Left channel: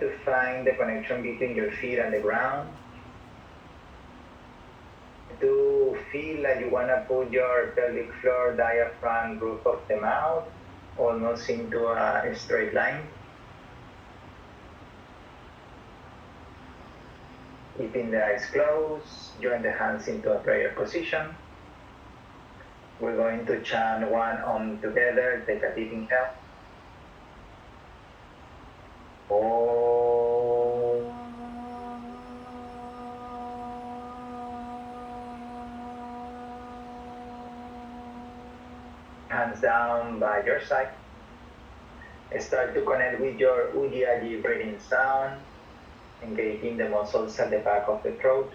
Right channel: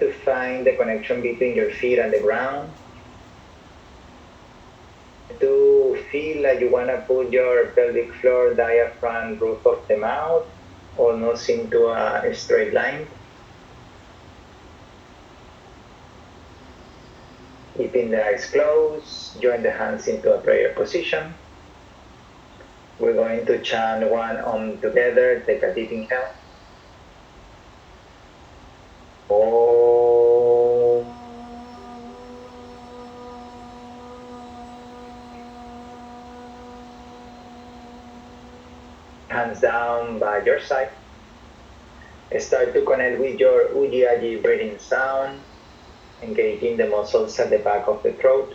to find the connection between your feet and the ground. To feel like you want to put your pelvic floor, diaphragm, roof of the mouth almost into a straight line. Keeping the eyes closed, join the hands into a prayer position. We're going to chant one Om together. Take a deep inhale. Om. Hands down by your side. Start to connect with your Ujjayi breathing sound, engaging the muscles at the back of the throat.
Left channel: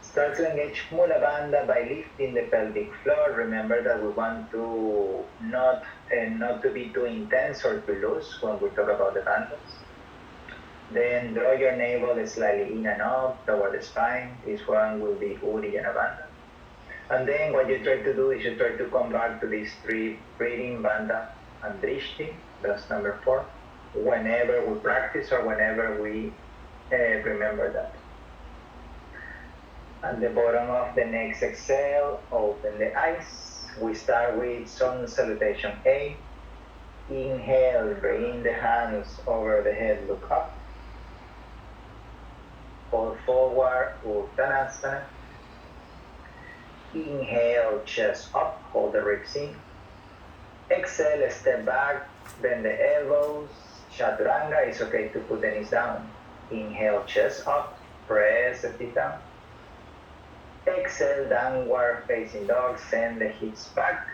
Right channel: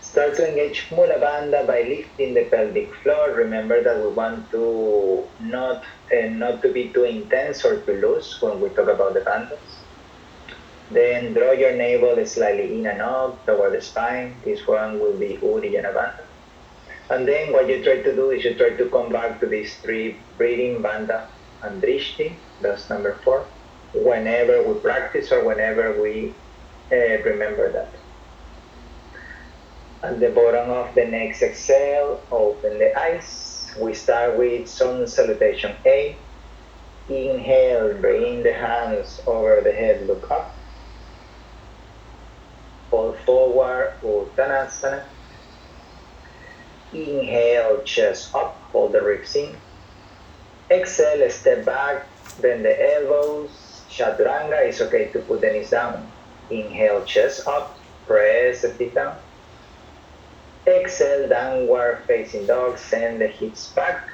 Start to engage Mula Bandha by lifting the pelvic floor. Remember that we want to not to be too intense or too loose when we talk about the bandhas. Then draw your navel slightly in and up toward the spine. This one will be Uddiyana Bandha. And then what you try to do is you try to come back to these three breathing, Bandha and Drishti. That's number 4. Whenever we practice or whenever we remember that. At the bottom of the next exhale, open the eyes. We start with Sun Salutation A. Inhale, bring the hands over the head, look up. Fall forward, Uttanasana. Inhale, chest up, hold the ribs in. Exhale, step back, bend the elbows. Chaturanga, it's okay to put the knees down. Inhale, chest up, press the feet down. Exhale, downward facing dog, send the hips back.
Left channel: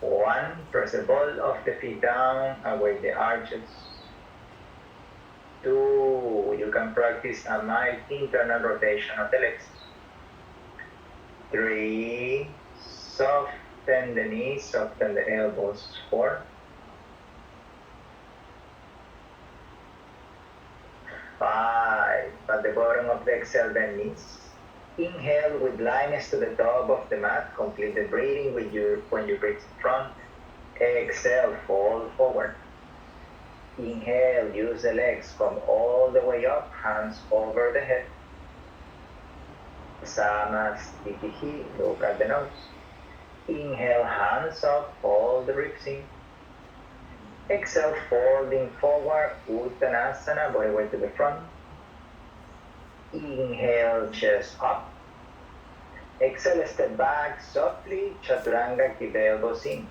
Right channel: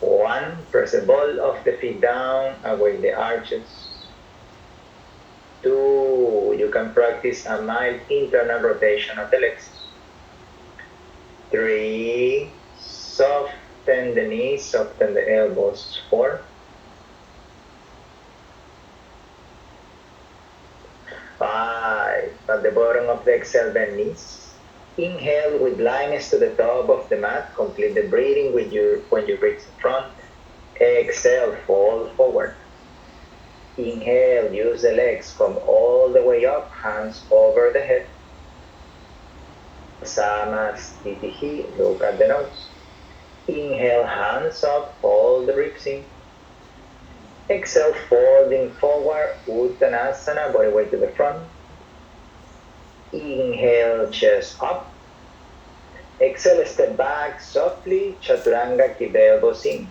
1, press the ball of the feet down, away the arches. 2, you can practice a mild internal rotation of the legs. 3, soften the knees, soften the elbows. 4, 5, at the bottom of the exhale, bend knees. Inhale with lines to the top of the mat. Complete the breathing when you reach the front. Exhale, fall forward. Inhale, use the legs, come all the way up, hands over the head. Samastitihi, look at the nose. Inhale, hands up, hold the ribs in. Exhale, folding forward, Uttanasana, body weight to the front. Inhale, chest up. Exhale, step back softly, Chaturanga, keep the elbows in.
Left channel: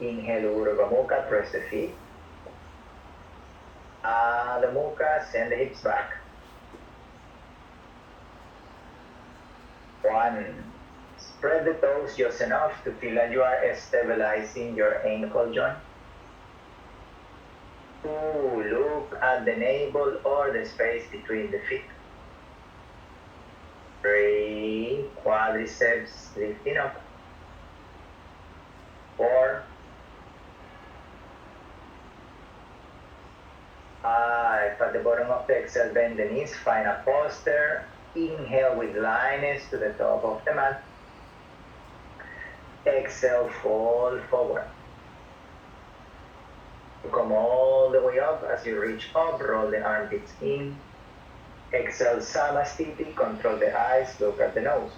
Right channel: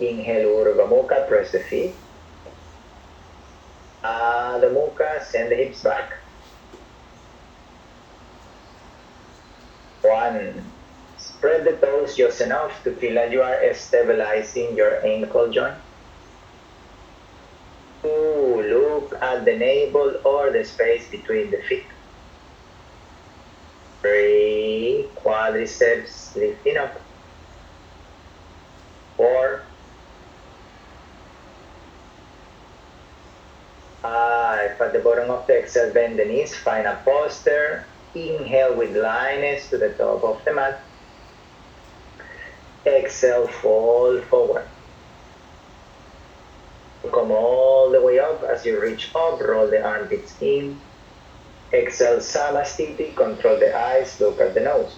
Inhale, Urdhva Mukha, press the feet. Adha Mukha, send the hips back. 1, spread the toes just enough to feel like you are stabilizing your ankle joint. 2, look at the navel or the space between the feet. 3, quadriceps lifting up. 4, 5, at the bottom of the exhale, bend the knees, find a posture. Inhale with lines to the top of the mat. Exhale, fall forward. Come all the way up. As you reach up, roll the armpits in. Exhale, Samastiti, control the eyes, look at the nose.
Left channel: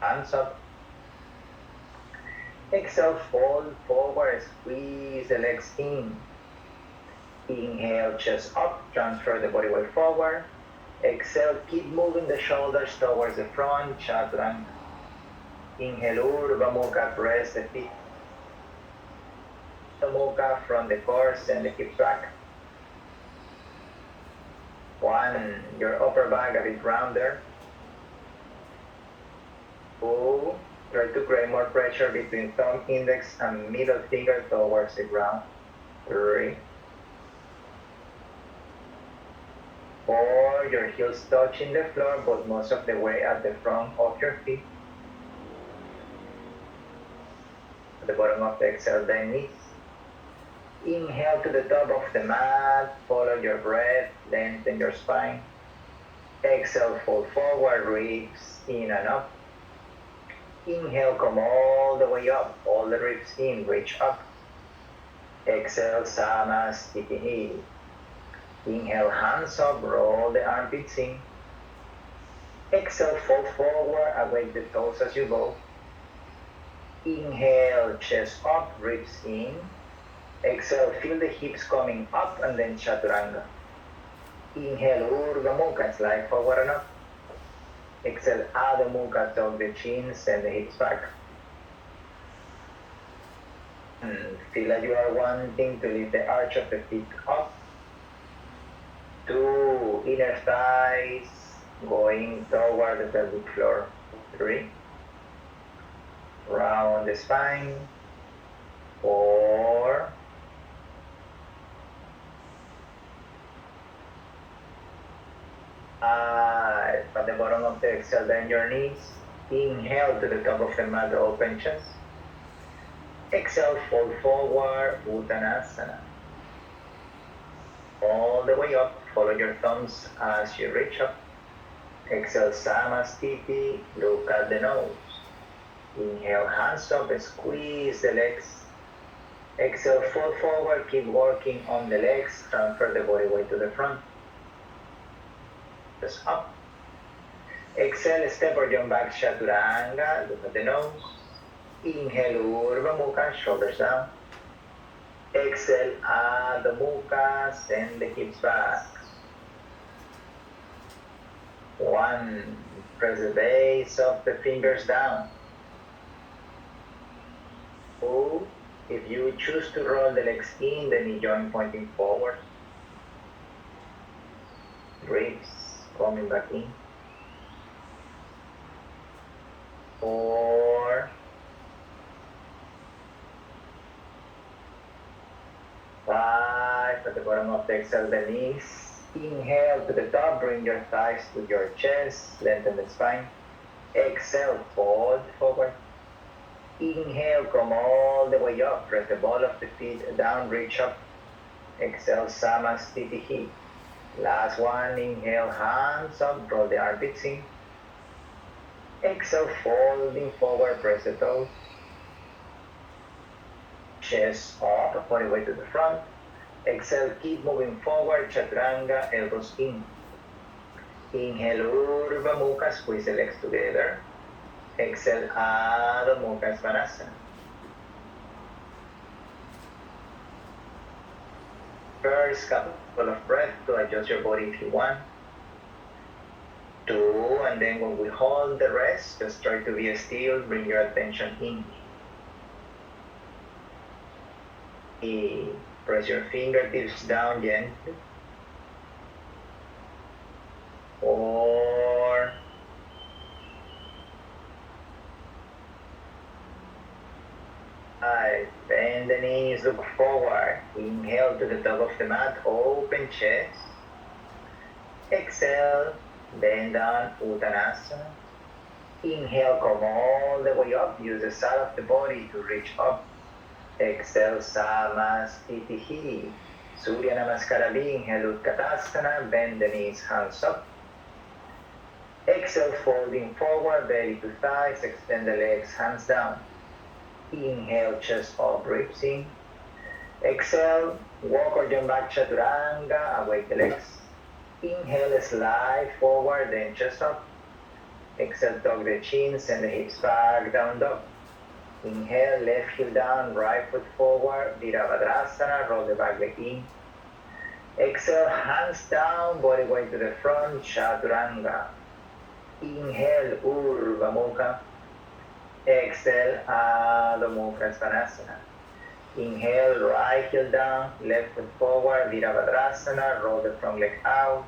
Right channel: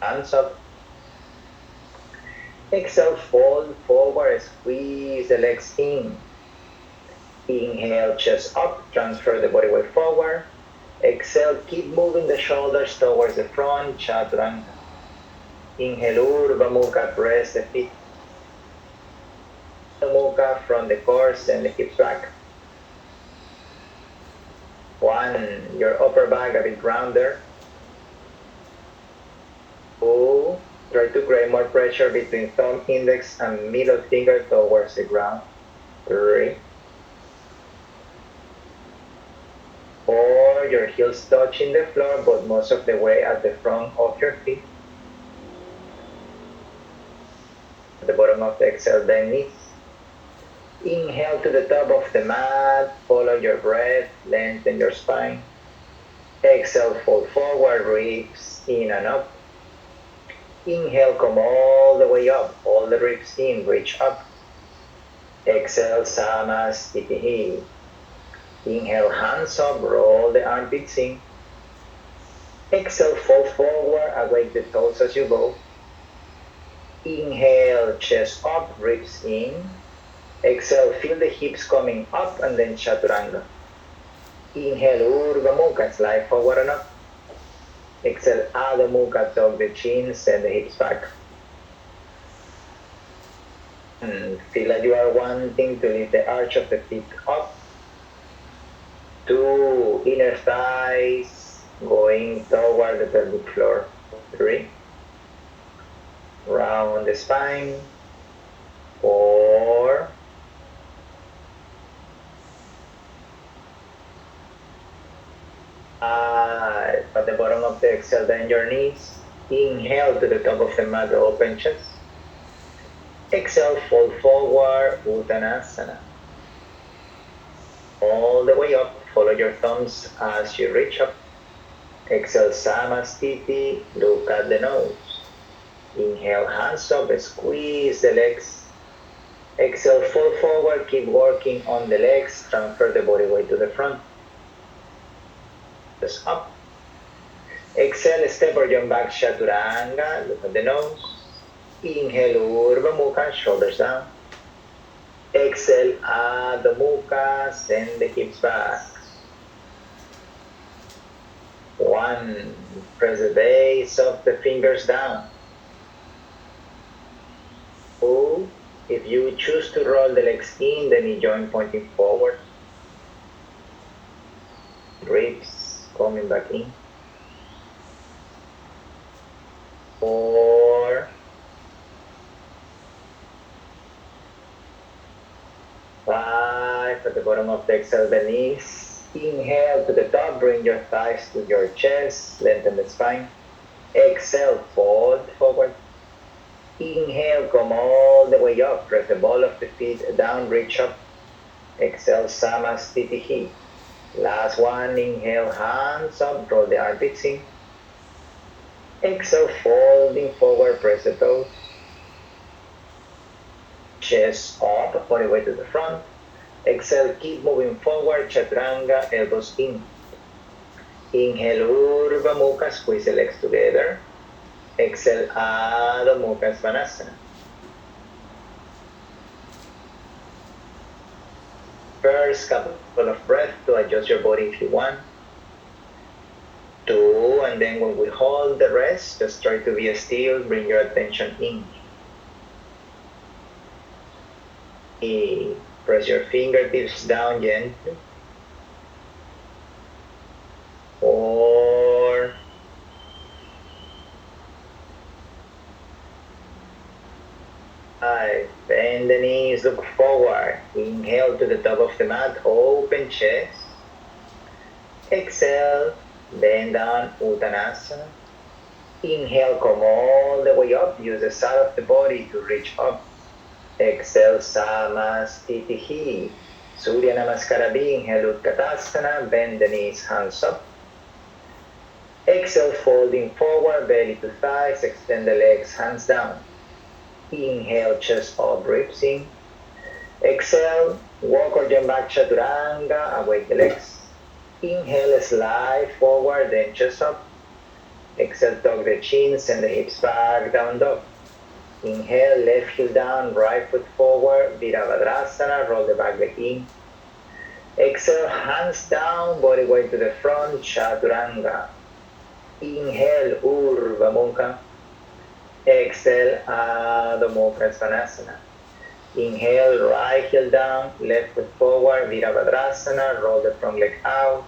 Hands up. Exhale, fold forward, squeeze the legs in. Inhale, chest up, transfer the body weight forward. Exhale, keep moving the shoulders towards the front, Chaturanga. Inhale, Urdhva Mukha, press the feet. Mukha from the core, send the hips back. 1, your upper back a bit rounder. 2, try to create more pressure between thumb, index, and middle finger towards the ground. 3, 4, your heels touching the floor, but most of the way at the front of your feet. At the bottom of the exhale, bend knees. Inhale to the top of the mat, follow your breath, lengthen your spine. Exhale, fold forward, ribs in and up. Inhale, come all the way up, all the ribs in, reach up. Exhale, Samastitihi. Inhale, hands up, roll the armpits in. Exhale, fold forward, awake the toes as you go. Inhale, chest up, ribs in. Exhale, feel the hips coming up and then Chaturanga. Inhale, Urdhva Mukha, slide forward and up. Exhale, Adho Mukha, tuck the chin, send the hips back. Feel that you are wanting to lift the arch of the feet up. 2, inner thighs going toward the pelvic floor. 3, round the spine. 4, 5, at the bottom of the exhale, bend your knees. Inhale to the top of the mat, open chest. Exhale, fold forward, Uttanasana. All the way up, follow your thumbs as you reach up. Exhale, Samastiti, look at the nose. Inhale, hands up, squeeze the legs. Exhale, fold forward, keep working on the legs, transfer the body weight to the front. Just up. Exhale, step or jump back, Chaturanga, look at the nose. Inhale, Urdhva Mukha, shoulders down. Exhale, Adho Mukha, send the hips back. 1, press the base of the fingers down. 2, if you choose to roll the legs in, the knee joint pointing forward. Ribs coming back in. 4, 5, at the bottom of the exhale, the knees. Inhale to the top, bring your thighs to your chest, lengthen the spine. Exhale, fold forward. Inhale, come all the way up, press the ball of the feet down, reach up. Exhale, Samastitihi. Last one, inhale, hands up, roll the armpits in. Exhale, folding forward, press the toes. Chest up, body weight to the front. Exhale, keep moving forward, Chaturanga, elbows in. Inhale, Urdhva Mukha, squeeze the legs together. Exhale, Adho Mukha, Svanasana. First couple of breaths to adjust your body if you want. 2, and then when we hold the rest, just try to be still, bring your attention in. 3, press your fingertips down gently. 4, 5, bend the knees, look forward. Inhale to the top of the mat, open chest. Exhale, bend down, Uttanasana. Inhale, come all the way up, use the side of the body to reach up. Exhale, Samastitihi. Surya Namaskara, inhale, Utkatasana, bend the knees, hands up. Exhale, folding forward, belly to thighs, extend the legs, hands down. Inhale, chest up, ribs in. Exhale, walk or jump back, Chaturanga, awake the legs. Inhale, slide forward, then chest up. Exhale, tuck the chin, send the hips back, down dog. Inhale, left heel down, right foot forward, Virabhadrasana, roll the back leg in. Exhale, hands down, body weight to the front, Chaturanga. Inhale, Urdhva Mukha. Exhale, Adho Mukha, Svanasana. Inhale, right heel down, left foot forward, Virabhadrasana, roll the front leg out.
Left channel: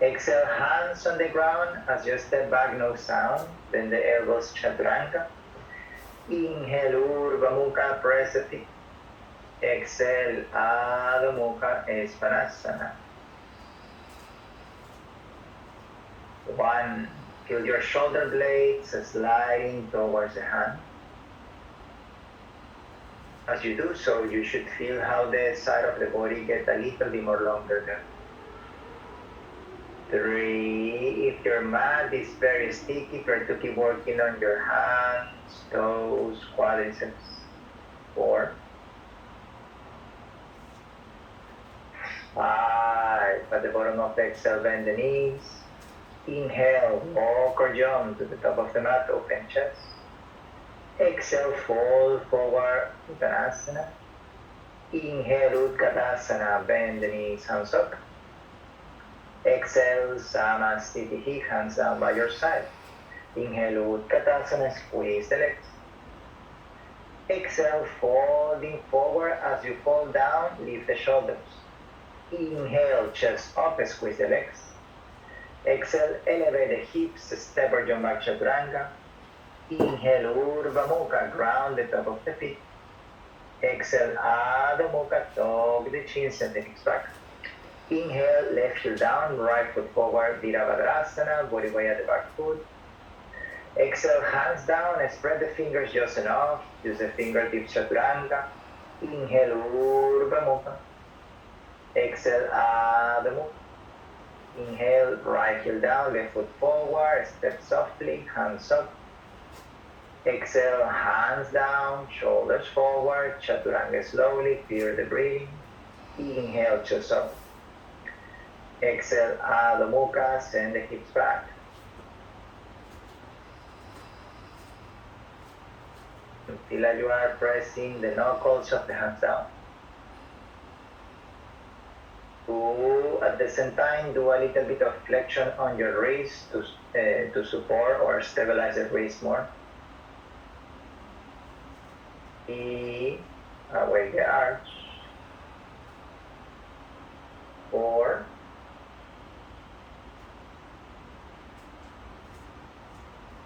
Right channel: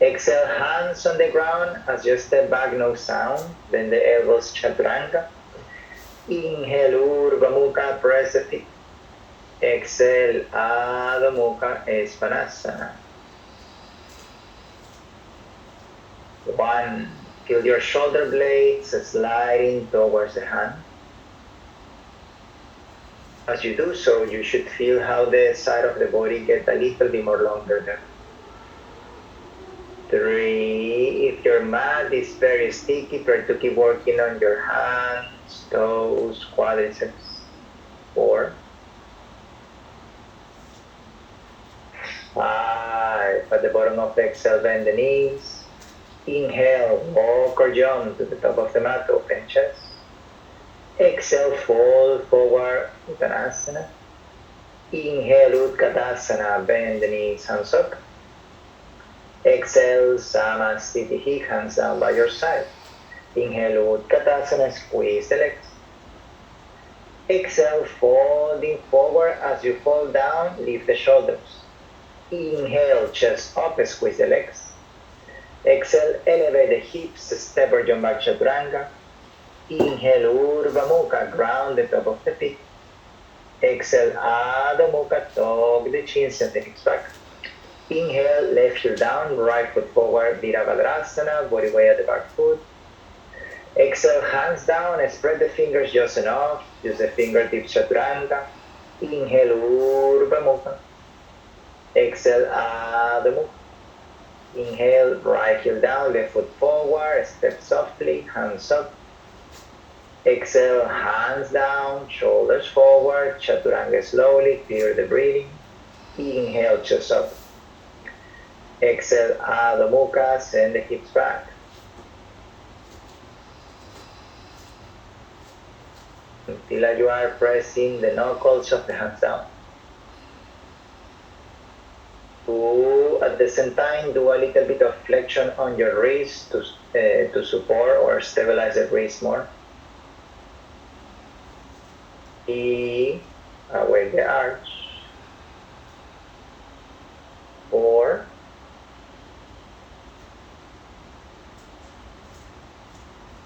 Exhale, hands on the ground as you step back, no sound. Then the elbows, Chaturanga. Inhale, Urdhva Mukha, press the feet. Exhale, Adho Mukha, Svanasana. 1, feel your shoulder blades sliding towards the hand. As you do so, you should feel how the side of the body gets a little bit more longer there. 3, if your mat is very sticky, try to keep working on your hands, toes, quadriceps. 4, at the bottom of the exhale, bend the knees. Inhale, walk or jump to the top of the mat, open chest. Exhale, fold forward, Uttanasana. Inhale, Utkatasana, bend the knees, hands up. Exhale, Samasthiti, hands down by your side. Inhale, Utkatasana, squeeze the legs. Exhale, folding forward. As you fall down, lift the shoulders. Inhale, chest up, squeeze the legs. Exhale, elevate the hips, step or jump back chaturanga. Inhale, Urdhva Mukha, ground the top of the feet. Exhale, Adho Mukha, tuck the chin, send the hips back. Inhale, left heel down, right foot forward, Virabhadrasana, body weight at the back foot. Exhale, hands down, spread the fingers just enough. Use the fingertips chaturanga. Inhale, Urdhva Mukha. Exhale, Adho Mukha. Inhale, right heel down, left foot forward, step softly, hands up. Exhale, hands down, shoulders forward, chaturanga slowly, clear the breathing. Inhale, chest up. Exhale, Adho Mukha, send the hips back. Until you are pressing the knuckles of the hands down. At the same time, do a little bit of flexion on your wrist to support or stabilize the wrist more. Away the arch. 4.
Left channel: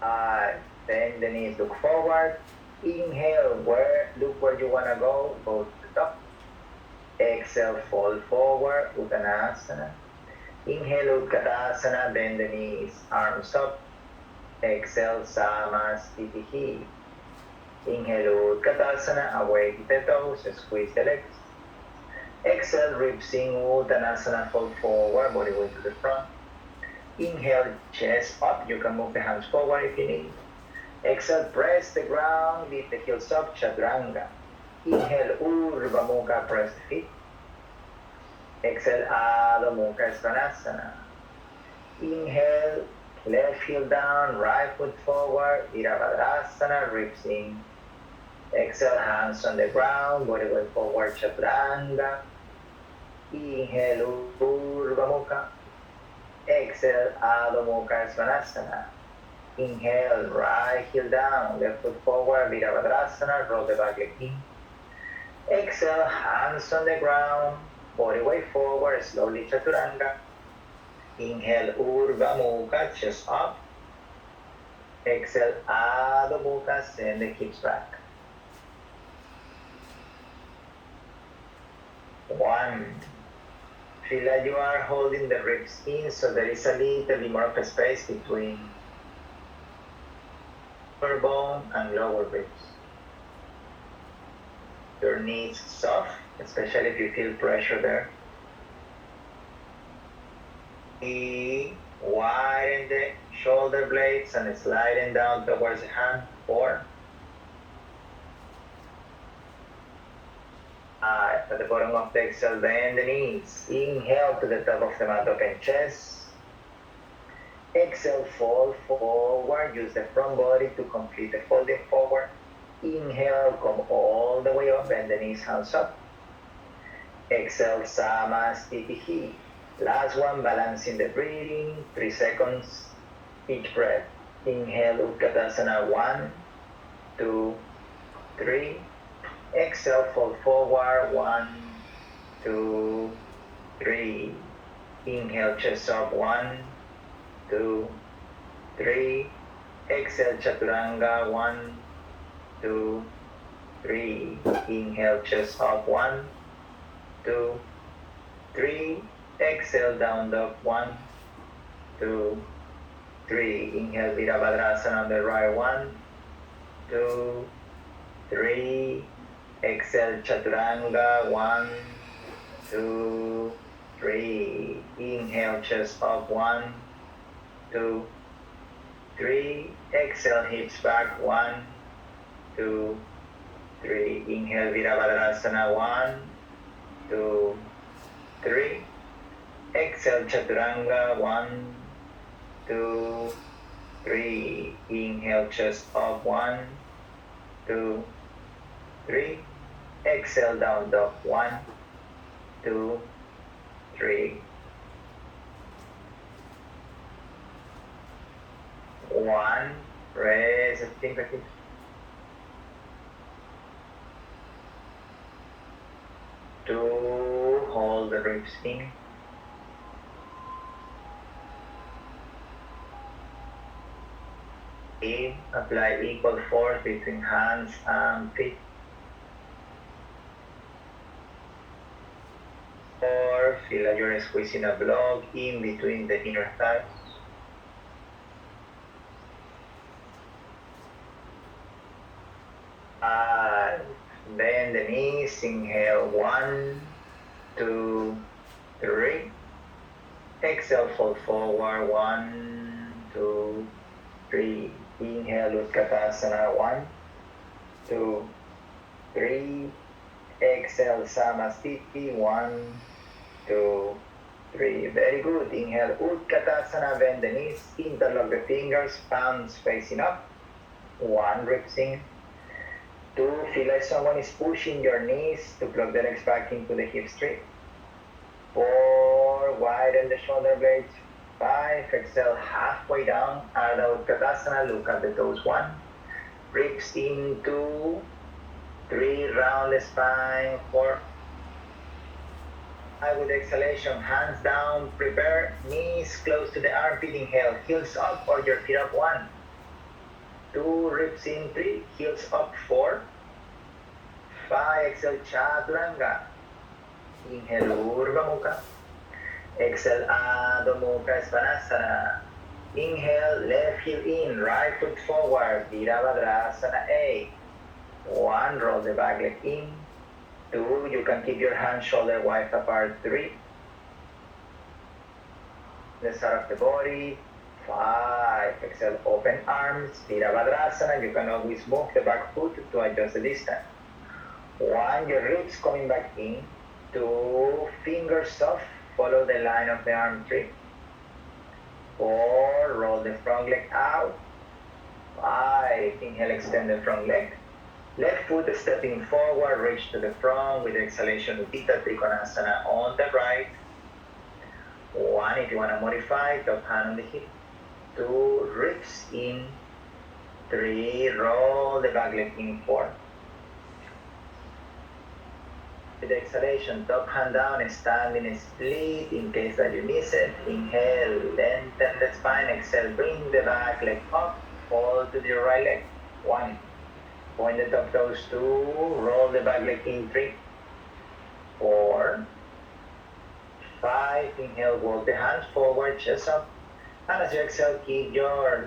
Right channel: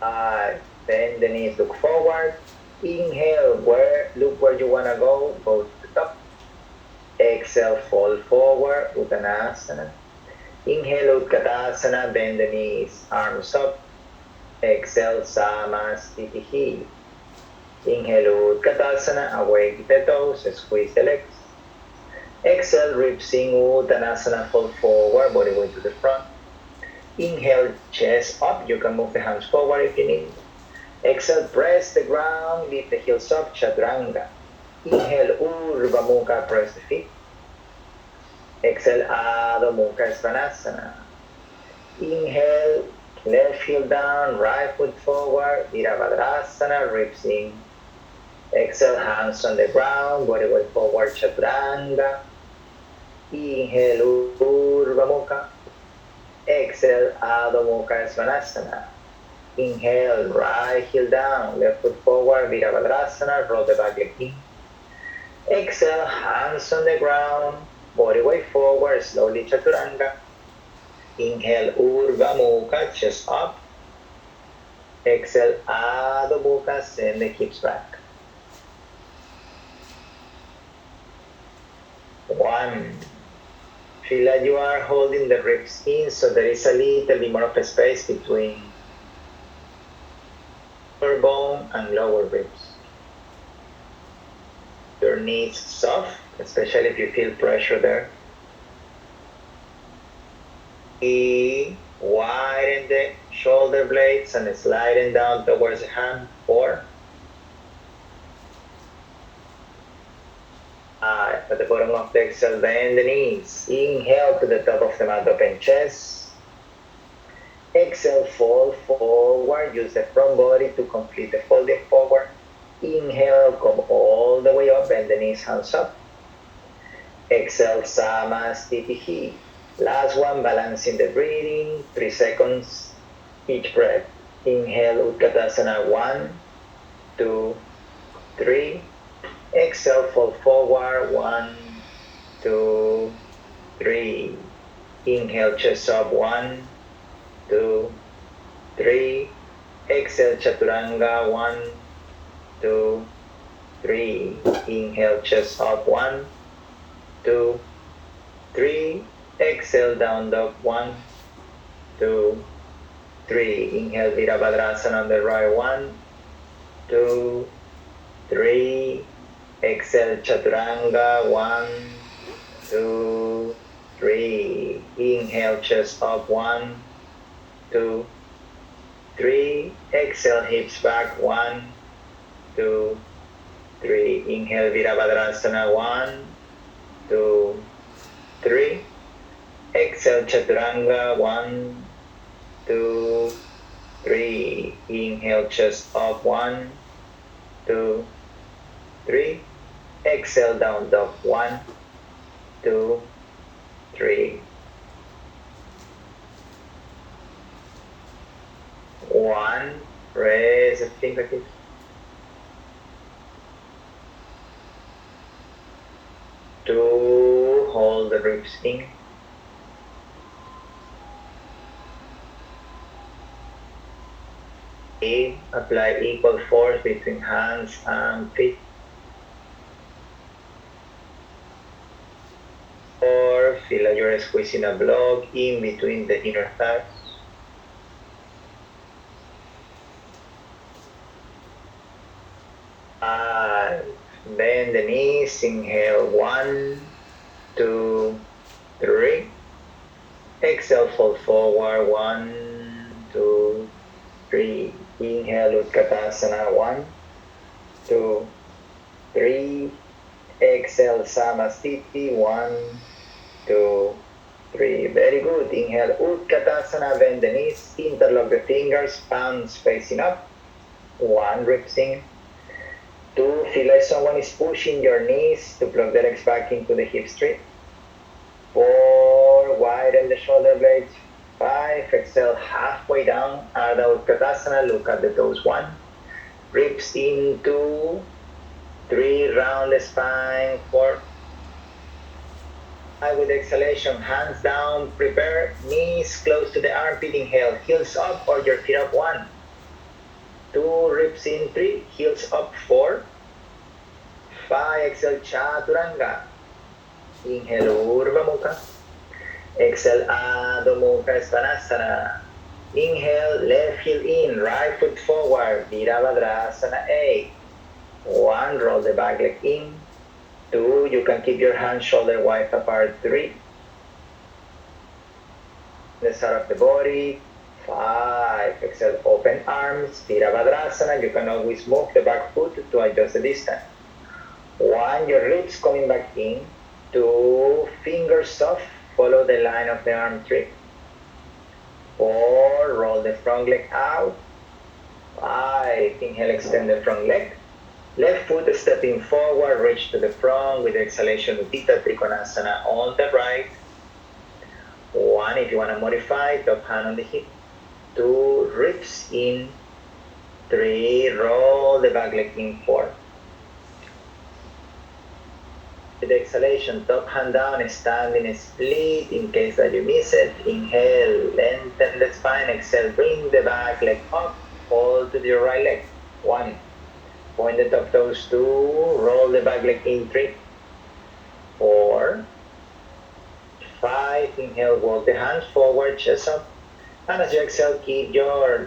5. Bend the knees, look forward. Inhale, look where you want to go to the top. Exhale, fold forward, Uttanasana. Inhale, Utkatasana, bend the knees, arms up. Exhale, Samasthiti. Inhale, Utkatasana, awake the toes, squeeze the legs. Exhale, ribs in Uttanasana, fold forward, body weight to the front. Inhale, chest up, you can move the hands forward if you need. Exhale, press the ground, lift the heels up, chaturanga. Inhale, Urdhva Mukha, press the feet. Exhale, Adho Mukha, Svanasana. Inhale, left heel down, right foot forward, Virabhadrasana, ribs in. Exhale, hands on the ground, body weight forward, chaturanga. Inhale, Urdhva Mukha. Exhale, Adho Mukha, Svanasana. Inhale, right heel down, left foot forward, Virabhadrasana, roll the back leg in. Exhale, hands on the ground, body weight forward, slowly chaturanga. Inhale, Urdhva Mukha, chest up. Exhale, Adho Mukha, send the hips back. 1. Feel like you are holding the ribs in, so there is a little bit more of a space between upper bone and lower ribs. Your knees soft, especially if you feel pressure there. Widen the shoulder blades and sliding down towards the hand. 4. At the bottom of the exhale, bend the knees. Inhale to the top of the mat, open chest. Exhale, fold forward. Use the front body to complete the folding forward. Inhale, come all the way up, bend the knees, hands up. Exhale, Samasthiti. Last one, balancing the breathing, 3 seconds each breath. Inhale, Utkatasana, 1, 2, 3. Exhale, fold forward, 1, 2, 3. Inhale, chest up, 1, 2, 3. Exhale, chaturanga, 1, 2, 3. Inhale, chest up, 1, 2, 3. Exhale, down dog, 1, 2, 3. Inhale, Virabhadrasana on the right, 1, 2, 3. Exhale, chaturanga, 1, 2, 3. Inhale, chest up, 1, 2, 3. Exhale, hips back, 1, 2, 3. Inhale, Virabhadrasana, 1, 2, 3. Exhale, chaturanga. 1, 2, 3. Inhale, chest up. 1, 2, 3. Exhale, down dog. 1, 2, 3. 1. Raise the fingertips. 2. Hold the ribs in. 3. Apply equal force between hands and feet. 4. Feel like you're squeezing a block in between the inner thighs. 5. Bend the knees. Inhale. 1, 2, 3. Exhale, fold forward. 1, 2, 3. Inhale, Utkatasana. 1, 2, 3. Exhale, Samasthiti. 1, 2, 3. Very good. Inhale, Utkatasana. Bend the knees. Interlock the fingers. Palms facing up. 1. Ribs in. 2. Feel like someone is pushing your knees to plug the legs back into the hip straight. 4. Widen the shoulder blades. 5. Exhale, halfway down. Ardha Utkatasana. Look at the toes. 1. Ribs in. 2, 3. Round the spine. 4. With exhalation, hands down. Prepare. Knees close to the armpit. Inhale. Heels up or your feet up. 1, 2. Ribs in. 3. Heels up. 4. 5. Exhale, chaturanga. Inhale, Urdhva Mukha. Exhale, Adho Mukha Svanasana. Inhale, left heel in, right foot forward. Virabhadrasana. 8. 1. Roll the back leg in. 2. You can keep your hands shoulder wide apart. 3. The side of the body. 5. Exhale, open arms. Virabhadrasana. You can always move the back foot to adjust the distance. 1. Your ribs coming back in. 2. Fingers soft. Follow the line of the arm. 3. 4. Roll the front leg out. 5. Inhale, extend the front leg. Left foot stepping forward, reach to the front with exhalation, Utthita Trikonasana on the right. 1. If you want to modify, top hand on the hip. 2. Ribs in. 3. Roll the back leg in. 4. With exhalation, top hand down, standing split in case that you miss it. Inhale, lengthen the spine. Exhale, bring the back leg up. Hold to your right leg. 1. Point the top toes. 2. Roll the back leg in. 3. 4. 5. Inhale, walk the hands forward, chest up. And as you exhale, keep your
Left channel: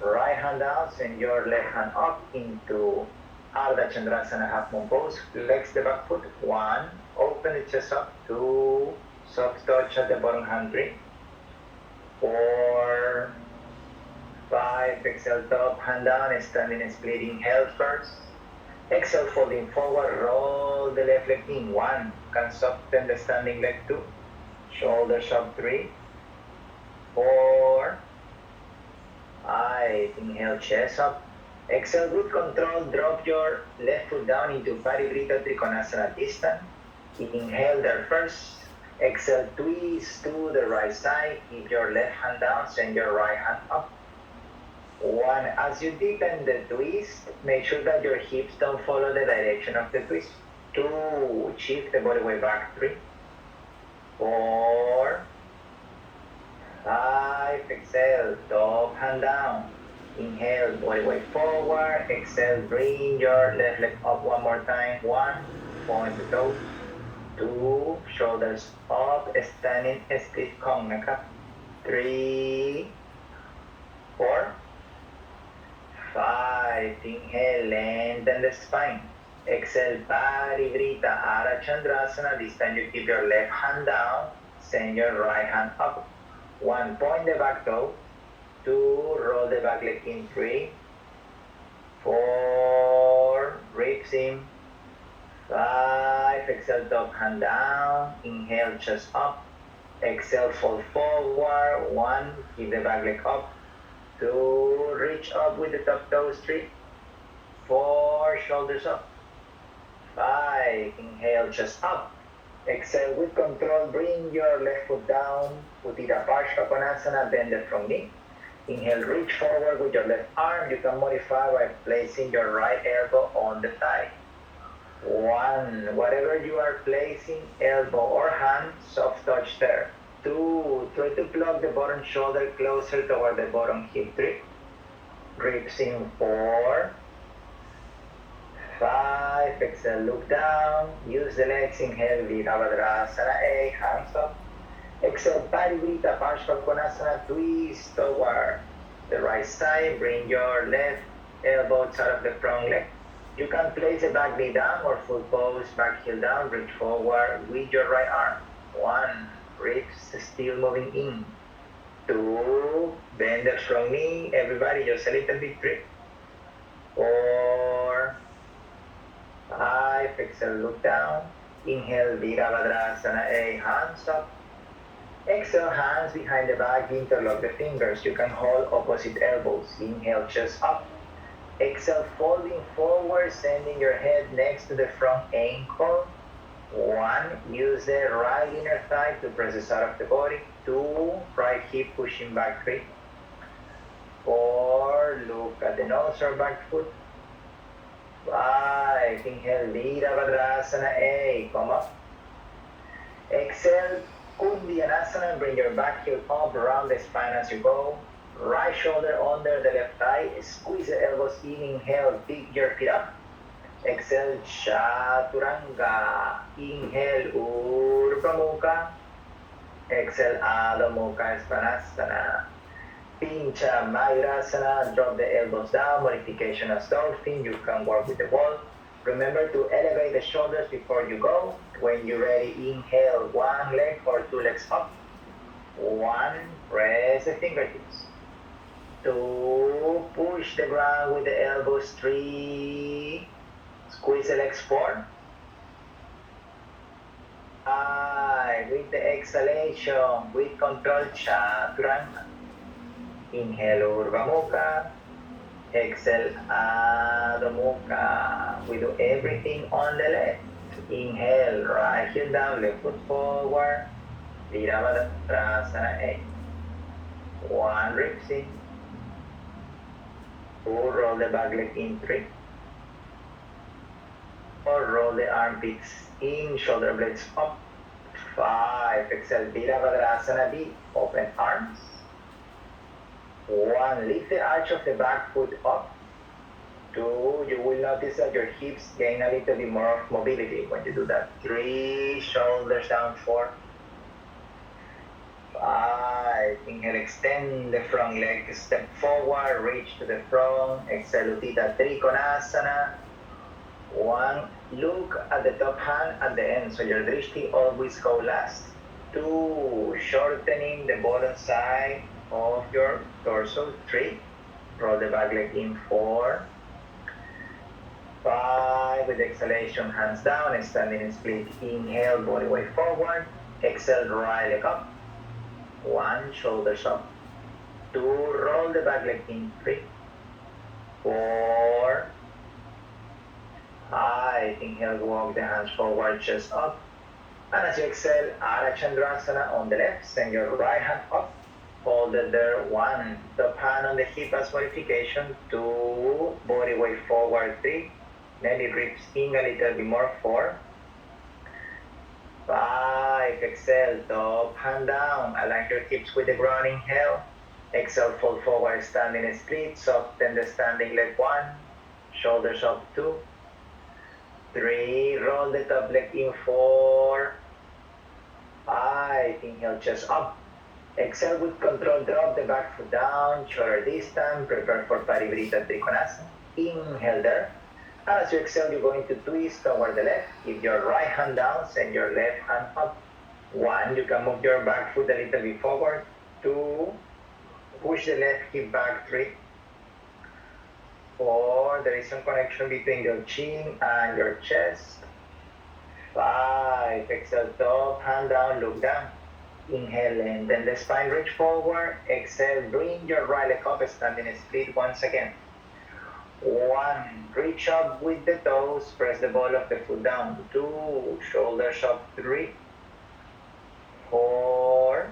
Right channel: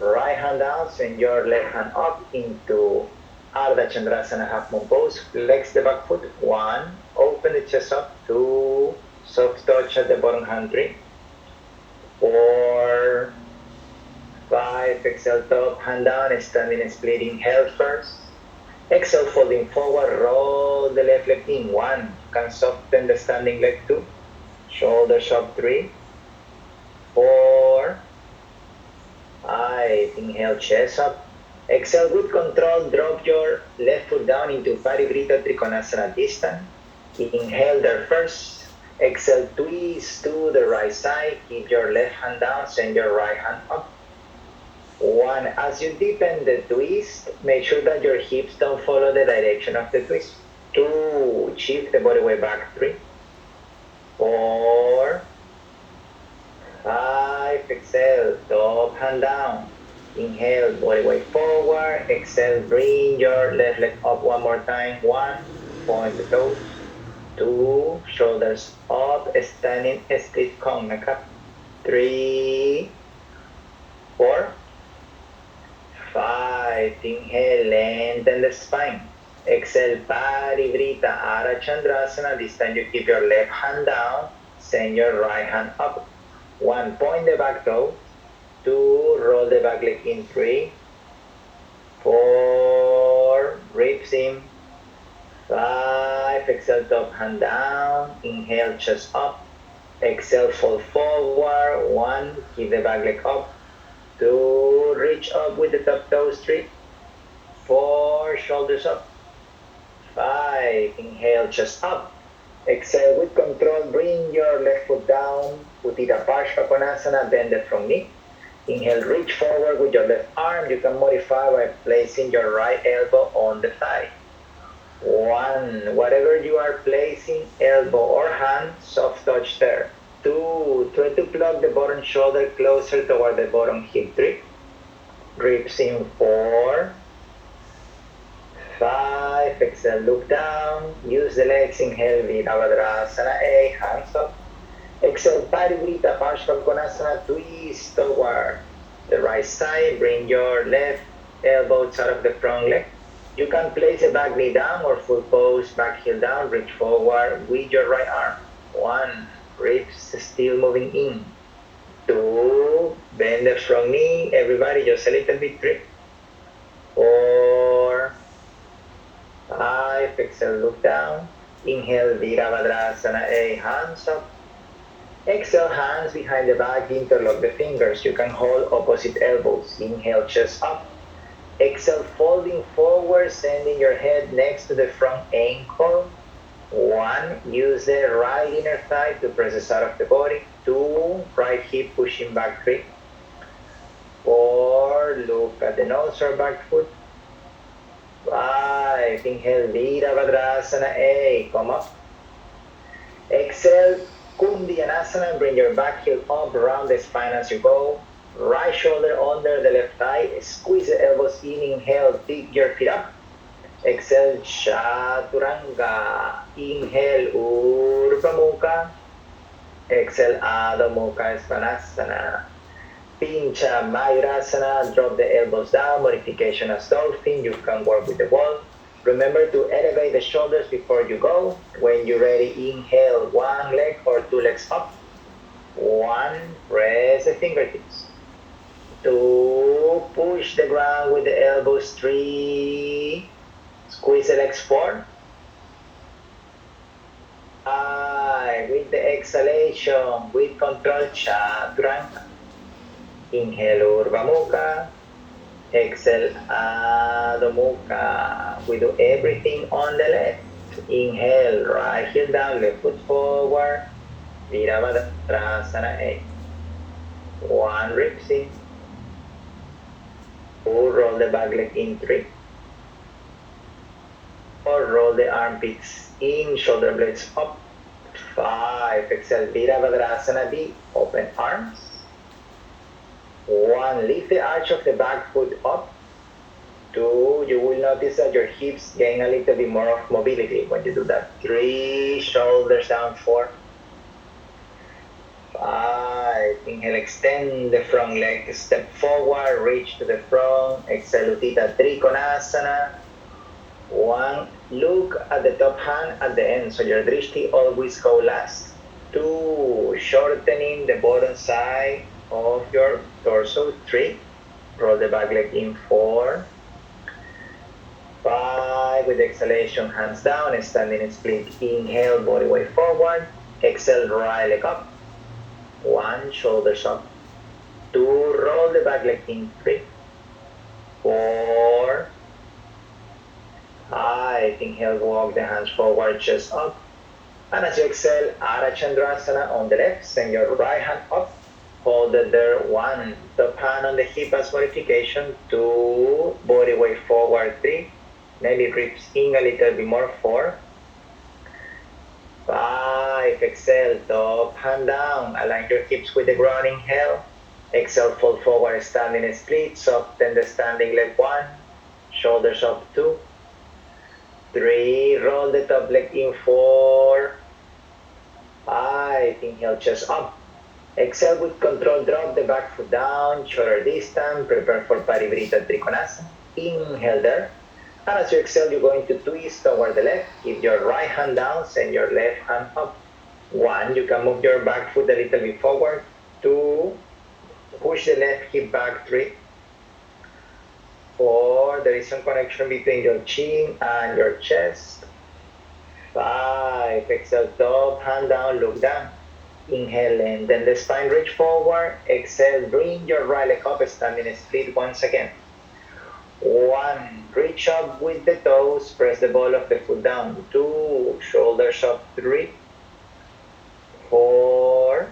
right hand down, send your left hand up into Ardha Chandrasana, half moon pose. Flex the back foot. 1. Open the chest up. 2. Soft touch at the bottom hand. 3. 4. 5. Exhale, top hand down, standing split. Inhale first. Exhale, folding forward. Roll the left leg in. 1. Can soften the standing leg. 2. Shoulders up. 3. 4. 5. Inhale, chest up. Exhale with control, drop your left foot down into Parivrita Trikonasana distance. Inhale there first. Exhale, twist to the right side. Keep your left hand down, send your right hand up. 1. As you deepen the twist, make sure that your hips don't follow the direction of the twist. 2. Shift the body weight back. 3. 4. 5. Exhale, top hand down. Inhale, body weight forward. Exhale, bring your left leg up one more time. 1. Point the toes. 2. Shoulders up, standing split Kongnaka. 3. 4. 5. Inhale, lengthen the spine. Exhale, Parivrita Ardha Chandrasana. This time you keep your left hand down, send your right hand up. 1. Point the back toe. 2. Roll the back leg in. 3. 4. Ribs in. 5. Exhale, top hand down. Inhale, chest up. Exhale, fold forward. 1, keep the back leg up. 2, reach up with the top toes. 3, 4, shoulders up. 5, inhale, chest up. Exhale with control, bring your left foot down. Uttita Parsva Konasana, bend the front knee. Inhale, reach forward with your left arm. You can modify by placing your right elbow on the thigh. 1, whatever you are placing, elbow or hand, soft touch there. 2, try to plug the bottom shoulder closer toward the bottom hip. 3, ribs in. 4, 5, exhale, look down, use the legs, inhale, Virabhadrasana, A, hands up. Exhale, Parivrita Parshva Konasana, twist toward the right side, bring your left elbow out of the front leg. You can place a back knee down or full pose, back heel down, reach forward with your right arm. 1, ribs still moving in. 2, bend the front knee, everybody just a little bit. 3, 4, 5, exhale, look down. Inhale, Virabhadrasana, A, hands up. Exhale, hands behind the back, interlock the fingers. You can hold opposite elbows. Inhale, chest up. Exhale, folding forward, sending your head next to the front ankle. 1, use the right inner thigh to press the side of the body. 2, right hip pushing back. 3, 4, look at the nose or back foot. 5, inhale, Virabhadrasana, A, come up. Exhale, Kundyanasana, bring your back heel up, around the spine as you go. Right shoulder under the left thigh, squeeze the elbows in, inhale, dig your feet up. Exhale, Chaturanga. Inhale, Urdhva Mukha. Exhale, Adho Mukha Svanasana. Pincha Mayurasana, drop the elbows down, modification as dolphin, you can work with the wall. Remember to elevate the shoulders before you go. When you're ready, inhale, 1 leg or 2 legs up. 1, press the fingertips. 2, push the ground with the elbows. 3, squeeze the legs. 4, 5, with the exhalation, with control, Chaturanga. Inhale, Urdhva Mukha. Exhale, Adho Mukha. We do everything on the left. Inhale, right heel down, left foot forward. Virabhadrasana, A. 1, ribs in. 2, roll the back leg in. 3, 4, roll the armpits in, shoulder blades up. 5, exhale, Virabhadrasana, B. Open arms. 1, lift the arch of the back foot up. 2, you will notice that your hips gain a little bit more of mobility when you do that. 3, shoulders down. 4, 5, inhale, extend the front leg, step forward, reach to the front. Exhale, Uttita Trikonasana. 1, look at the top hand at the end, so your drishti always go last. 2, shortening the bottom side of your torso. 3, roll the back leg in. 4, 5, with exhalation, hands down, standing in split. Inhale, body weight forward. Exhale, right leg up. 1, shoulders up. 2, roll the back leg in. 3, 4, 5, inhale, walk the hands forward, chest up. And as you exhale, Ardha Chandrasana on the left, send your right hand up. Hold it there. 1, top hand on the hip as modification. 2, body weight forward. 3, maybe ribs in a little bit more. 4, 5, exhale, top hand down. Align your hips with the ground. Inhale. Exhale, fold forward, standing split. Soften the standing leg. 1, shoulders up. 2, 3, roll the top leg in. 4, 5, inhale, chest up. Exhale with control, drop the back foot down, shoulder distance, prepare for Parivrita Trikonasana. Inhale there. And as you exhale, you're going to twist toward the left. Keep your right hand down, send your left hand up. 1, you can move your back foot a little bit forward. 2, push the left hip back. 3, 4, there is some connection between your chin and your chest. 5, exhale, top hand down, look down. Inhale, lengthen the spine, reach forward. Exhale, bring your right leg up, standing split once again. 1, reach up with the toes, press the ball of the foot down. 2, shoulders up. 3, 4,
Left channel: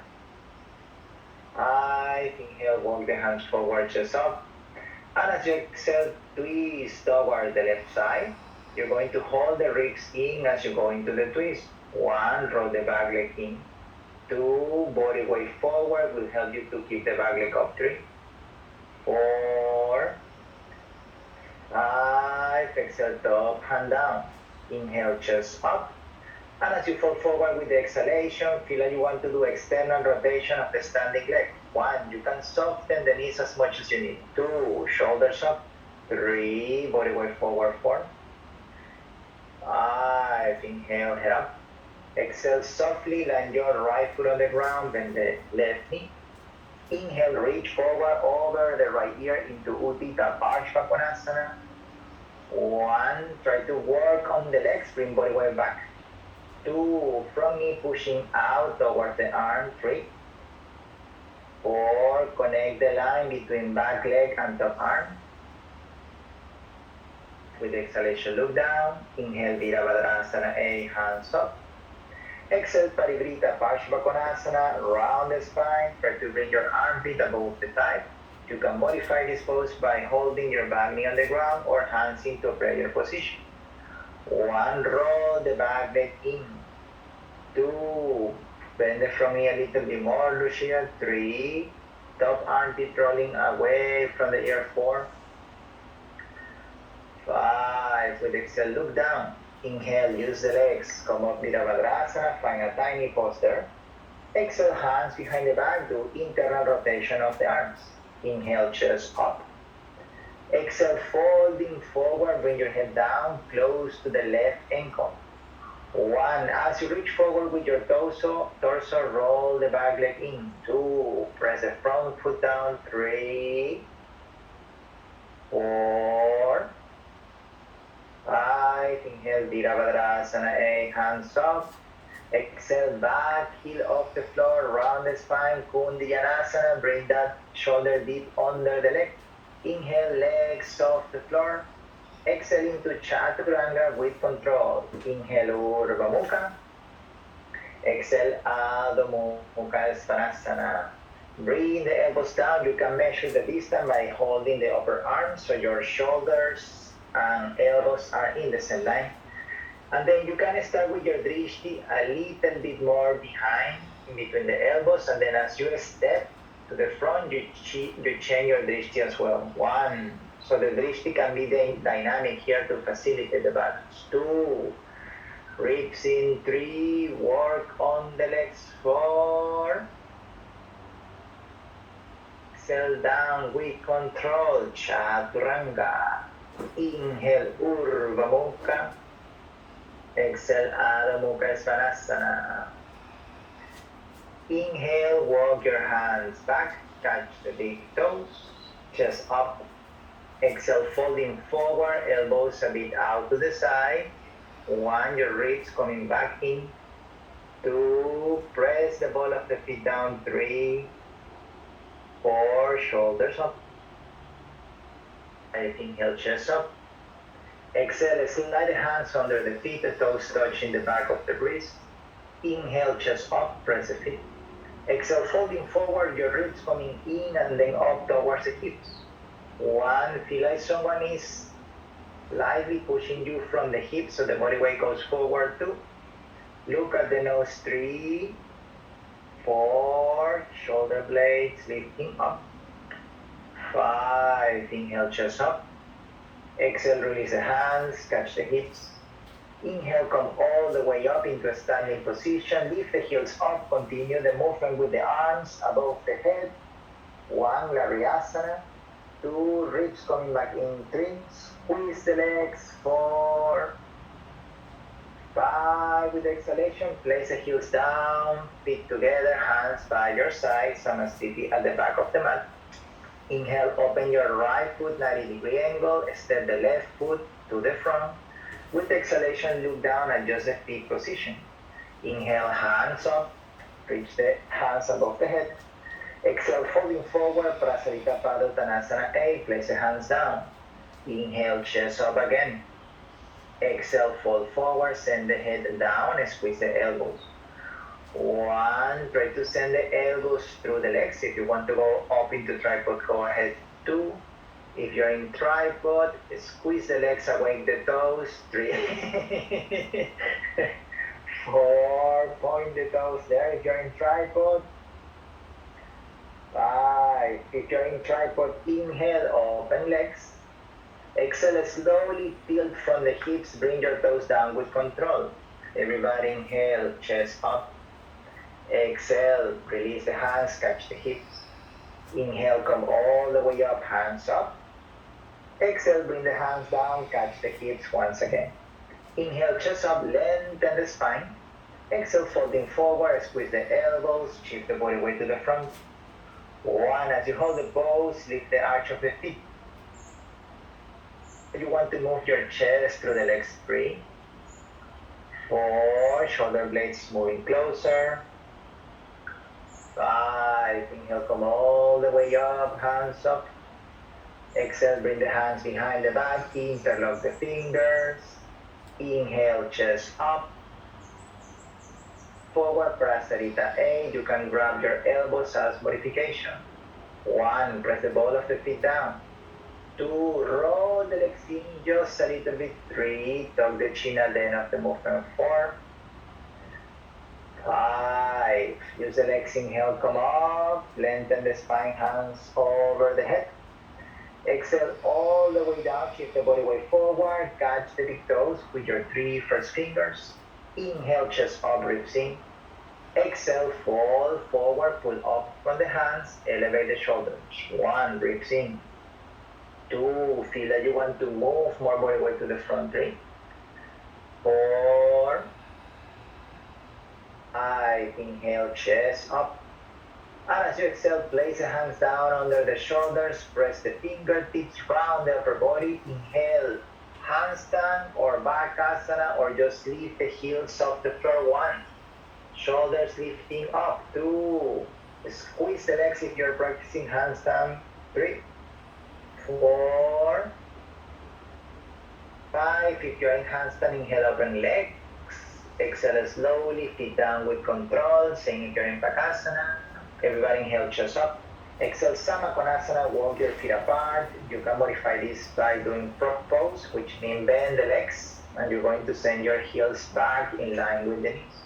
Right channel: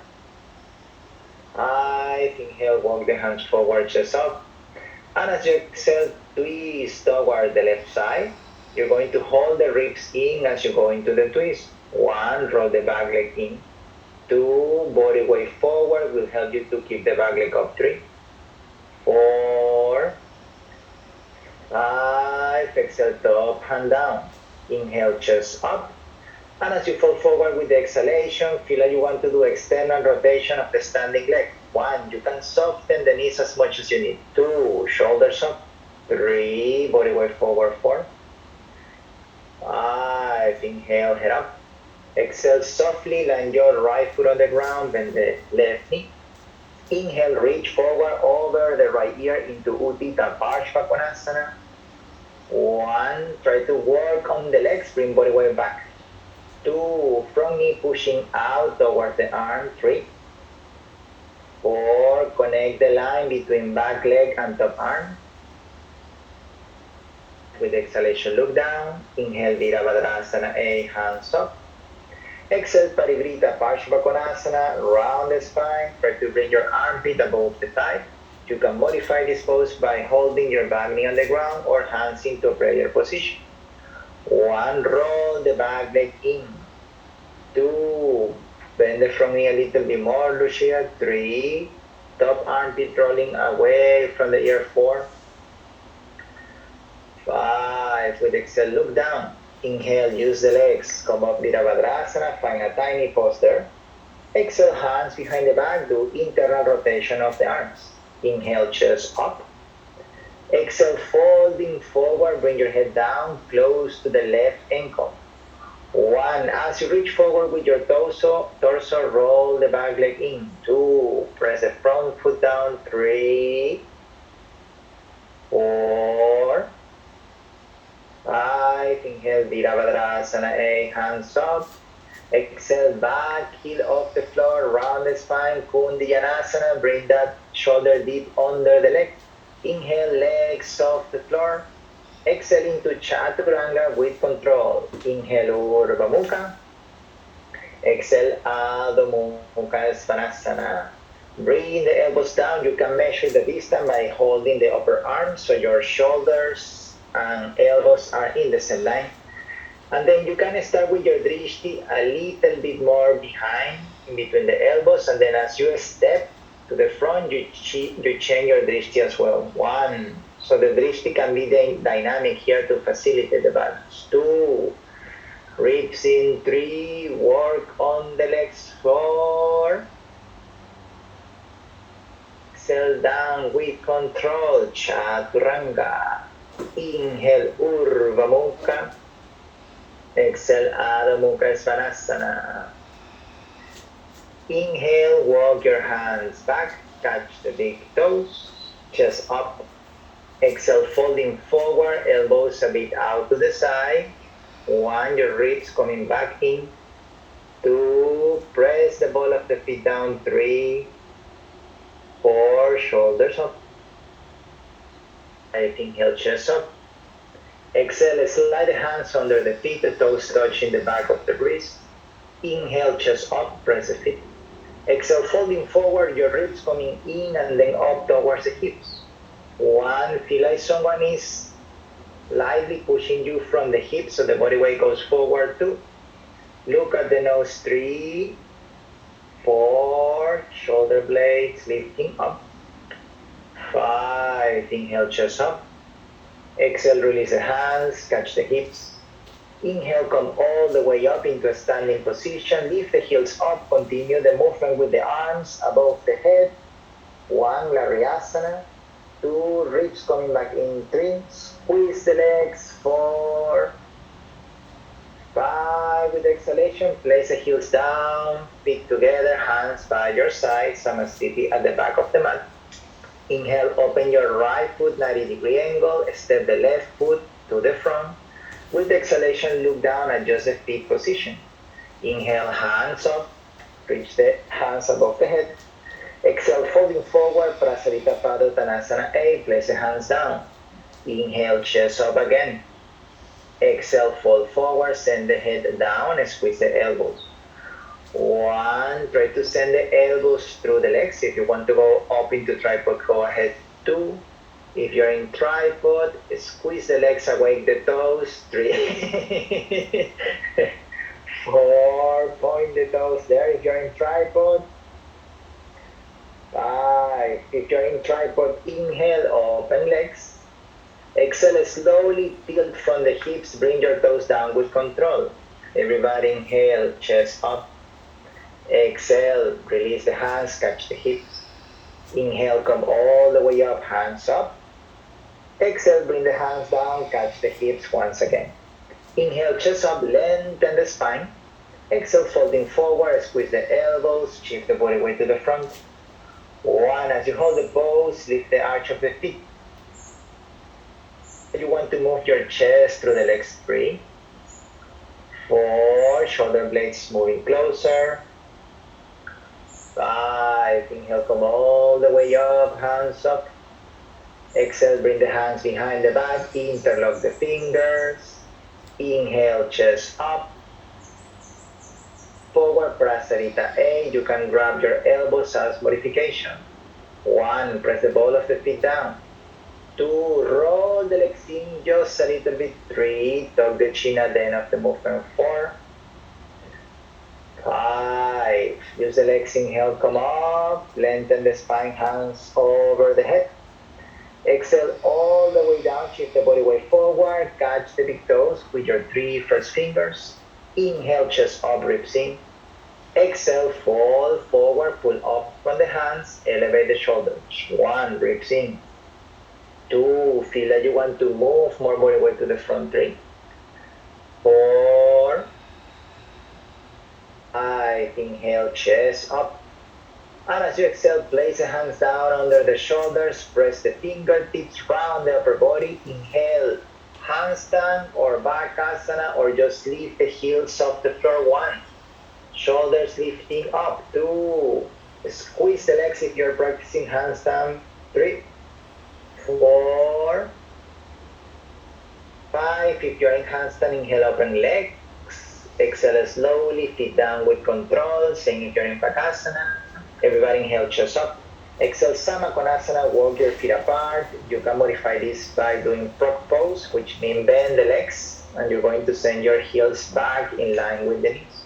5, inhale, walk the hands forward, chest up. And as you exhale, twist toward the left side. You're going to hold the ribs in as you go into the twist. 1, roll the back leg in. 2, body weight forward will help you to keep the back leg up. 3, 4, 5, exhale, top hand down. Inhale, chest up. And as you fall forward with the exhalation, feel like you want to do external rotation of the standing leg. 1, you can soften the knees as much as you need. 2, shoulders up. 3, body weight forward. 4, 5, inhale, head up. Exhale, softly land your right foot on the ground, bend the left knee. Inhale, reach forward over the right ear into Utthita Parshva. 1, try to work on the legs, bring body weight back. 2, front knee pushing out towards the arm. 3, 4, connect the line between back leg and top arm. With exhalation, look down. Inhale, Virabhadrasana, A, hands up. Exhale, Parivrita Parshva, round the spine. Try to bring your armpit above the thigh. You can modify this pose by holding your back knee on the ground or hands into prayer position. 1, roll the back leg in. 2, bend the front knee a little bit more, Lucia. 3, top armpit rolling away from the ear. 4, 5, with exhale, look down. Inhale, use the legs, come up Virabhadrasana, find a tiny pose there. Exhale, hands behind the back, do internal rotation of the arms. Inhale, chest up. Exhale, folding forward, bring your head down, close to the left ankle. 1, as you reach forward with your torso, roll the back leg in. 2, press the front foot down. 3, 4, 5, inhale, Virabhadrasana, A, hands up. Exhale, back, heel off the floor, round the spine, Kundiyanasana, bring that shoulder deep under the leg. Inhale, legs off the floor. Exhale into Chaturanga with control. Inhale, Urdhva Mukha. Exhale, Adho Mukha Svanasana. Bring the elbows down. You can measure the distance by holding the upper arm so your shoulders and elbows are in the same line. And then you can start with your drishti a little bit more behind, in between the elbows, and then as you step to the front, you change your drishti as well. 1, so the drishti can be dynamic here to facilitate the balance. 2, ribs in. 3, work on the legs. 4, exhale down with control, Chaturanga. Inhale, Urdhva Mukha. Exhale, Adho Mukha Svanasana. Inhale, walk your hands back, catch the big toes, chest up. Exhale, folding forward, elbows a bit out to the side. 1, your ribs coming back in. 2, press the ball of the feet down. 3, 4, shoulders up. 5, inhale, chest up. Exhale, slide the hands under the feet, the toes touching the back of the wrist. Inhale, chest up, press the feet. Exhale, folding forward, your ribs coming in and then up towards the hips. 1, feel like someone is lightly pushing you from the hips so the body weight goes forward. 2, look at the nose. 3, 4, shoulder blades lifting up. 5, inhale, chest up. Exhale, release the hands, catch the hips. Inhale, come all the way up into a standing position. Lift the heels up, continue the movement with the arms above the head. 1, Laryasana. 2, ribs coming back in. 3, squeeze the legs. 4, 5, with exhalation, place the heels down, feet together, hands by your side, Samasthiti at the back of the mat. Inhale, open your right foot, 90-degree angle, step the left foot to the front. With exhalation, look down, adjust the feet position. Inhale, hands up, reach the hands above the head. Exhale, folding forward, Prasarita Padottanasana A, place the hands down. Inhale, chest up again. Exhale, fold forward, send the head down, and squeeze the elbows. 1, try to send the elbows through the legs. If you want to go up into tripod, go ahead. 2, if you're in tripod, squeeze the legs, awake the toes. 3, 4, point the toes there if you're in tripod. 5, if you're in tripod, inhale, open legs. Exhale, slowly tilt from the hips, bring your toes down with control. Everybody inhale, chest up. Exhale, release the hands, catch the hips. Inhale, come all the way up, hands up. Exhale, bring the hands down, catch the hips once again. Inhale, chest up, lengthen the spine. Exhale, folding forward, squeeze the elbows, shift the body weight to the front. 1, as you hold the pose, lift the arch of the feet. You want to move your chest through the legs. 3, 4, shoulder blades moving closer. 5, inhale, come all the way up, hands up. Exhale, bring the hands behind the back, interlock the fingers. Inhale, chest up. Forward, Prasarita A, you can grab your elbows as modification. 1, press the ball of the feet down. 2, roll the legs in just a little bit. 3, tuck the chin at the end of the movement. 4, 5, use the legs, inhale, come up, lengthen the spine, hands over the head. Exhale all the way down, shift the body weight forward, catch the big toes with your 3 first fingers. Inhale, chest up, ribs in. Exhale, fold forward, pull up from the hands, elevate the shoulders. 1, ribs in. 2, feel that you want to move more body weight to the front. 3, 4, 5, inhale, chest up. And as you exhale, place the hands down under the shoulders, press the fingertips round the upper body. Inhale, handstand or bakasana, or just lift the heels off the floor. 1, shoulders lifting up. 2, squeeze the legs if you're practicing handstand. 3, 4, 5, if you're in handstand, inhale, open legs. Exhale slowly, feet down with control. Same if you're in bakasana. Everybody inhale, chest up. Exhale, Samakonasana, walk your feet apart. You can modify this by doing frog pose, which means bend the legs, and you're going to send your heels back in line with the knees.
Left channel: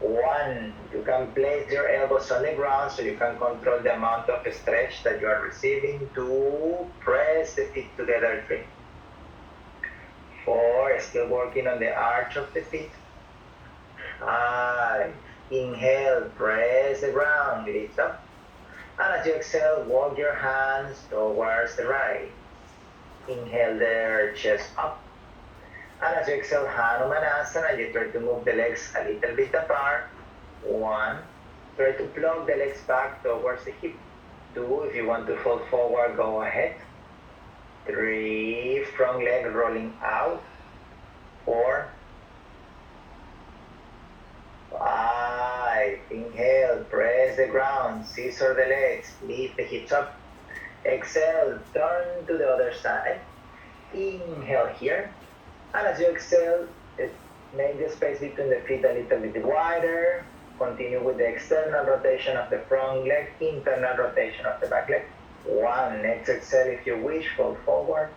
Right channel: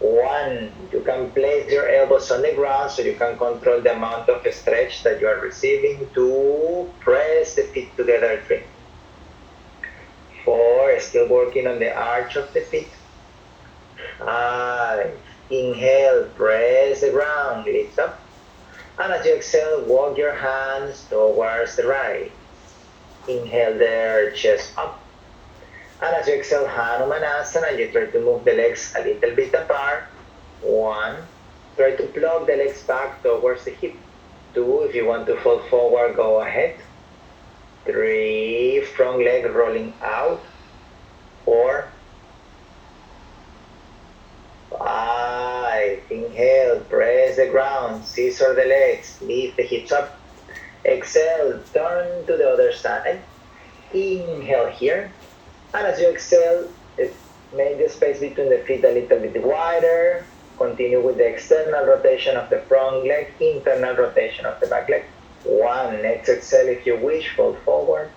1, you can place your elbows on the ground so you can control the amount of stretch that you are receiving. 2, press the feet together. 3, 4, still working on the arch of the feet. 5, inhale, press the ground, lift up. And as you exhale, walk your hands towards the right. Inhale there, chest up. And as you exhale, Hanumanasana, you try to move the legs a little bit apart. 1, try to plug the legs back towards the hip. 2, if you want to fold forward, go ahead. 3, front leg rolling out. 4, 5, inhale, press the ground, scissor the legs, lift the hips up. Exhale, turn to the other side. Inhale here. And as you exhale, make the space between the feet a little bit wider. Continue with the external rotation of the front leg, internal rotation of the back leg. 1, next exhale if you wish, fold forward.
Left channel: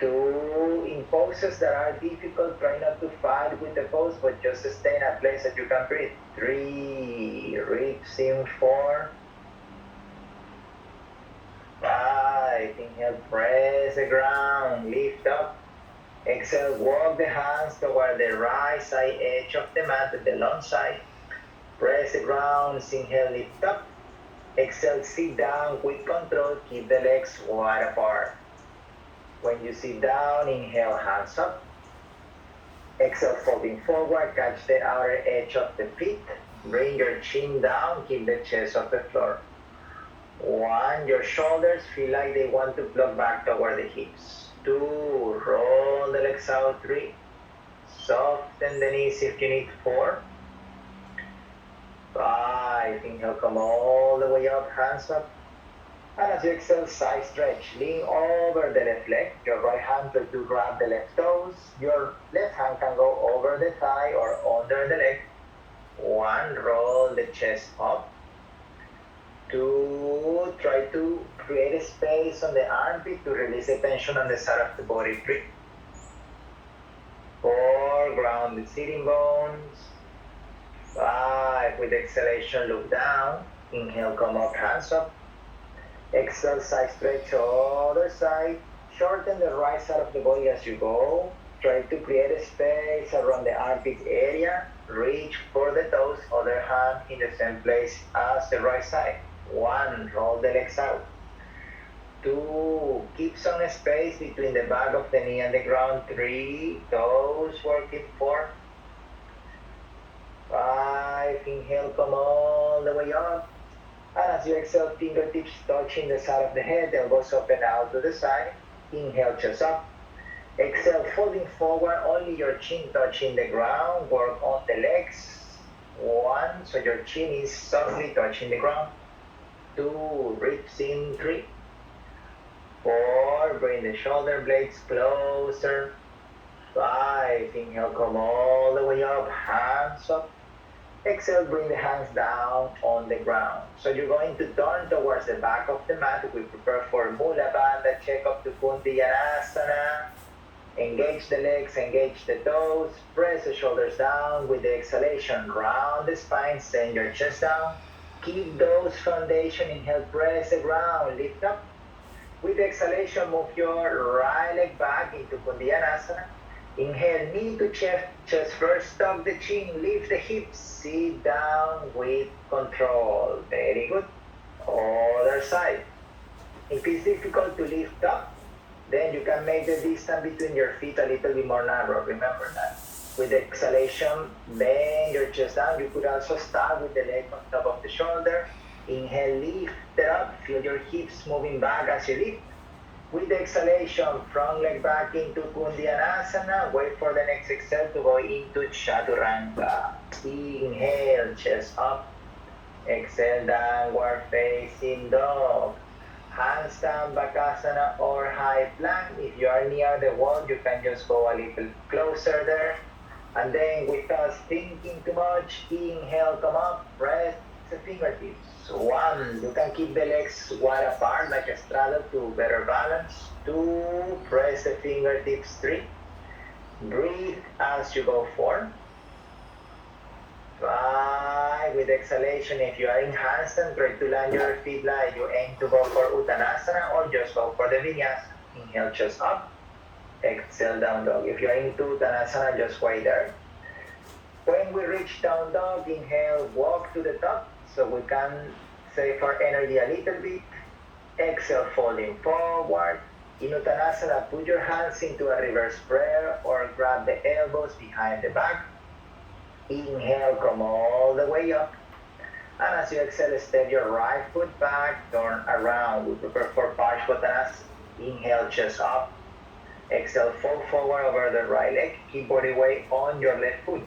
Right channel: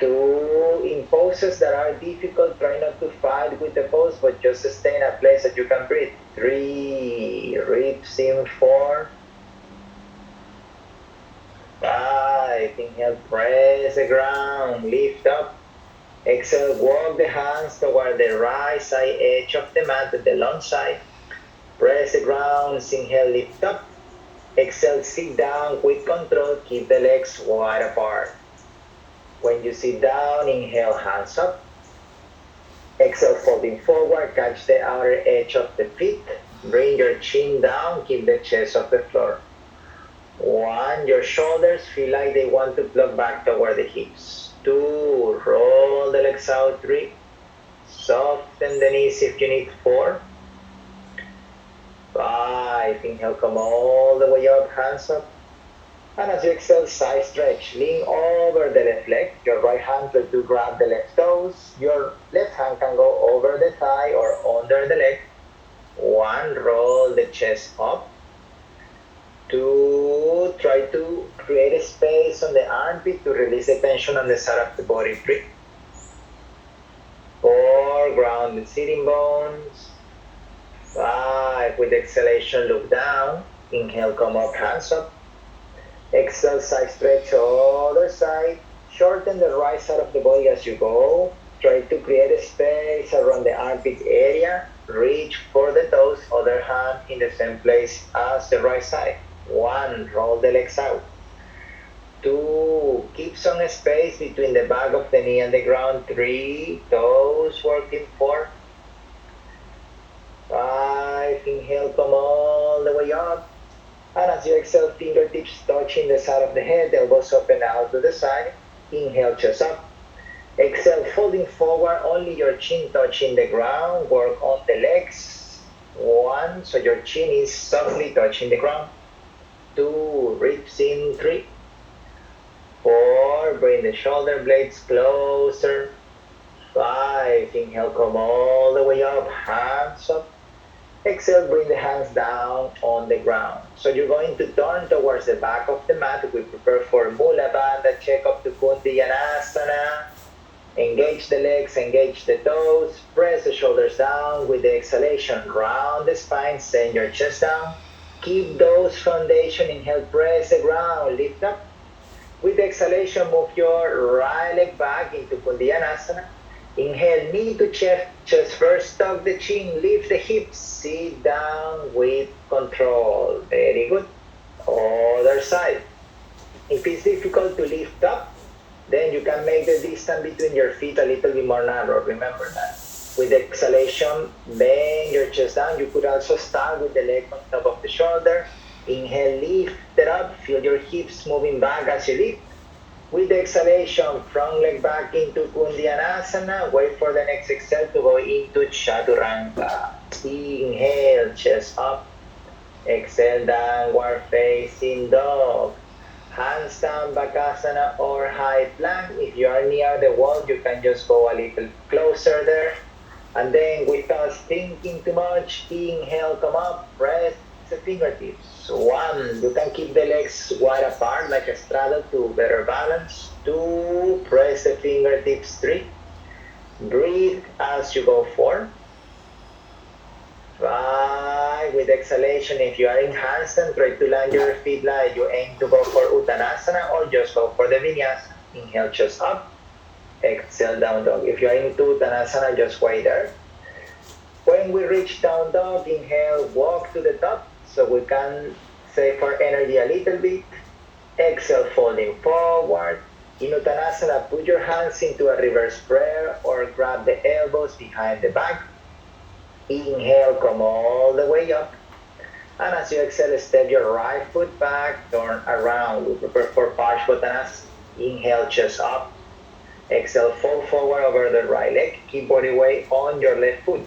2, in poses that are difficult, try not to fight with the pose, but just stay in a place that you can breathe. 3, ribs in. 4, 5, inhale, press the ground, lift up. Exhale, walk the hands toward the right side edge of the mat, the long side. Press the ground, inhale, lift up. Exhale, sit down with control, keep the legs wide apart. When you sit down, inhale, hands up. Exhale, folding forward, catch the outer edge of the feet. Bring your chin down, keep the chest off the floor. 1, your shoulders feel like they want to plug back toward the hips. 2, roll the legs out. 3, soften the knees if you need. 4, 5. Inhale, come all the way up, hands up. And as you exhale, side stretch. Lean over the left leg. Your right hand try to grab the left toes. Your left hand can go over the thigh or under the leg. 1. Roll the chest up. 2. Try to create a space on the armpit to release the tension on the side of the body. 3. 4. Ground the sitting bones. 5. With exhalation, look down. Inhale, come up, hands up. Exhale, side stretch, other side. Shorten the right side of the body as you go. Try to create a space around the armpit area. Reach for the toes, other hand in the same place as the right side. 1. Roll the legs out. 2. Keep some space between the back of the knee and the ground. 3. Toes working. 4. 5. Inhale, come all the way up. And as you exhale, fingertips touching the side of the head, elbows open out to the side. Inhale, chest up. Exhale, folding forward, only your chin touching the ground. Work on the legs. 1, so your chin is softly touching the ground. 2, ribs in. 3. 4, bring the shoulder blades closer. 5, inhale, come all the way up, hands up. Exhale, bring the hands down on the ground. So you're going to turn towards the back of the mat. We prepare for Mula Bandha, check up to Kundiyanasana. Engage the legs, engage the toes. Press the shoulders down with the exhalation. Round the spine, send your chest down. Keep those foundation. Inhale, press the ground, lift up. With the exhalation, move your right leg back into Kundiyanasana. Inhale, knee to chest first, tuck the chin, lift the hips, sit down with control. Very good. Other side. If it's difficult to lift up, then you can make the distance between your feet a little bit more narrow. Remember that. With the exhalation, bend your chest down. You could also start with the leg on top of the shoulder. Inhale, lift it up. Feel your hips moving back as you lift. With the exhalation, front leg back into Kundiyanasana. Wait for the next exhale to go into Chaturanga. Inhale, chest up. Exhale, downward facing dog. Hands down, Bakasana or high plank. If you are near the wall, you can just go a little closer there. And then without thinking too much, inhale, come up, press the fingertips. 1, you can keep the legs wide apart like a straddle to better balance. 2, press the fingertips. 3, breathe as you go. 4, 5, with exhalation, if you are in handstand, try to land your feet like you aim to go for Uttanasana or just go for the Vinyasa. Inhale, chest up. Exhale, down dog. If you are into Uttanasana, just wait there. When we reach down dog, inhale, walk to the top so we can save our energy a little bit. Exhale, folding forward. In Uttanasana, put your hands into a reverse prayer or grab the elbows behind the back. Inhale, come all the way up. And as you exhale, step your right foot back, turn around. We prepare for Parsvottanasana. Inhale, chest up. Exhale, fold forward over the right leg. Keep body weight on your left foot.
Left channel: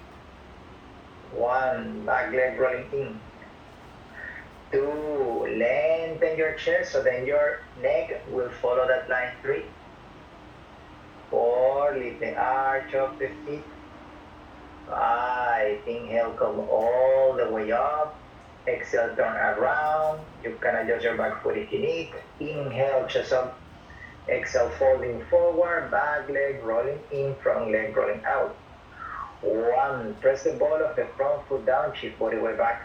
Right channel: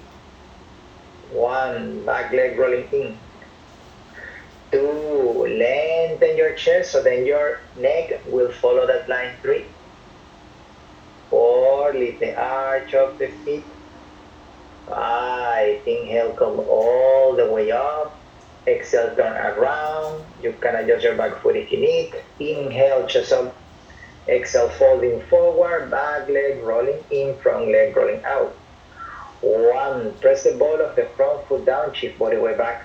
1, back leg rolling in. 2, lengthen your chest so then your neck will follow that line. 3, 4, lift the arch of the feet. 5, inhale, come all the way up. Exhale, turn around. You can adjust your back foot if you need. Inhale, chest up. Exhale, folding forward, back leg rolling in, front leg rolling out. 1, press the ball of the front foot down, shift body weight back.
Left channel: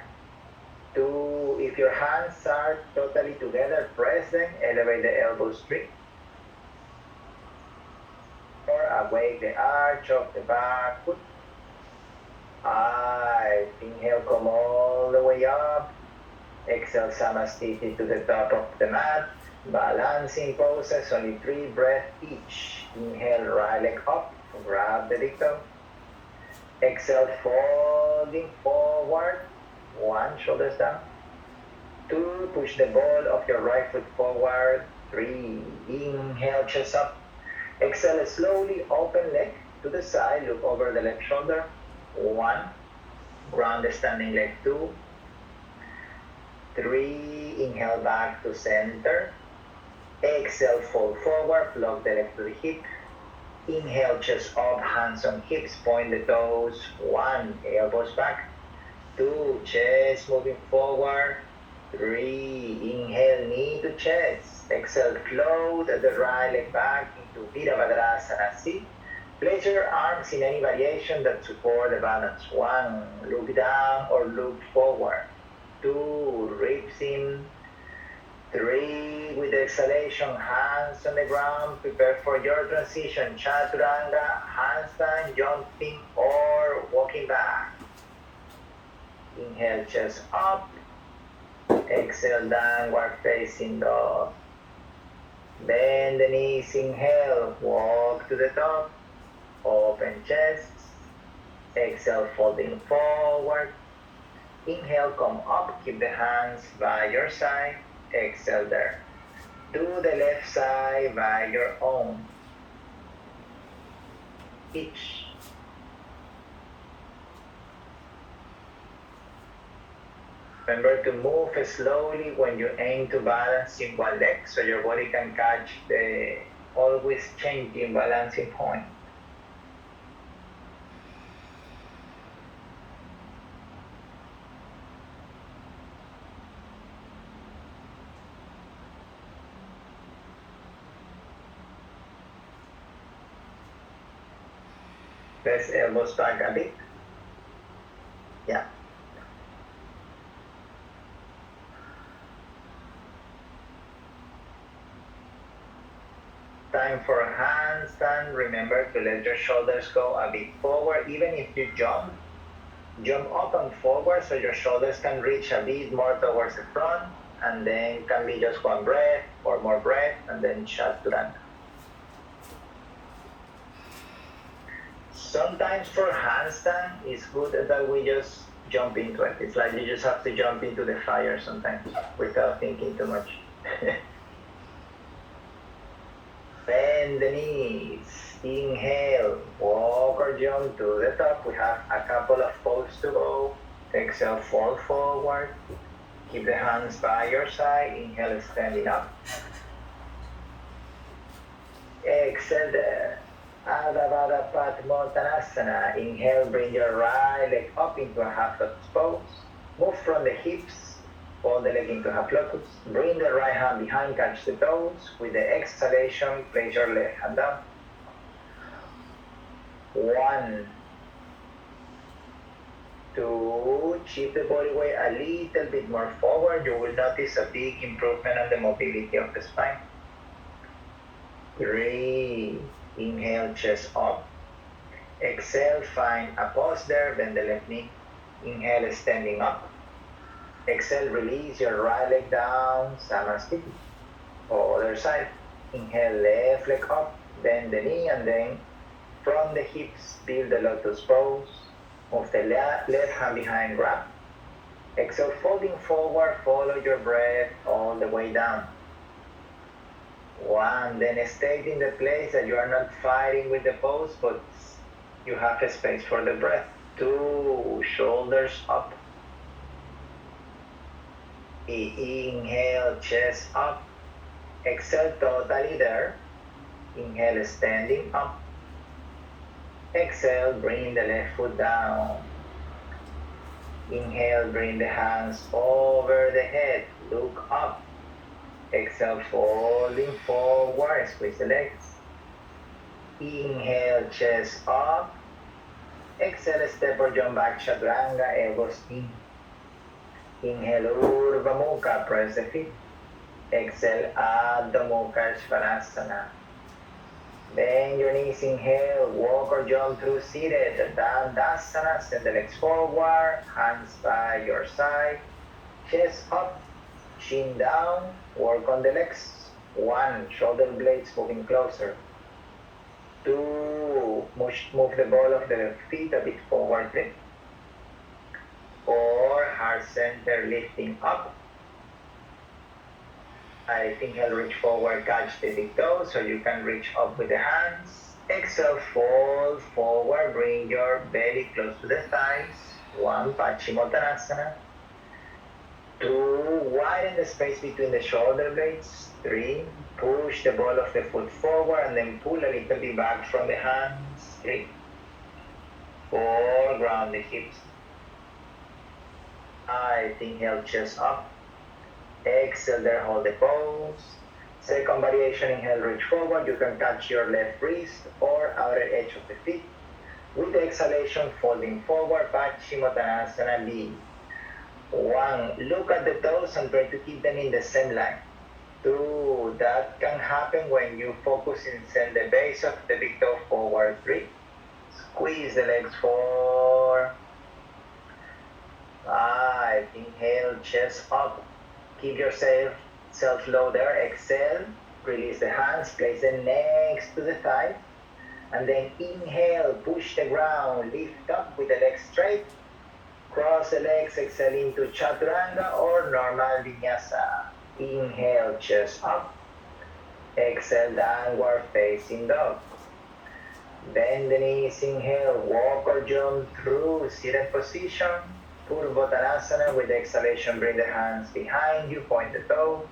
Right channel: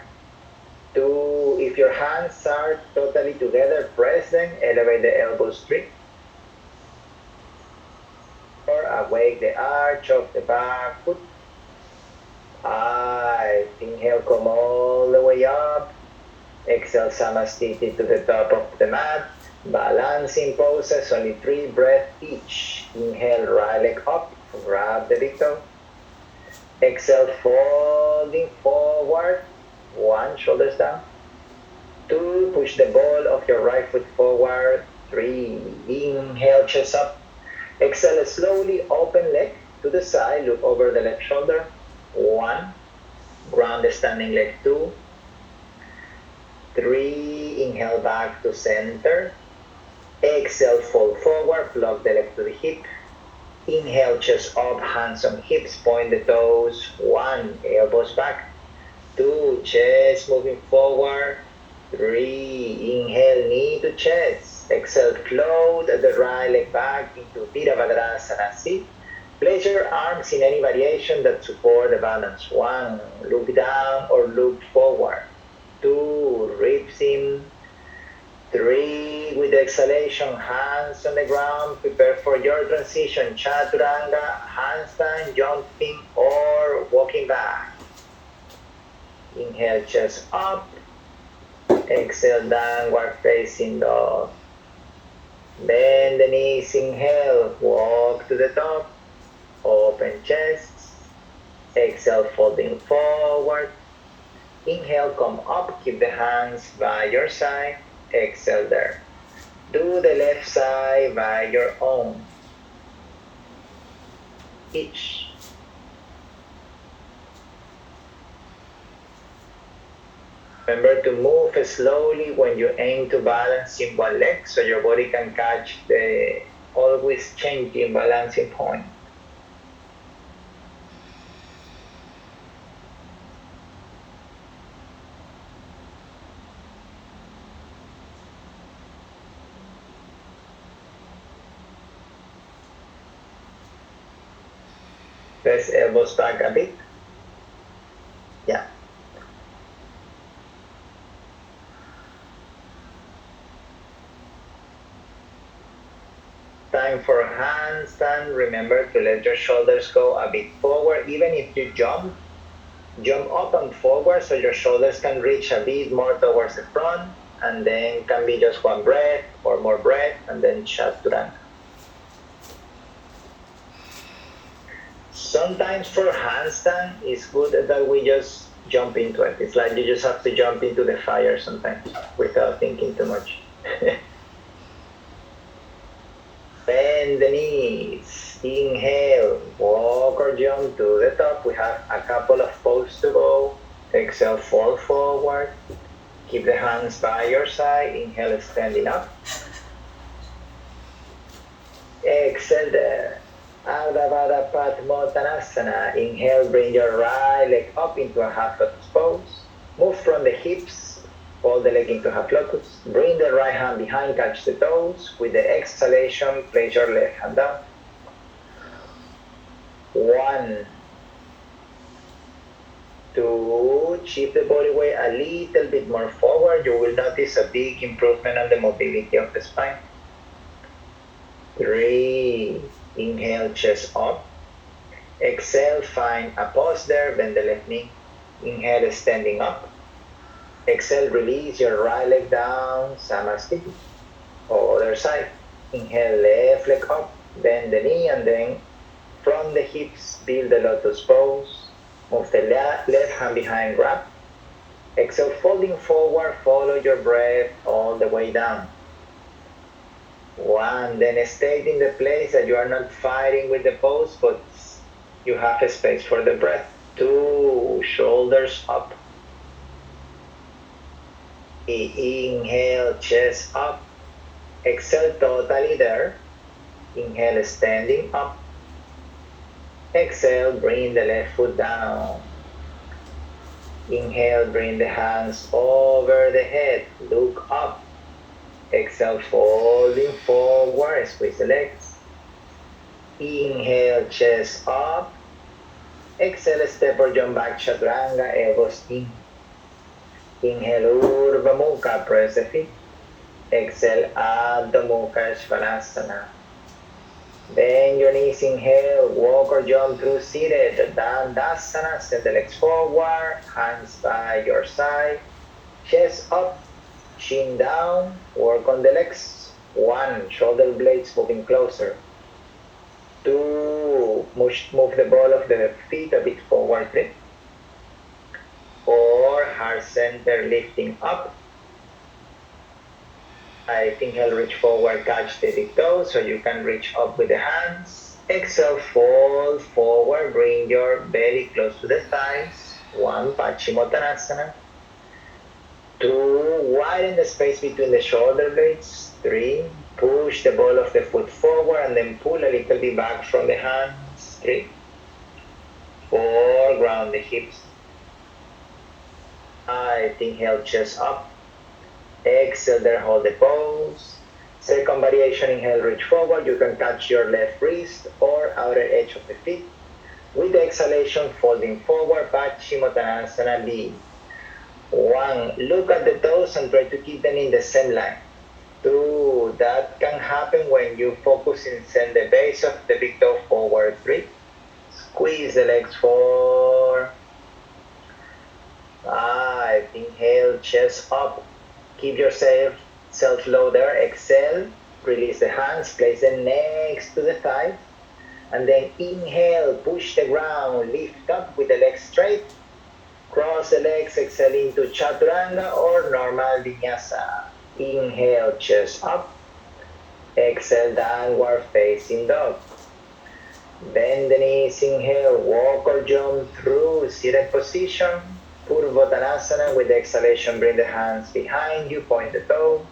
2, if your hands are totally together, press them, elevate the elbows. 3, 4, awake the arch of the back foot. 5, inhale, come all the way up. Exhale, Samastiti to the top of the mat. Balancing poses, only 3 breaths each. Inhale, right leg up, grab the big toe. Exhale, folding forward. 1, shoulders down. 2, push the ball of your right foot forward. 3, inhale, chest up. Exhale, slowly open leg to the side, look over the left shoulder. 1, ground the standing leg. 2, 3, inhale back to center. Exhale, fold forward, plug the leg to the hip. Inhale, chest up, hands on hips, point the toes. 1, elbows back. 2, chest moving forward. 3, inhale, knee to chest. Exhale, float the right leg back into Virabhadrasana seat. Place your arms in any variation that support the balance. 1, look down or look forward. 2, ribs in. 3, with exhalation, hands on the ground, prepare for your transition. Chaturanga, handstand, jumping, or walking back. Inhale, chest up. Exhale, downward facing dog. Bend the knees, inhale, walk to the top. Open chest. Exhale, folding forward. Inhale, come up, keep the hands by your side. Exhale there. Do the left side by your own. Each. Remember to move slowly when you aim to balance in one leg so your body can catch the always changing balancing point. Press elbows back a bit. Yeah. Time for a handstand. Remember to let your shoulders go a bit forward. Even if you jump up and forward so your shoulders can reach a bit more towards the front, and then can be just one breath or more breath, and then chaturanga. Sometimes for handstand, it's good that we just jump into it. It's like you just have to jump into the fire sometimes without thinking too much. Bend the knees. Inhale, walk or jump to the top. We have a couple of poses to go. Exhale, fold forward. Keep the hands by your side. Inhale, standing up. Exhale there. Ardha Padmottanasana. Inhale, bring your right leg up into a half lotus pose. Move from the hips, fold the leg into half lotus. Bring the right hand behind, catch the toes. With the exhalation, place your left hand down. 1, 2, shift the body weight a little bit more forward. You will notice a big improvement on the mobility of the spine. 3, inhale, chest up. Exhale, find a pause there, bend the left knee. Inhale, standing up. Exhale, release your right leg down, Samastiti. Other side. Inhale, left leg up, bend the knee, and then from the hips, build the lotus pose. Move the left hand behind, grab. Exhale, folding forward, follow your breath all the way down. 1, then stay in the place that you are not fighting with the pose, but you have a space for the breath. 2, shoulders up. Inhale, chest up. Exhale, totally there. Inhale, standing up. Exhale, bring the left foot down. Inhale, bring the hands over the head. Look up. Exhale, folding forward, squeeze the legs. Inhale, chest up. Exhale, step or jump back, chaturanga, elbows in. Inhale, Urdhva Mukha, press the feet. Exhale, Adho Mukha, Svanasana. Bend your knees, inhale, walk or jump through seated, Dandasana, send the legs forward, hands by your side, chest up, chin down, work on the legs. 1, shoulder blades moving closer. 2, move the ball of the feet a bit forward. 3, 4, heart center lifting up. I think I'll reach forward, catch the big toe so you can reach up with the hands. Exhale, fold forward, bring your belly close to the thighs. 1, Paschimottanasana. 2, widen the space between the shoulder blades. 3, push the ball of the foot forward and then pull a little bit back from the hands. 3, 4, ground the hips. 5, inhale, chest up. Exhale there, hold the pose. Second variation, inhale, reach forward. You can touch your left wrist or outer edge of the feet. With the exhalation, folding forward, Paschimottanasana B. 1, look at the toes and try to keep them in the same line. 2, that can happen when you focus and send the base of the big toe forward. 3, squeeze the legs. 4, 5, inhale, chest up. Keep yourself low there. Exhale, release the hands, place them next to the thighs. And then inhale, push the ground, lift up with the legs straight. Cross the legs, exhale into Chaturanga or normal Vinyasa. Inhale, chest up. Exhale, downward facing dog. Bend the knees, inhale, walk or jump through seated position. Purvottanasana. With the exhalation, bring the hands behind you, point the toes.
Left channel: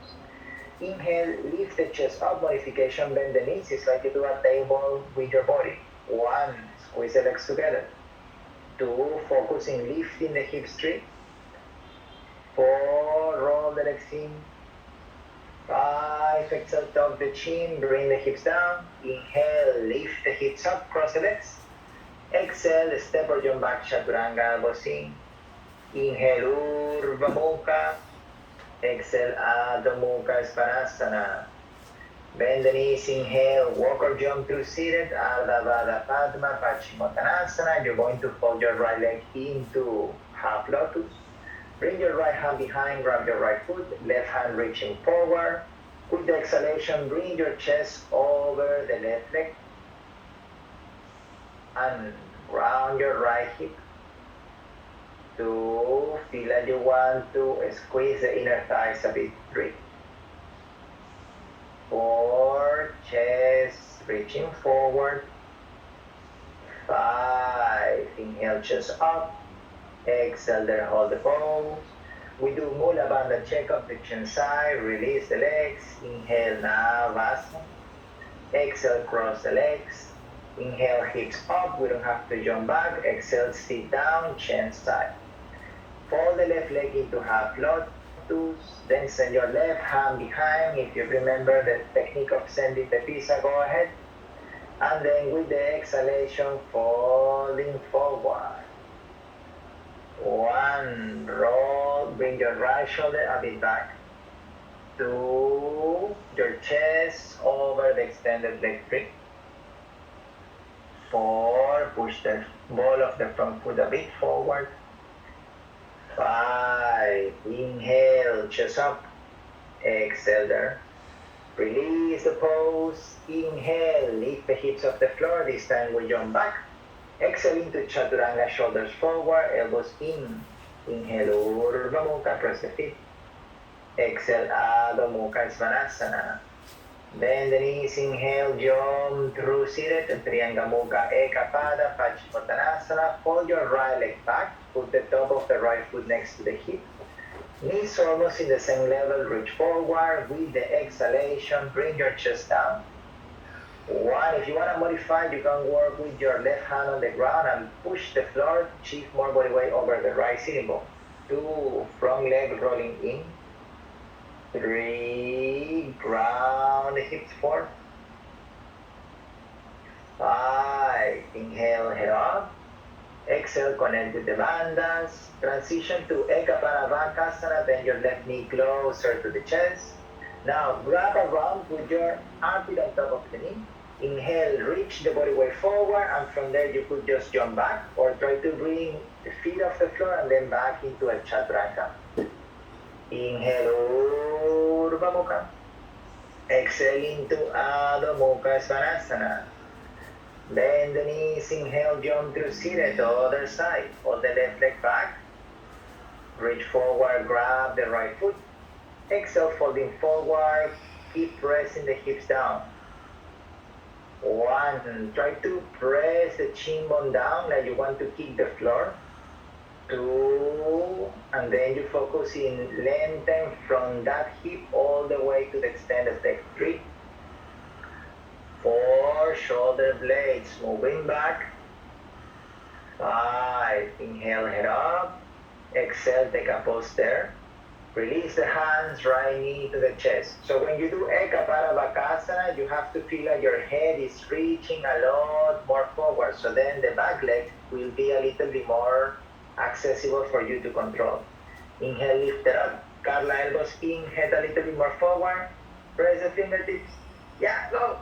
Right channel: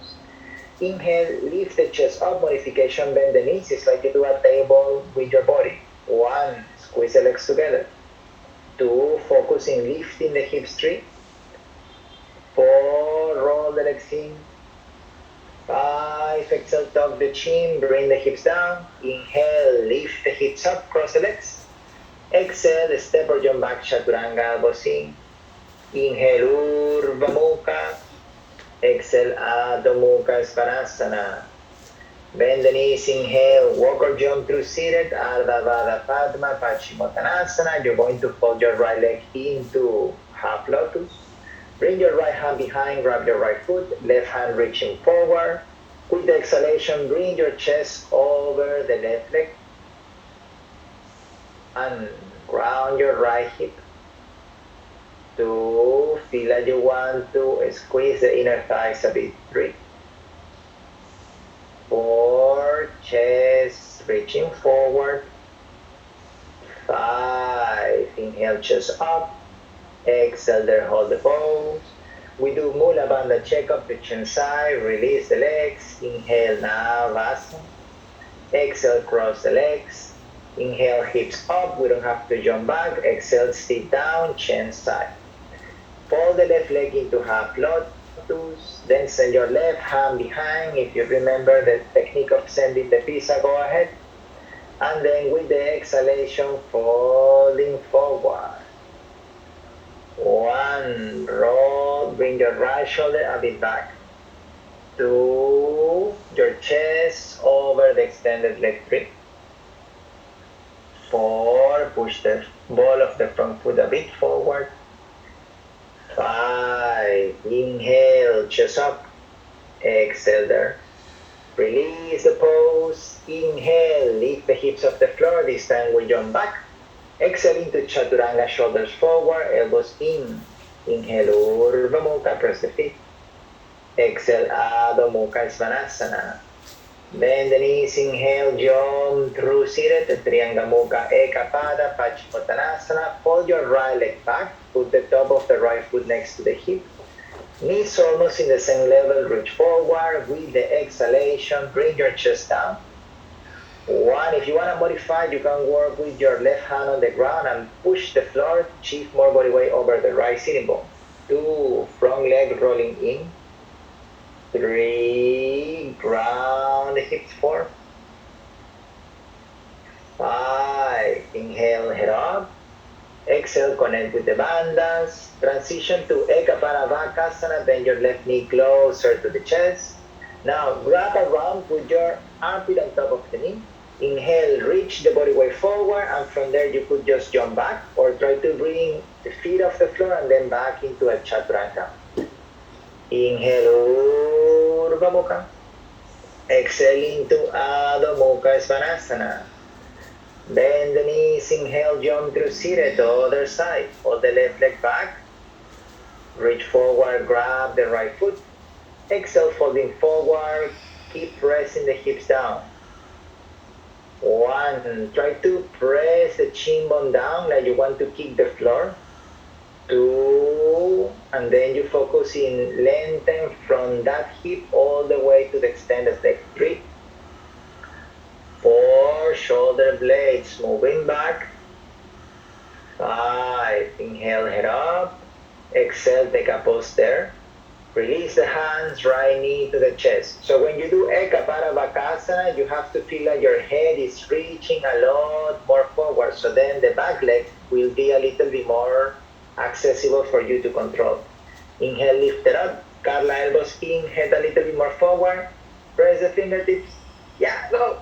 Inhale, lift the chest up, modification, bend the knees. It's like you do a table with your body. 1, squeeze the legs together. 2, focus in lifting the hips. 3, 4, roll the legs in. 5, exhale, tuck the chin, bring the hips down. Inhale, lift the hips up, cross the legs. Exhale, step or jump back, Chaturanga, elbows in. Inhale, Urdhva Mukha. Exhale, Adho Mukha Svanasana. Bend the knees, inhale, walk or jump through seated, Ardha Vada Padma, Paschimottanasana. You're going to fold your right leg into half lotus. Bring your right hand behind, grab your right foot, left hand reaching forward. With the exhalation, bring your chest over the left leg. And ground your right hip. 2, feel like you want to squeeze the inner thighs a bit. 3, 4, chest reaching forward. 5, inhale, chest up. Exhale there, hold the pose. We do Mula Bandha check-up, the chin side, release the legs. Inhale, Navasana. Exhale, cross the legs. Inhale, hips up. We don't have to jump back. Exhale, sit down, chin side. Fold the left leg into half lotus. Then send your left hand behind. If you remember the technique of sending the pizza, go ahead. And then with the exhalation, folding forward. 1, roll, bring your right shoulder a bit back. 2, your chest over the extended leg. 3, 4, push the ball of the front foot a bit forward. 5, inhale, chest up. Exhale there. Release the pose. Inhale, lift the hips off the floor. This time we jump back. Exhale into Chaturanga, shoulders forward, elbows in. Inhale, Urdhva Mukha, press the feet. Exhale, Adho Mukha Svanasana. Bend the knees, inhale, jump through seated, Trianga Mukha, Ekapada, Paschimottanasana. Fold your right leg back, put the top of the right foot next to the hip. Knees almost in the same level, reach forward. With the exhalation, bring your chest down. 1, if you want to modify, you can work with your left hand on the ground and push the floor, shift more body weight over the right sitting bone. 2, front leg rolling in. 3, ground the hips. 4, 5, inhale, head up. Exhale, connect with the bandhas. Transition to Ekapanavakasana, bend your left knee closer to the chest. Now grab around, put your armpit on top of the knee. Inhale, reach the body weight forward, and from there you could just jump back or try to bring the feet off the floor and then back into a Chaturanga. Inhale, Urdhva Mukha. Exhale into Adho Mukha Svanasana. Bend the knees, inhale, jump through seated, the other side. Hold the left leg back. Reach forward, grab the right foot. Exhale, folding forward. Keep pressing the hips down. 1, try to press the chin bone down like you want to kick the floor. 2, And then you focus in lengthen from that hip all the way to the extended leg. 3, 4, shoulder blades moving back. 5, inhale, head up. Exhale, take a pause there. Release the hands, right knee to the chest. So when you do Eka Parabhakasana, you have to feel like your head is reaching a lot more forward. So then the back leg will be a little bit more accessible for you to control. Inhale, lift it up. Curl elbows in, head a little bit more forward. Press the fingertips. Yeah, go.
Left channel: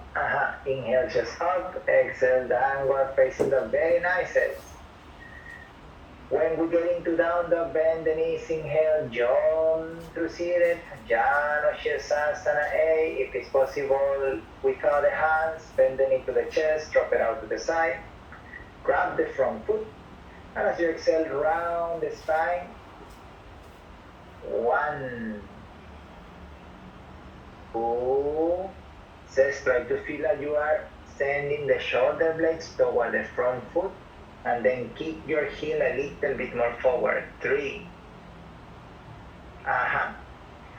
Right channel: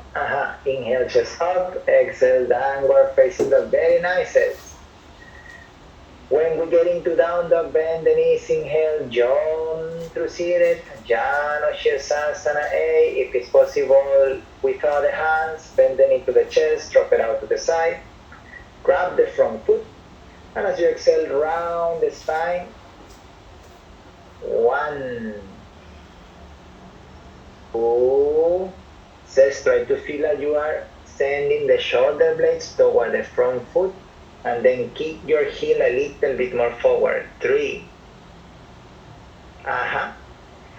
Inhale, chest up. Exhale, downward facing dog. Very nice. When we get into down dog, bend the knees, inhale, jump through seated, Jano Shirsasana A. If it's possible, without the hands, bend the knee to the chest, drop it out to the side, grab the front foot, and as you exhale, round the spine. 1, 2, says try to feel like you are sending the shoulder blades toward the front foot, and then kick your heel a little bit more forward. 3,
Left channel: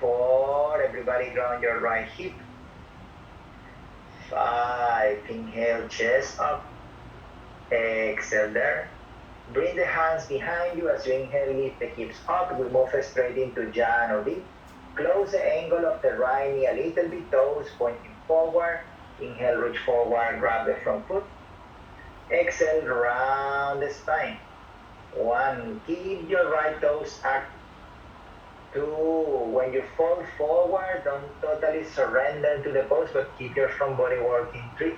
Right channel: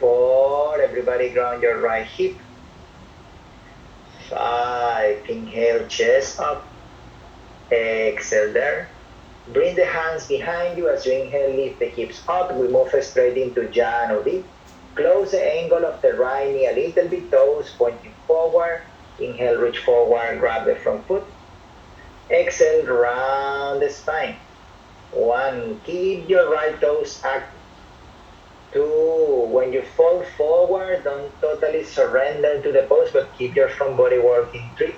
4, everybody ground your right hip. 5, inhale, chest up. Exhale there. Bring the hands behind you as you inhale, lift the hips up. We move straight into Jano D. Close the angle of the right knee a little bit, toes pointing forward. Inhale, reach forward, grab the front foot. Exhale, round the spine. 1, keep your right toes active. 2, when you fall forward, don't totally surrender to the pose, but keep your front body working. 3,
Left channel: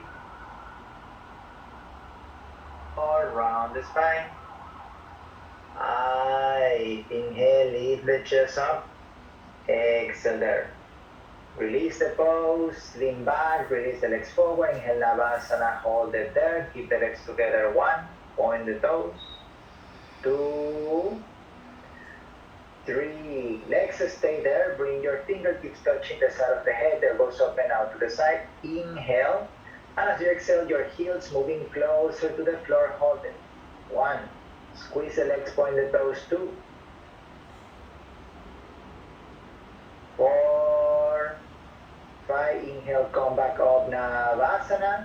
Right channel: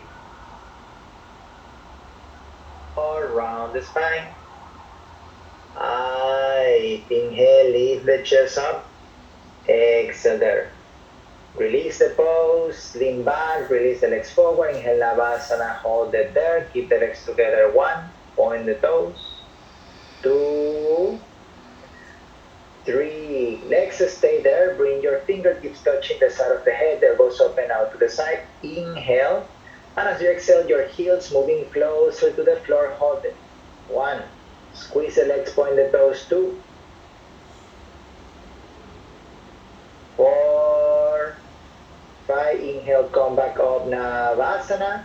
4, round the spine. 5, inhale, lift the chest up. Exhale there. Release the pose, lean back, release the legs forward, inhale Navasana, hold it there, keep the legs together. 1, point the toes. 2, 3, legs stay there, bring your fingertips touching the side of the head, elbows open out to the side. Inhale, and as you exhale, your heels moving closer to the floor, hold it. 1, squeeze the legs, point the toes. 2, 4, 5, inhale, come back up, Navasana.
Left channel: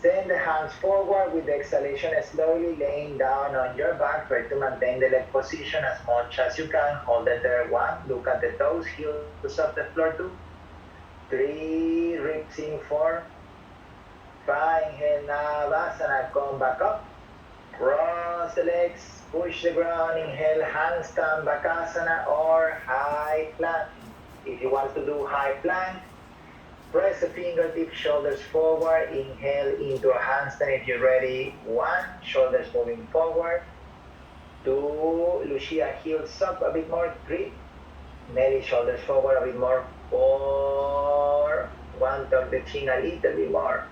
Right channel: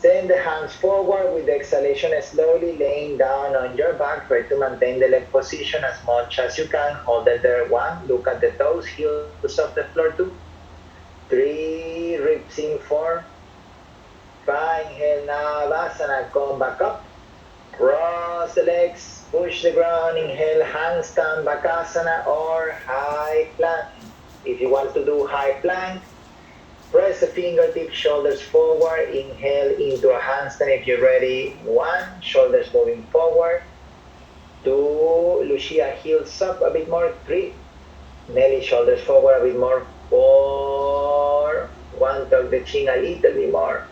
Send the hands forward with the exhalation, slowly laying down on your back. Try to maintain the leg position as much as you can. Hold it there. 1, look at the toes, heels off the floor. 2, 3, ribs in. 4, 5, inhale, Navasana, come back up. Cross the legs, push the ground, inhale, handstand, Bakasana, or high plank. If you want to do high plank, press the fingertips, shoulders forward, inhale into a handstand if you're ready. 1, shoulders moving forward. 2, Lucia, heels up a bit more. 3, Nelly, shoulders forward a bit more. 4, 1, tuck the chin a little bit more.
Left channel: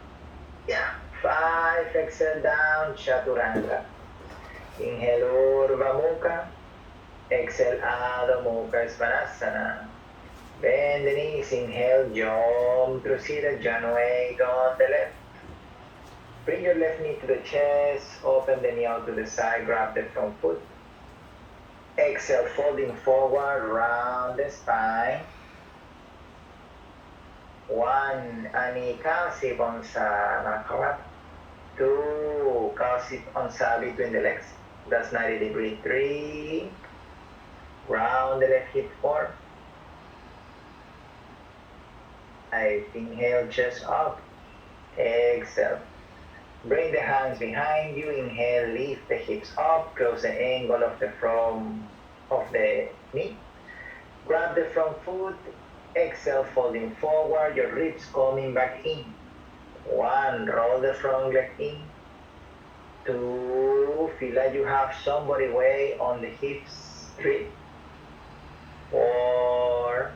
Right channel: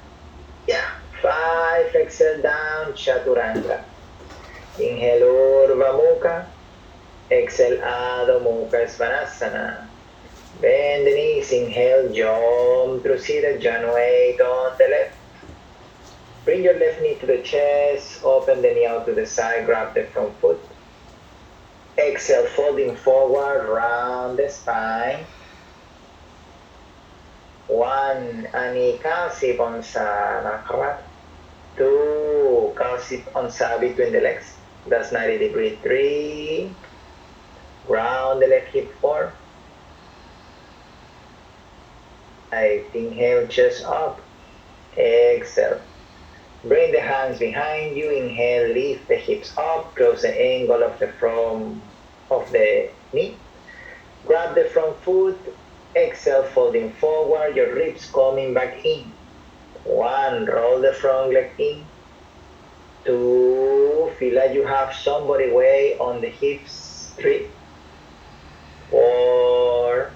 5, exhale down, Chaturanga. Inhale, Urdhva Mukha. Exhale, Adho Mukha Svanasana. Bend the knees, inhale, jump through seated, Janu 8 on the left. Bring your left knee to the chest, open the knee out to the side, grab the front foot. Exhale, folding forward, round the spine. 1, Anikasi Bonsana. 2, Kasi Onsa between the legs. That's 90 degree. 3, round the left hip. 4, 5, inhale, chest up. Exhale. Bring the hands behind you. Inhale, lift the hips up. Close the angle of the front of the knee. Grab the front foot. Exhale, folding forward. Your ribs coming back in. 1, roll the front leg in. 2, feel like you have somebody way on the hips. 3, 4,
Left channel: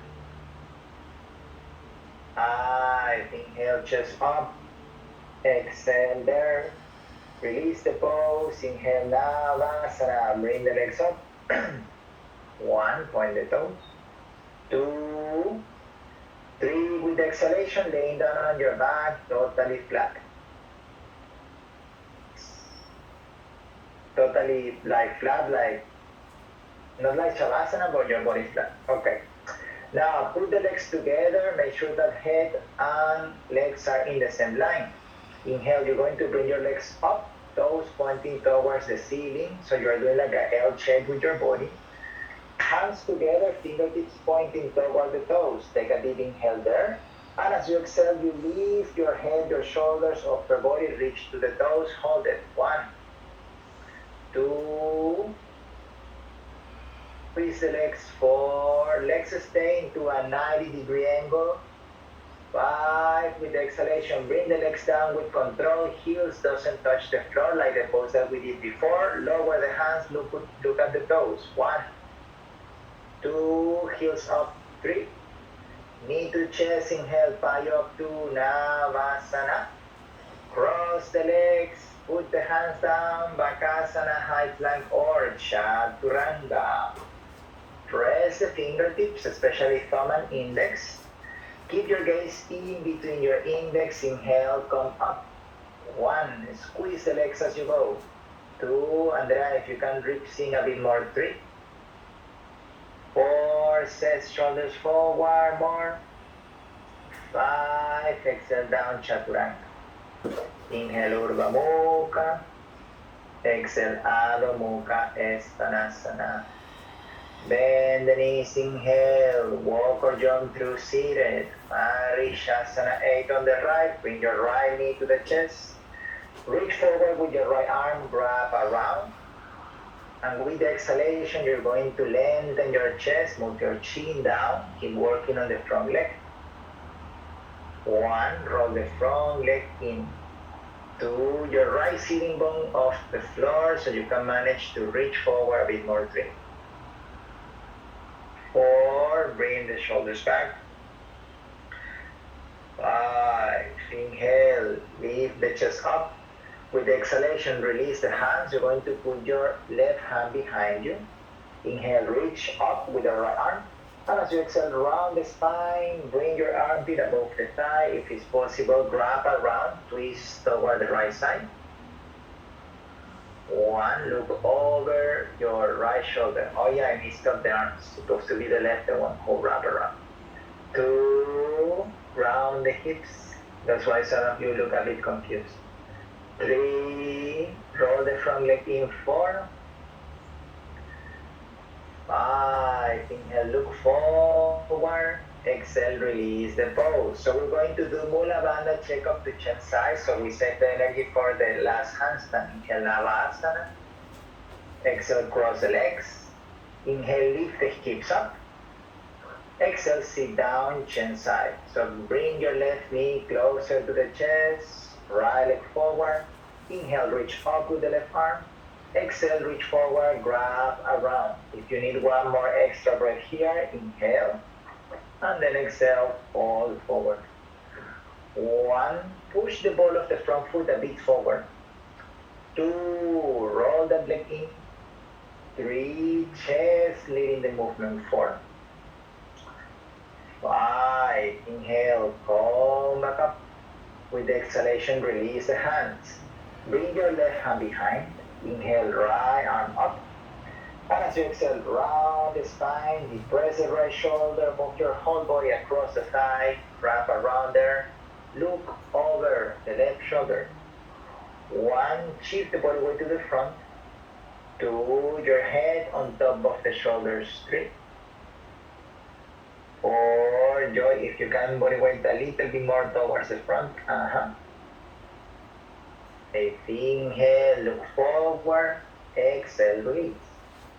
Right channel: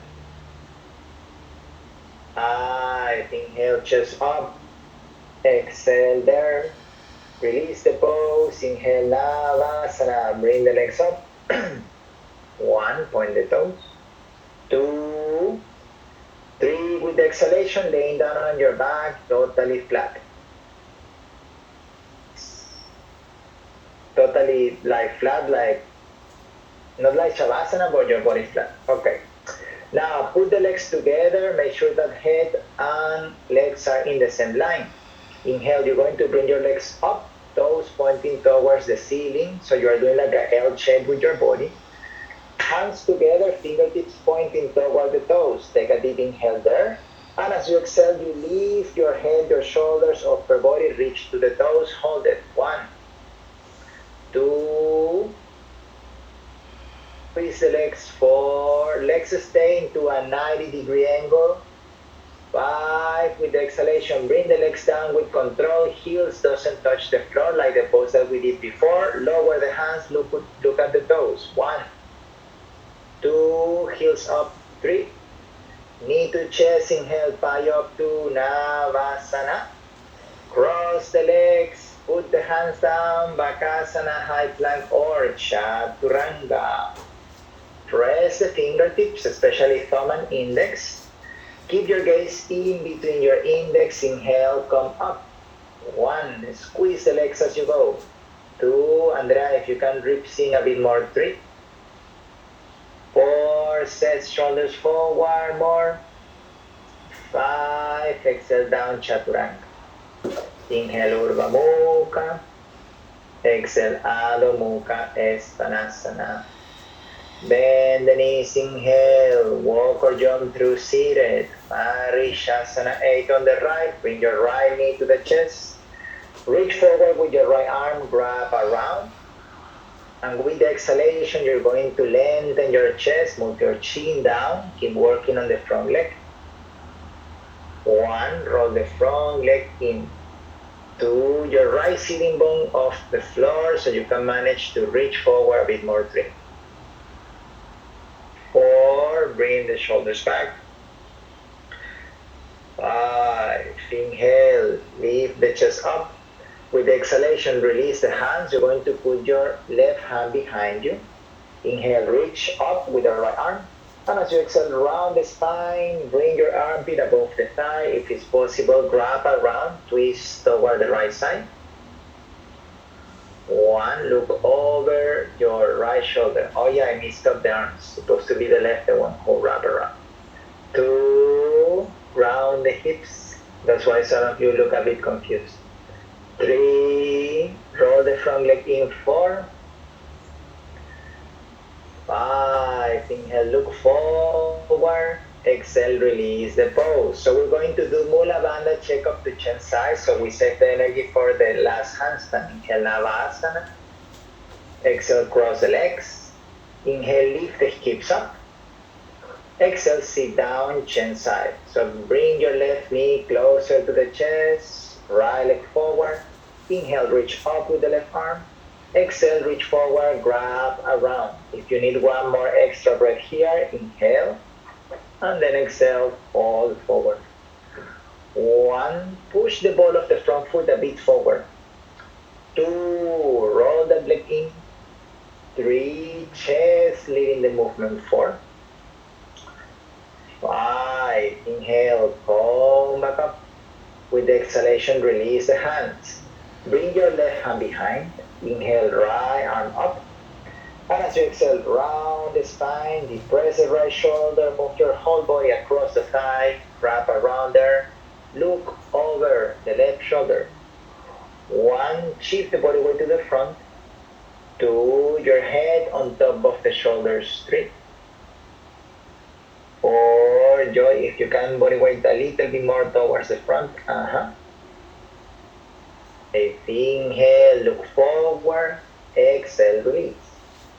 5, inhale, chest up. Exhale there. Release the pose. Inhale, Navasana. Bring the legs up. 1, point the toes. 2, 3, with the exhalation, laying down on your back, totally flat. Totally like flat, like Not like Shavasana, but your body flat. Okay. Now put the legs together. Make sure that head and legs are in the same line. Inhale, you're going to bring your legs up, toes pointing towards the ceiling. So you're doing like a L shape with your body. Hands together, fingertips pointing toward the toes. Take a deep inhale there. And as you exhale, you lift your head, your shoulders, upper body, reach to the toes. Hold it. 1, 2, squeeze the legs. 4, legs stay into a 90-degree angle. 5, with the exhalation, bring the legs down with control. Heels doesn't touch the floor like the pose that we did before. Lower the hands, look at the toes. 1, 2, heels up. 3, knee to chest, inhale, Payok Navasana. Cross the legs, put the hands down, Bakasana, high plank or Chaturanga. Press the fingertips, especially thumb and index. Keep your gaze in between your index, inhale, come up. 1, squeeze the legs as you go. 2, Andrea, if you can rip sing a bit more. 3, 4, set shoulders forward more. 5, exhale down, Chaturanga. Inhale, Urdhva Mukha. Exhale, Adho Mukha, Stanasana. Bend the knees, inhale, walk or jump through seated. Marishasana 8 on the right, bring your right knee to the chest. Reach forward with your right arm, grab around. And with the exhalation, you're going to lengthen your chest, move your chin down, keep working on the front leg. 1, roll the front leg in. 2, your right sitting bone off the floor so you can manage to reach forward a bit more. 3, 4, bring the shoulders back. 5, inhale, lift the chest up. With the exhalation, release the hands. You're going to put your left hand behind you. Inhale, reach up with your right arm. And as you exhale, round the spine, bring your armpit above the thigh. If it's possible, grab around, twist toward the right side. 1, look over your right shoulder. Oh yeah, I missed up the arms. Supposed to be the left one. Oh, wrap around. 2, round the hips. That's why some of you look a bit confused. 3, roll the front leg in. 4, 5, inhale, look forward. Exhale, release the pose. So we're going to do Mula Bandha check up to chin size. So we set the energy for the last handstand. Inhale, Navasana. Exhale, cross the legs. Inhale, lift the hips up. Exhale, sit down, chin side. So bring your left knee closer to the chest. Right leg forward. Inhale, reach up with the left arm. Exhale, reach forward, grab around. If you need one more extra breath here, inhale. And then exhale, fold forward. 1, push the ball of the front foot a bit forward. 2, roll the leg in. 3, chest leading the movement. 4, 5, inhale, come back up. With the exhalation, release the hands. Bring your left hand behind. Inhale, right arm up. And as you exhale, round the spine, depress the right shoulder, move your whole body across the thigh, wrap around there. Look over the left shoulder. 1, shift the body weight to the front. 2, your head on top of the shoulders. 3, 4, Joy, if you can, body weight a little bit more towards the front. 5, inhale, look forward. Exhale, release.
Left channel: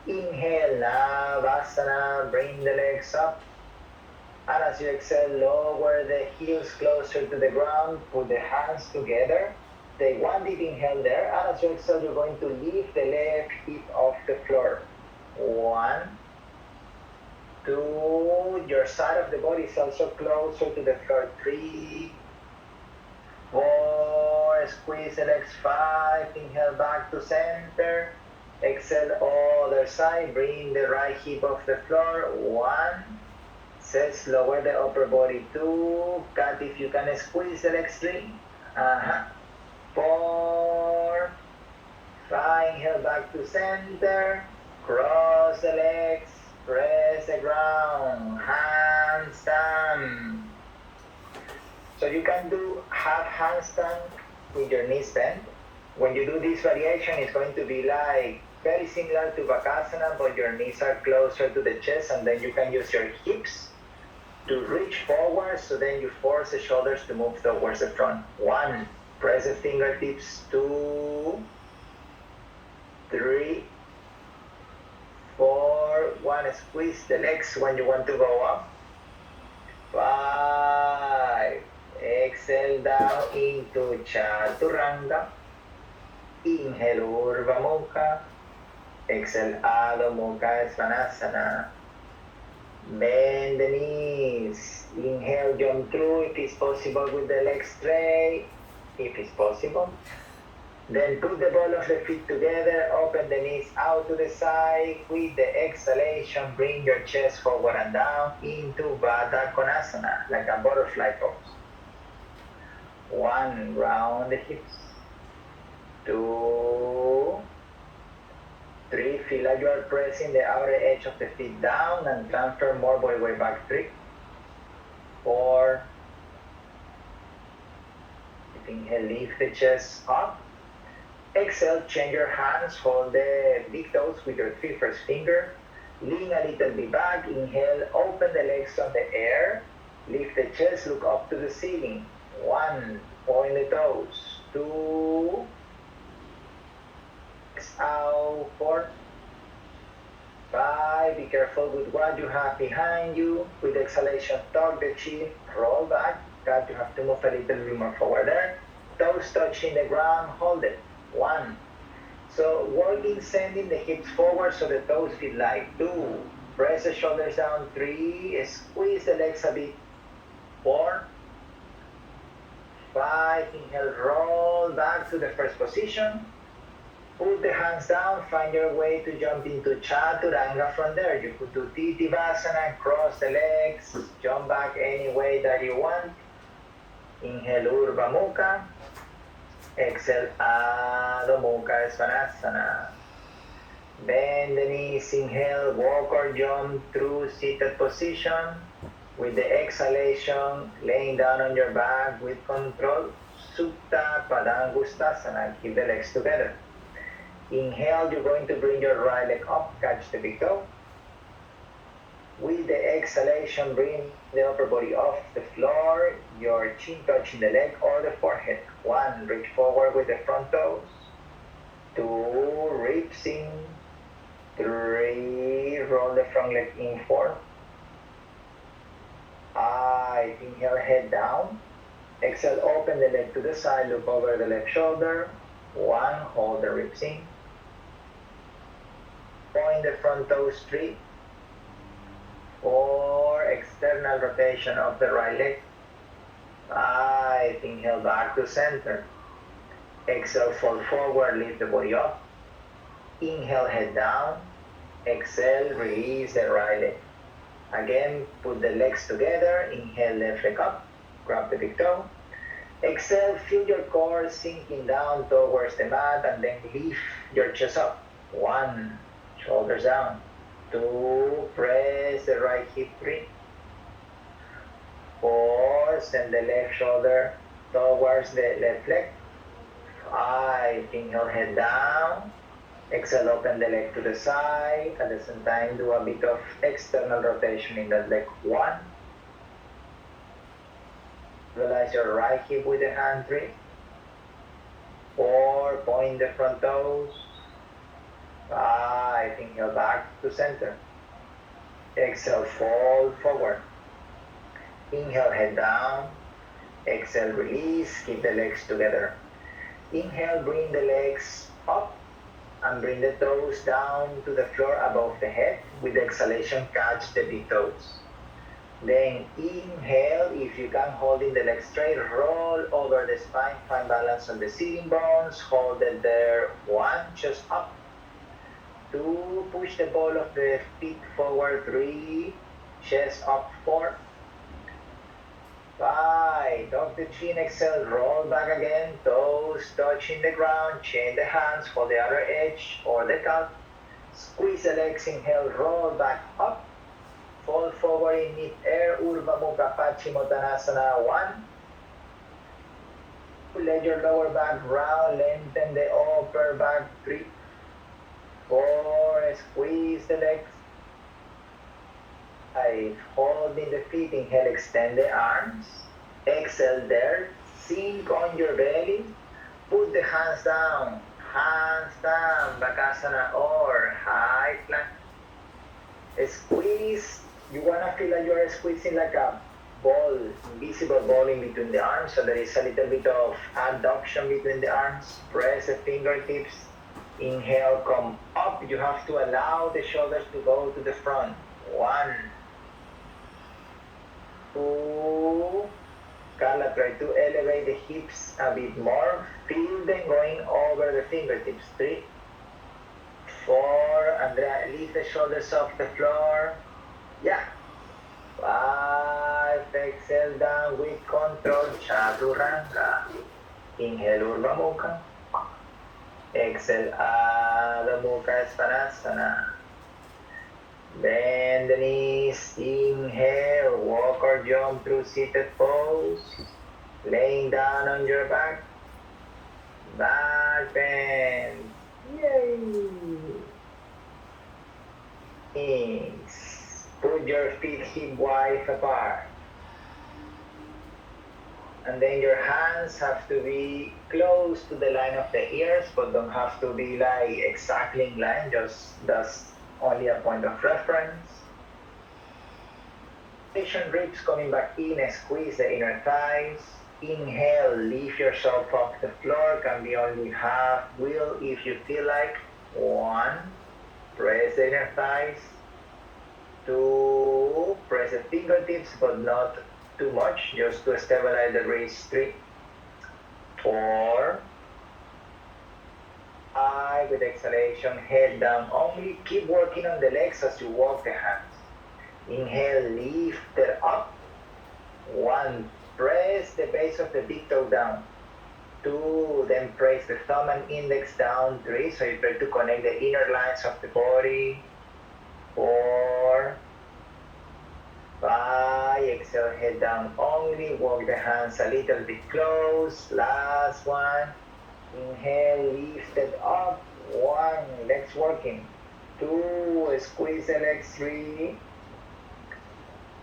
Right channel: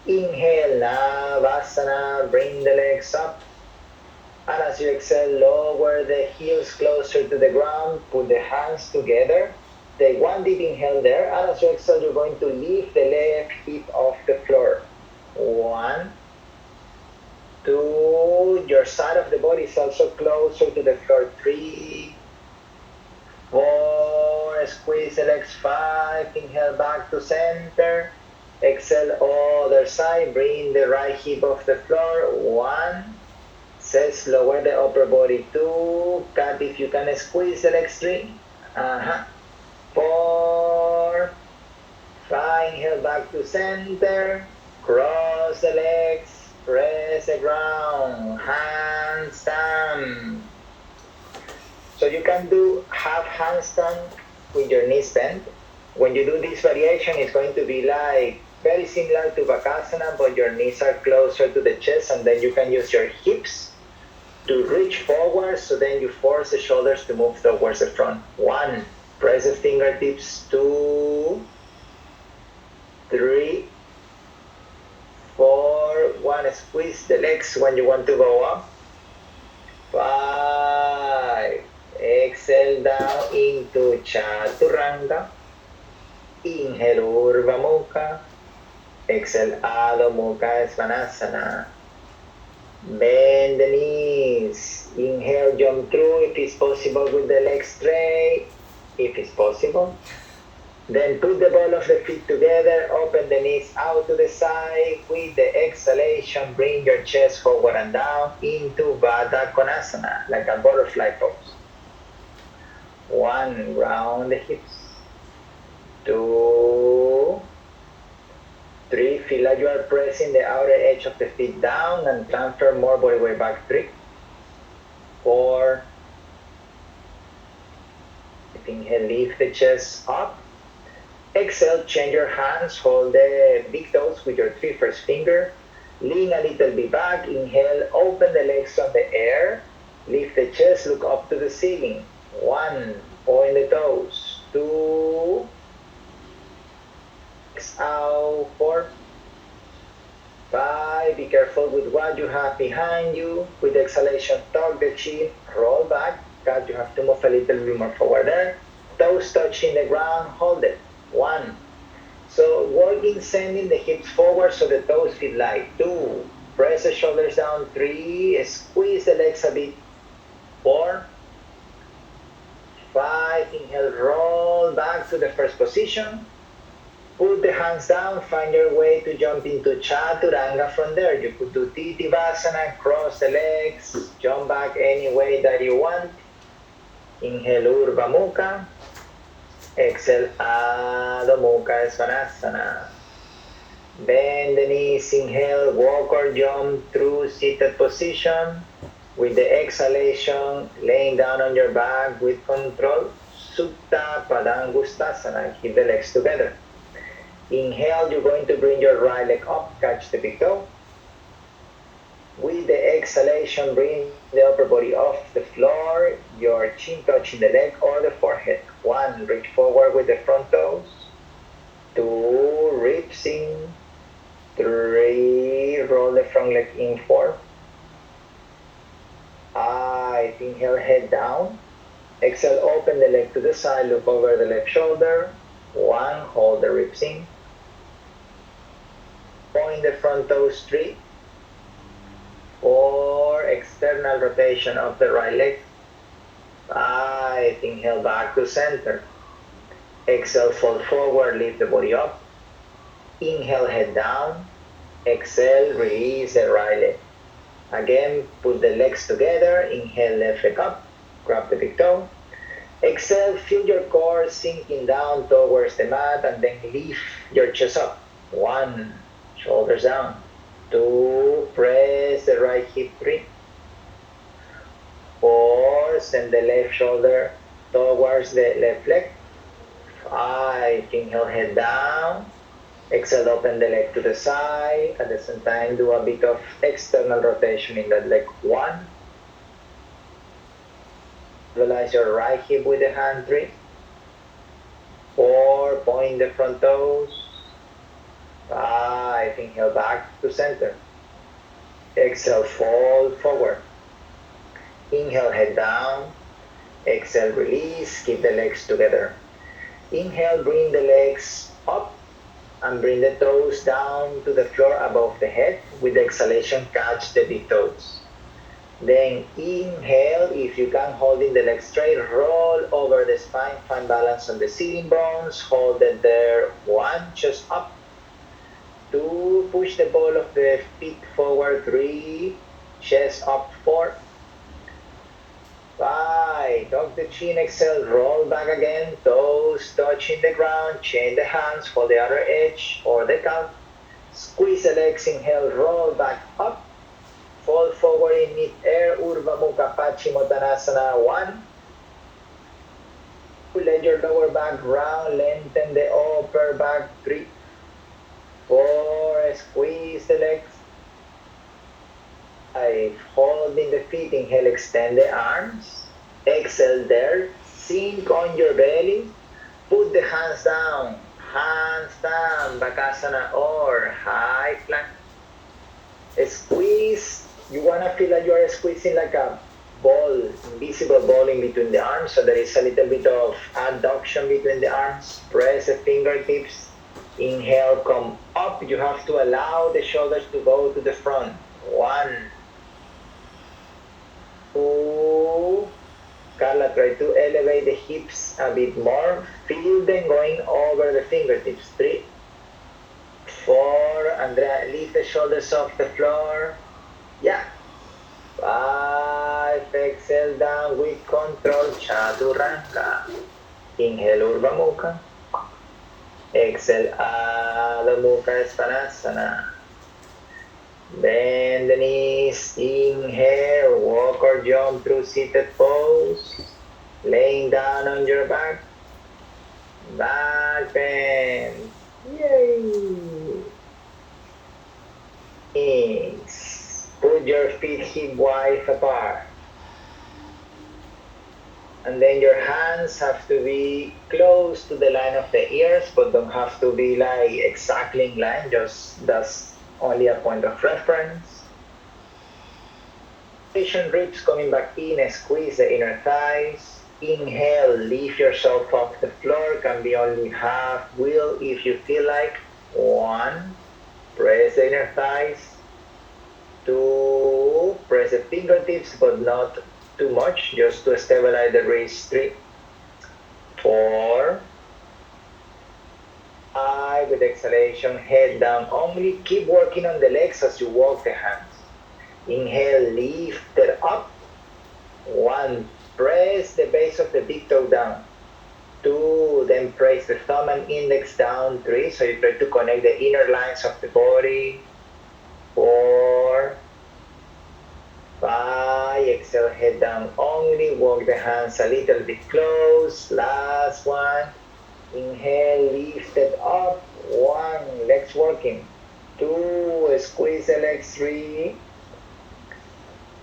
Inhale, Navasana, bring the legs up. And as you exhale, lower the heels closer to the ground, put the hands together. Take 1 deep inhale there, and as you exhale, you're going to lift the left hip off the floor. 1, 2, your side of the body is also closer to the floor. 3, 4, squeeze the legs. 5, inhale back to center. Exhale, other side, bring the right hip off the floor. 1, says lower the upper body. 2, cut if you can squeeze the legs. 3, 4, 5, inhale back to center. Cross the legs. press the ground, handstand. So you can do half handstand with your knees bent. When you do this variation, it's going to be like very similar to Bakasana, but your knees are closer to the chest, and then you can use your hips to reach forward, so then you force the shoulders to move towards the front. 1, press the fingertips. 2, 3, 4, 1, squeeze the legs when you want to go up. 5, exhale down into Chaturanga. Inhale Urdhva Mukha. Exhale Adho Mukha Svanasana. Bend the knees. Inhale, jump through if it's possible with the legs straight, if it's possible. Then put the ball of the feet together, open the knees out to the side. With the exhalation, bring your chest forward and down into Baddha Konasana, like a butterfly pose. 1, round the hips. 2, 3, feel like you are pressing the outer edge of the feet down and transfer more body weight back. 3, 4, inhale, lift the chest up. Exhale, change your hands, hold the big toes with your 3 first finger. Lean a little bit back, inhale, open the legs on the air. Lift the chest, look up to the ceiling. 1, point the toes. 2, out. 4, 5, be careful with what you have behind you. With the exhalation, tuck the chin, roll back. God, you have to move a little bit more forward there. Toes touching the ground, hold it. 1. So walking, sending the hips forward so the toes feel light. 2, press the shoulders down. 3, squeeze the legs a bit. 4, 5, inhale, roll back to the first position. Put the hands down, find your way to jump into Chaturanga from there. You could do Titivasana, cross the legs, jump back any way that you want. Inhale, Urdhva Mukha. Exhale, Adho Mukha Svanasana. Bend the knees, inhale, walk or jump through seated position. With the exhalation, laying down on your back with control, Supta Padangustasana. Keep the legs together. Inhale, you're going to bring your right leg up, catch the big toe. With the exhalation, bring the upper body off the floor, your chin touching the leg or the forehead. 1, reach forward with the front toes. 2, ribs in. 3, roll the front leg in. 4, 5, inhale, head down. Exhale, open the leg to the side, look over the left shoulder. 1, hold the ribs in. Point the front toes. 3, 4, external rotation of the right leg. 5, inhale, back to center. Exhale, fold forward, lift the body up. Inhale, head down. Exhale, release the right leg. Again, put the legs together. Inhale, left leg up. Grab the big toe. Exhale, feel your core sinking down towards the mat, and then lift your chest up. 1, shoulders down. 2, press the right hip. 3, 4, send the left shoulder towards the left leg. 5, inhale, head down. Exhale, open the leg to the side. At the same time, do a bit of external rotation in that leg. 1, realize your right hip with the hand. 3, 4, point the front toes. 5, inhale, back to center. Exhale, fold forward. Inhale, head down. Exhale, release. Keep the legs together. Inhale, bring the legs up and bring the toes down to the floor above the head. With the exhalation, catch the big toes. Then inhale, if you can, holding the legs straight, roll over the spine, find balance on the sitting bones, hold it there. 1, chest up. 2, push the ball of the feet forward. 3, chest up. 4, 5, tuck the chin, exhale, roll back again, toes touching the ground, chain the hands, hold the outer edge or the calf. Squeeze the legs, inhale, roll back up. Fall forward in mid-air, Urdhva Mukha Paschimottanasana. 1. Let your lower back round, lengthen the upper back. 3, 4, squeeze the legs. 5, holding the feet, inhale, extend the arms. Exhale there, sink on your belly. Put the hands down, Bakasana or high plank. Squeeze, you want to feel like you are squeezing like a ball, invisible ball in between the arms, so there is a little bit of adduction between the arms. Press the fingertips, inhale, come up. You have to allow the shoulders to go to the front. 1, 2, Carla, try to elevate the hips a bit more. Feel them going over the fingertips. 3, 4, Andrea, lift the shoulders off the floor. Yeah. 5, exhale down with control, Chaturanga. Inhale, Urdhva Mukha. Exhale, Adho Mukha Svanasana. Bend the knees, inhale, walk or jump through seated pose. Laying down on your back. Back bend. Yay! Knees. Put your feet hip wide apart. And then your hands have to be close to the line of the ears, but don't have to be like exactly in line, just that's only a point of reference. Ribs coming back in, squeeze the inner thighs. Inhale, lift yourself off the floor, can be only half wheel if you feel like. 1, press the inner thighs. 2, press the fingertips, but not too much, just to stabilize the wrist. 3, 4, 5, with exhalation, head down only. Keep working on the legs as you walk the hands. Inhale, lift it up. 1, press the base of the big toe down. 2, then press the thumb and index down. 3, so you try to connect the inner lines of the body. 4, 5, exhale, head down only. Walk the hands a little bit close. Last one. Inhale, lift it up. 1, legs working. 2, squeeze the legs. 3,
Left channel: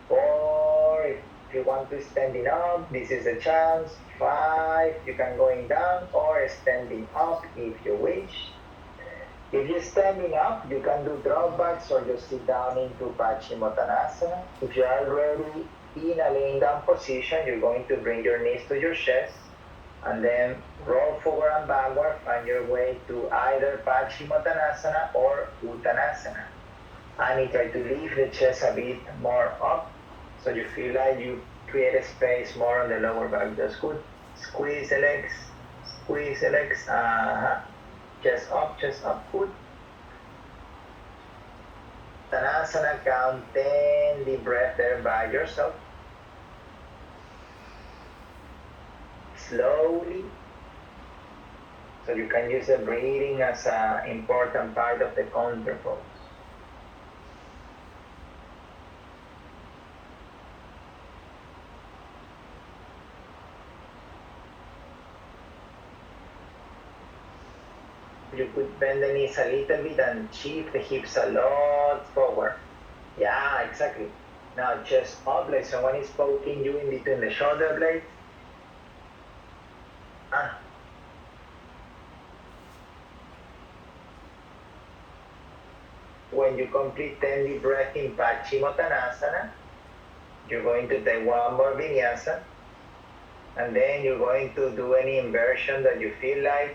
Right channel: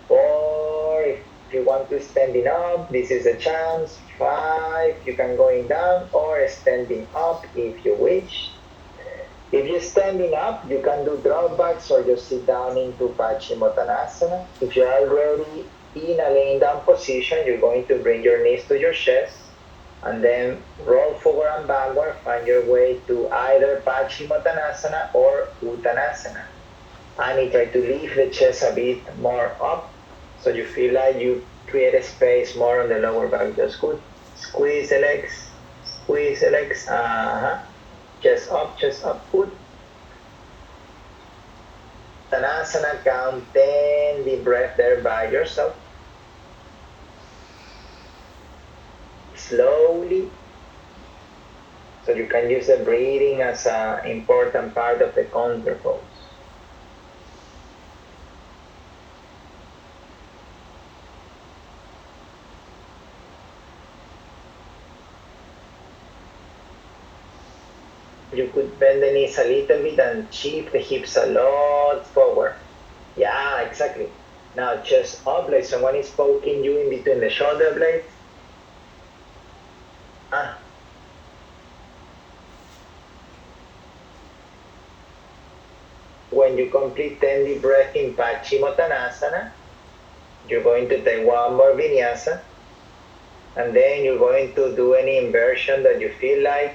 4, if you want to standing up, this is a chance. 5, you can going down or standing up if you wish. If you're standing up, you can do drawbacks or just sit down into Paschimottanasana. If you're already in a laying down position, you're going to bring your knees to your chest and then roll forward and backward. Find your way to either Paschimottanasana or Uttanasana. And try to lift the chest a bit more up so you feel like you create a space more on the lower back. That's good. Squeeze the legs. Squeeze the legs. Chest up, good. Uttanasana, count 10, deep breath there by yourself. Slowly. So you can use the breathing as an important part of the counter pose. You could bend the knees a little bit and shift the hips a lot forward. Yeah, exactly. Now chest up like someone is poking you in between the shoulder blades. When you complete 10 deep breath in Paschimottanasana, you're going to take one more vinyasa, and then you're going to do any inversion that you feel like,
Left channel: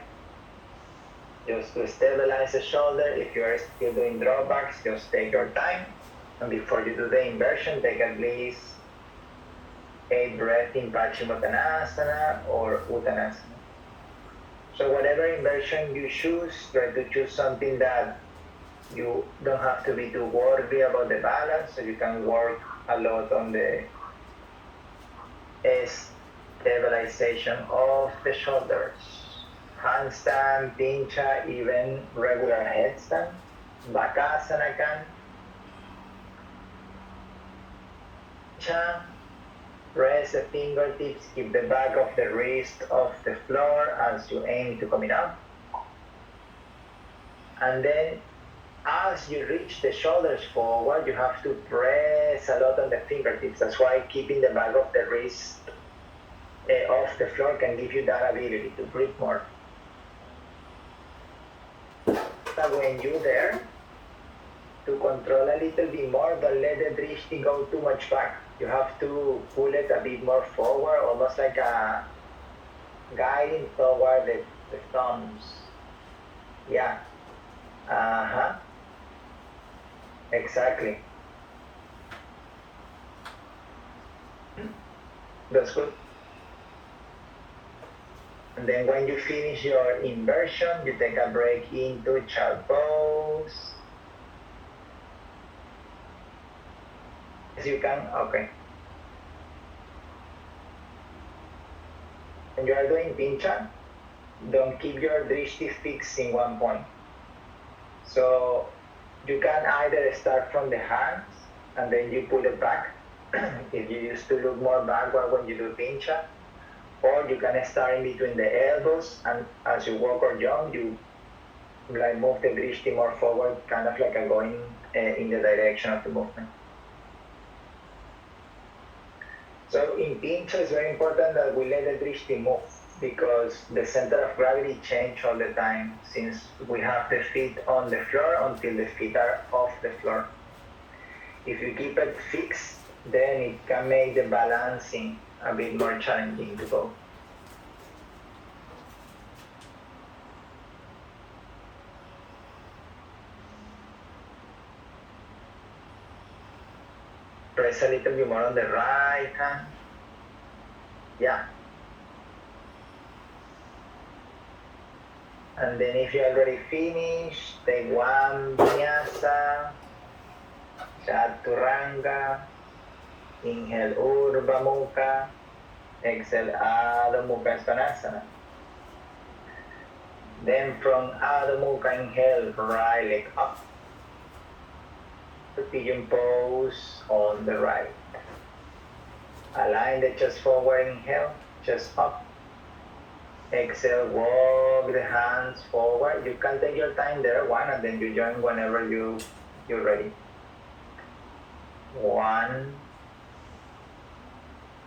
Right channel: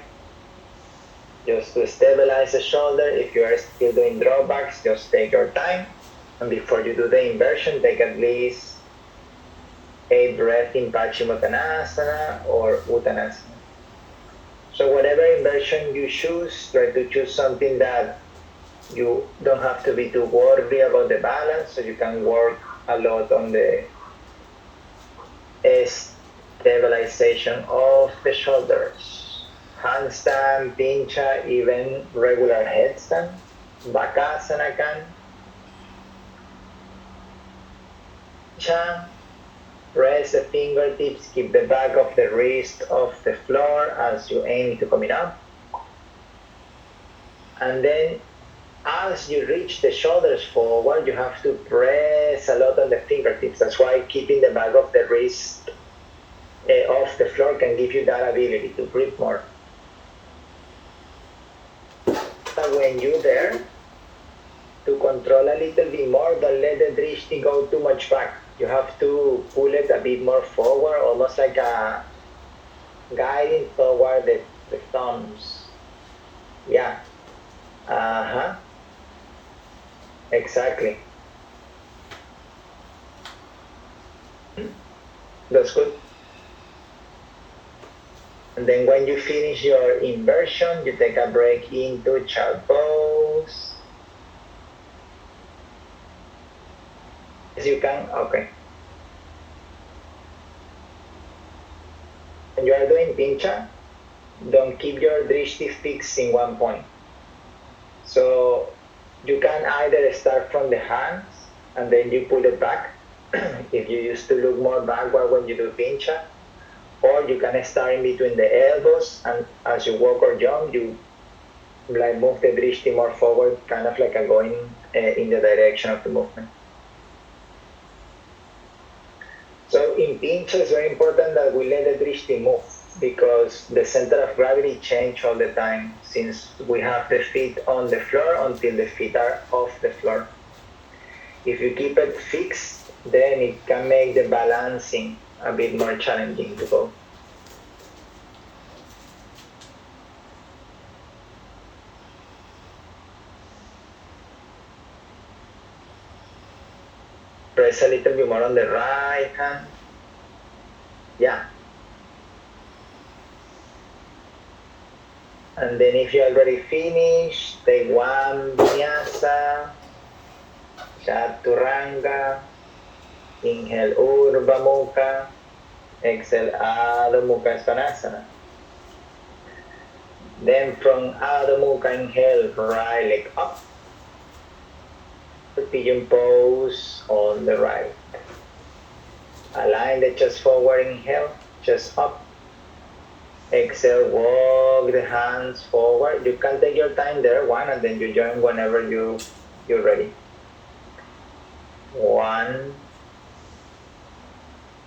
just to stabilize the shoulder. If you are still doing drawbacks, just take your time. And before you do the inversion, take at least 8 breaths in Paschimottanasana or Uttanasana. So whatever inversion you choose, try to choose something that you don't have to be too worried about the balance, so you can work a lot on the stabilization of the shoulders. Handstand, pincha, even regular headstand. Bakasana kan. Press the fingertips, keep the back of the wrist off the floor as you aim to coming up. And then as you reach the shoulders forward, you have to press a lot on the fingertips. That's why keeping the back of the wrist off the floor can give you that ability to breathe more. But when you're there, to control a little bit more, don't let the drishti go too much back. You have to pull it a bit more forward, almost like a guiding toward the thumbs. Yeah. Uh-huh. Exactly. That's good. And then when you finish your inversion, you take a break into child pose. As you can, okay. When you are doing pincha, don't keep your drishti fixed in one point. So you can either start from the hands and then you pull it back if you used to look more backward when you do pincha, or you can start in between the elbows and as you walk or jump, you like move the drishti more forward, kind of like a going in the direction of the movement. So in pincha, it's very important that we let the drishti move because the center of gravity changes all the time since we have the feet on the floor until the feet are off the floor. If you keep it fixed, then it can make the balancing a bit more challenging to go. Press a little bit more on the right hand. Yeah. And then if you already finished, take one vinyasa, chaturanga, inhale Urdhva Mukha, exhale Adho Mukha Svanasana. Then from Adho Mukha, inhale right leg up. Pigeon pose on the right. Align the chest forward, inhale, chest up. Exhale, walk the hands forward. You can take your time there, one, and then you join whenever you're ready. 1,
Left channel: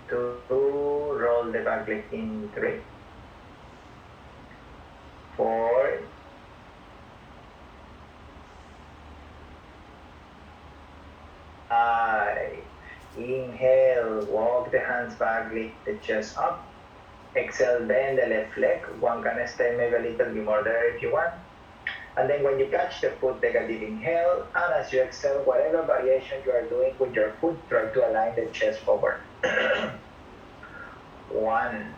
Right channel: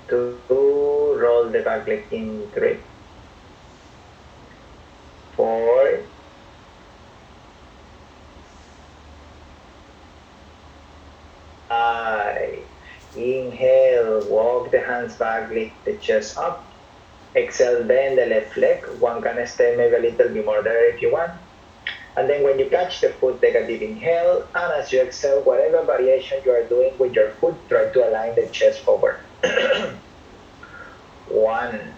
2, roll the back leg in 3, 4, 5. Inhale, walk the hands back, lift the chest up. Exhale, bend the left leg. One can stay maybe a little bit more there if you want. And then when you catch the foot, take a deep inhale. And as you exhale, whatever variation you are doing with your foot, try to align the chest forward. 1.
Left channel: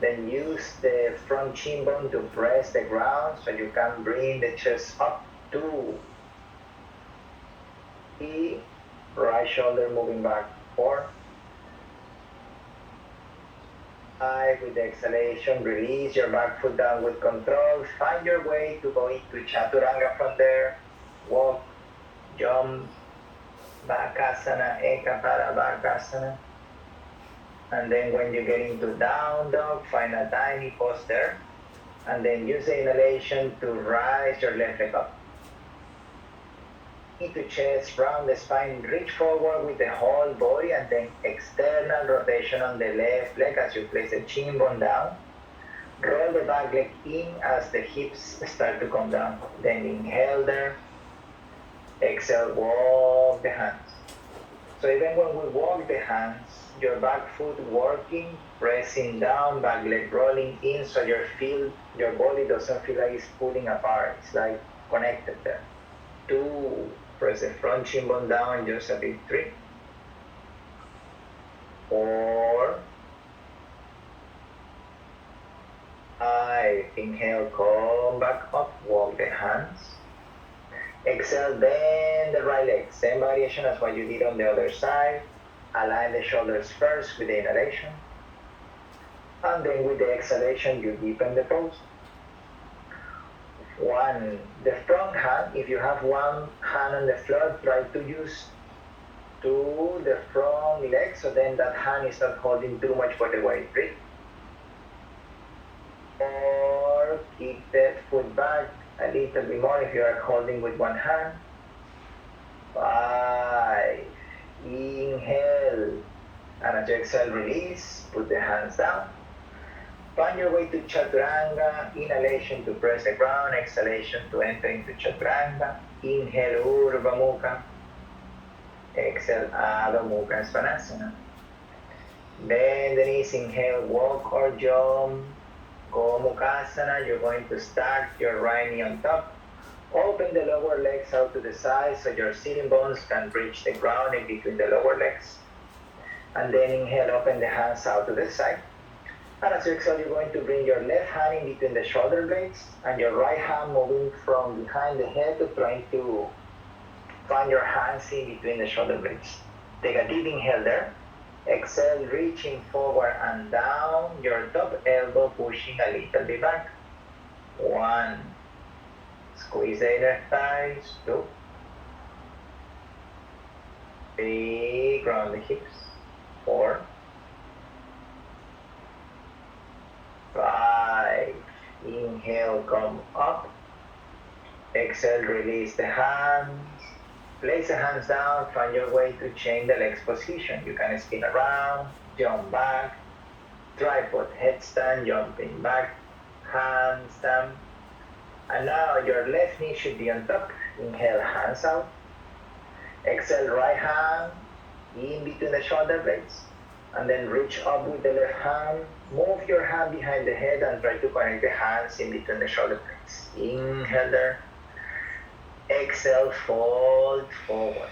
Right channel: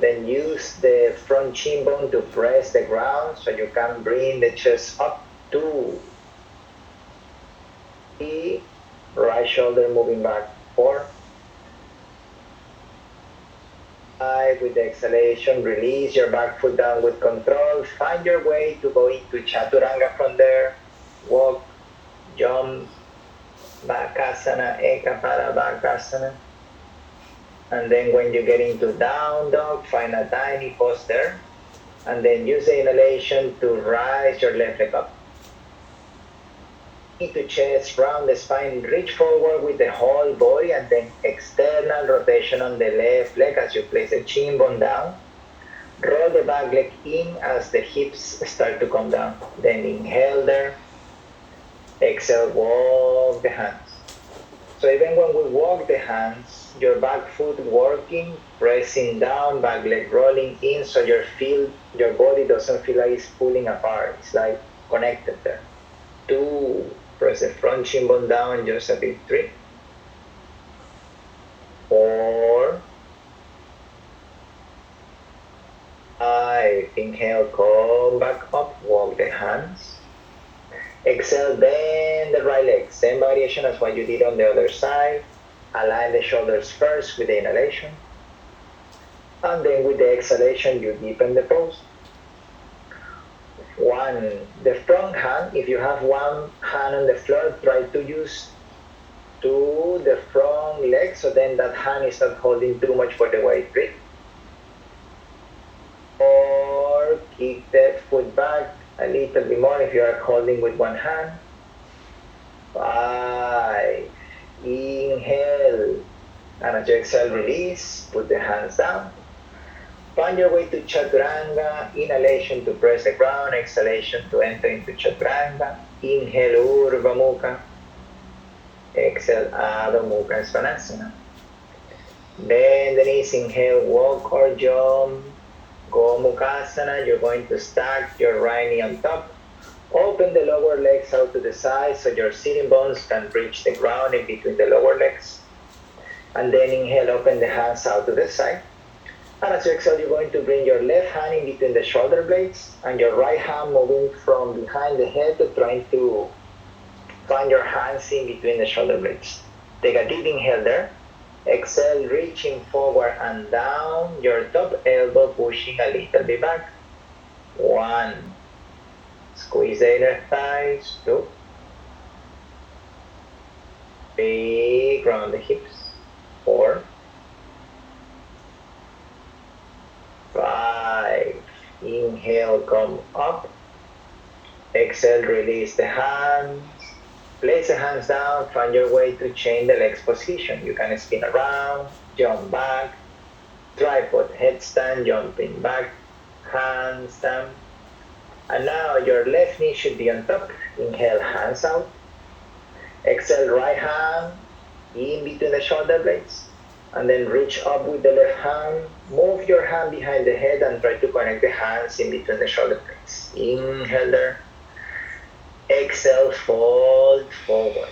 Then use the front shin bone to press the ground so you can bring the chest up. 2. 3. Right shoulder moving back. 4. 5. With the exhalation, release your back foot down with control. Find your way to go into chaturanga from there. Walk, jump, bakasana, ekapada bakasana. And then when you get into down dog, find a tiny pose there. And then use the inhalation to rise your left leg up. To chest, round the spine, reach forward with the whole body and then external rotation on the left leg as you place the shin bone down. Roll the back leg in as the hips start to come down. Then inhale there. Exhale, walk the hands. So even when we walk the hands, your back foot working, pressing down, back leg rolling in so your body doesn't feel like it's pulling apart. It's like connected there. 2. Press the front shin bone down just a bit. 3. 4. 5. Inhale, come back up, walk the hands. Exhale, bend the right leg. Same variation as what you did on the other side. Align the shoulders first with the inhalation. And then with the exhalation, you deepen the pose. The front hand, if you have one hand on the floor, try to use the front leg, so then that hand is not holding too much for the weight. 3. Or kick the foot back a little bit more if you are holding with one hand. 5. Inhale. And as you exhale, release. Put the hands down. Find your way to Chaturanga. Inhalation to press the ground. Exhalation to enter into Chaturanga. Inhale, Urdhva Mukha. Exhale, Adho Mukha Svanasana. Bend the knees. Inhale, walk or jump. Gomukhasana. You're going to stack your right knee on top. Open the lower legs out to the side so your sitting bones can reach the ground in between the lower legs. And then inhale, open the hands out to the side. And as you exhale, you're going to bring your left hand in between the shoulder blades and your right hand moving from behind the head, trying to find your hands in between the shoulder blades. Take a deep inhale there. Exhale, reaching forward and down, your top elbow pushing a little bit back. 1. Squeeze the inner thighs. 2. 3. Ground the hips. 4. 5. Inhale, come up. Exhale, release the hands. Place the hands down, find your way to chain the legs position. You can spin around, jump back, tripod headstand, jumping back, handstand. And now your left knee should be on top. Inhale, hands out. Exhale, right hand in between the shoulder blades. And then reach up with the left hand. Move your hand behind the head and try to connect the hands in between the shoulder blades. Inhale there. Exhale, fold forward.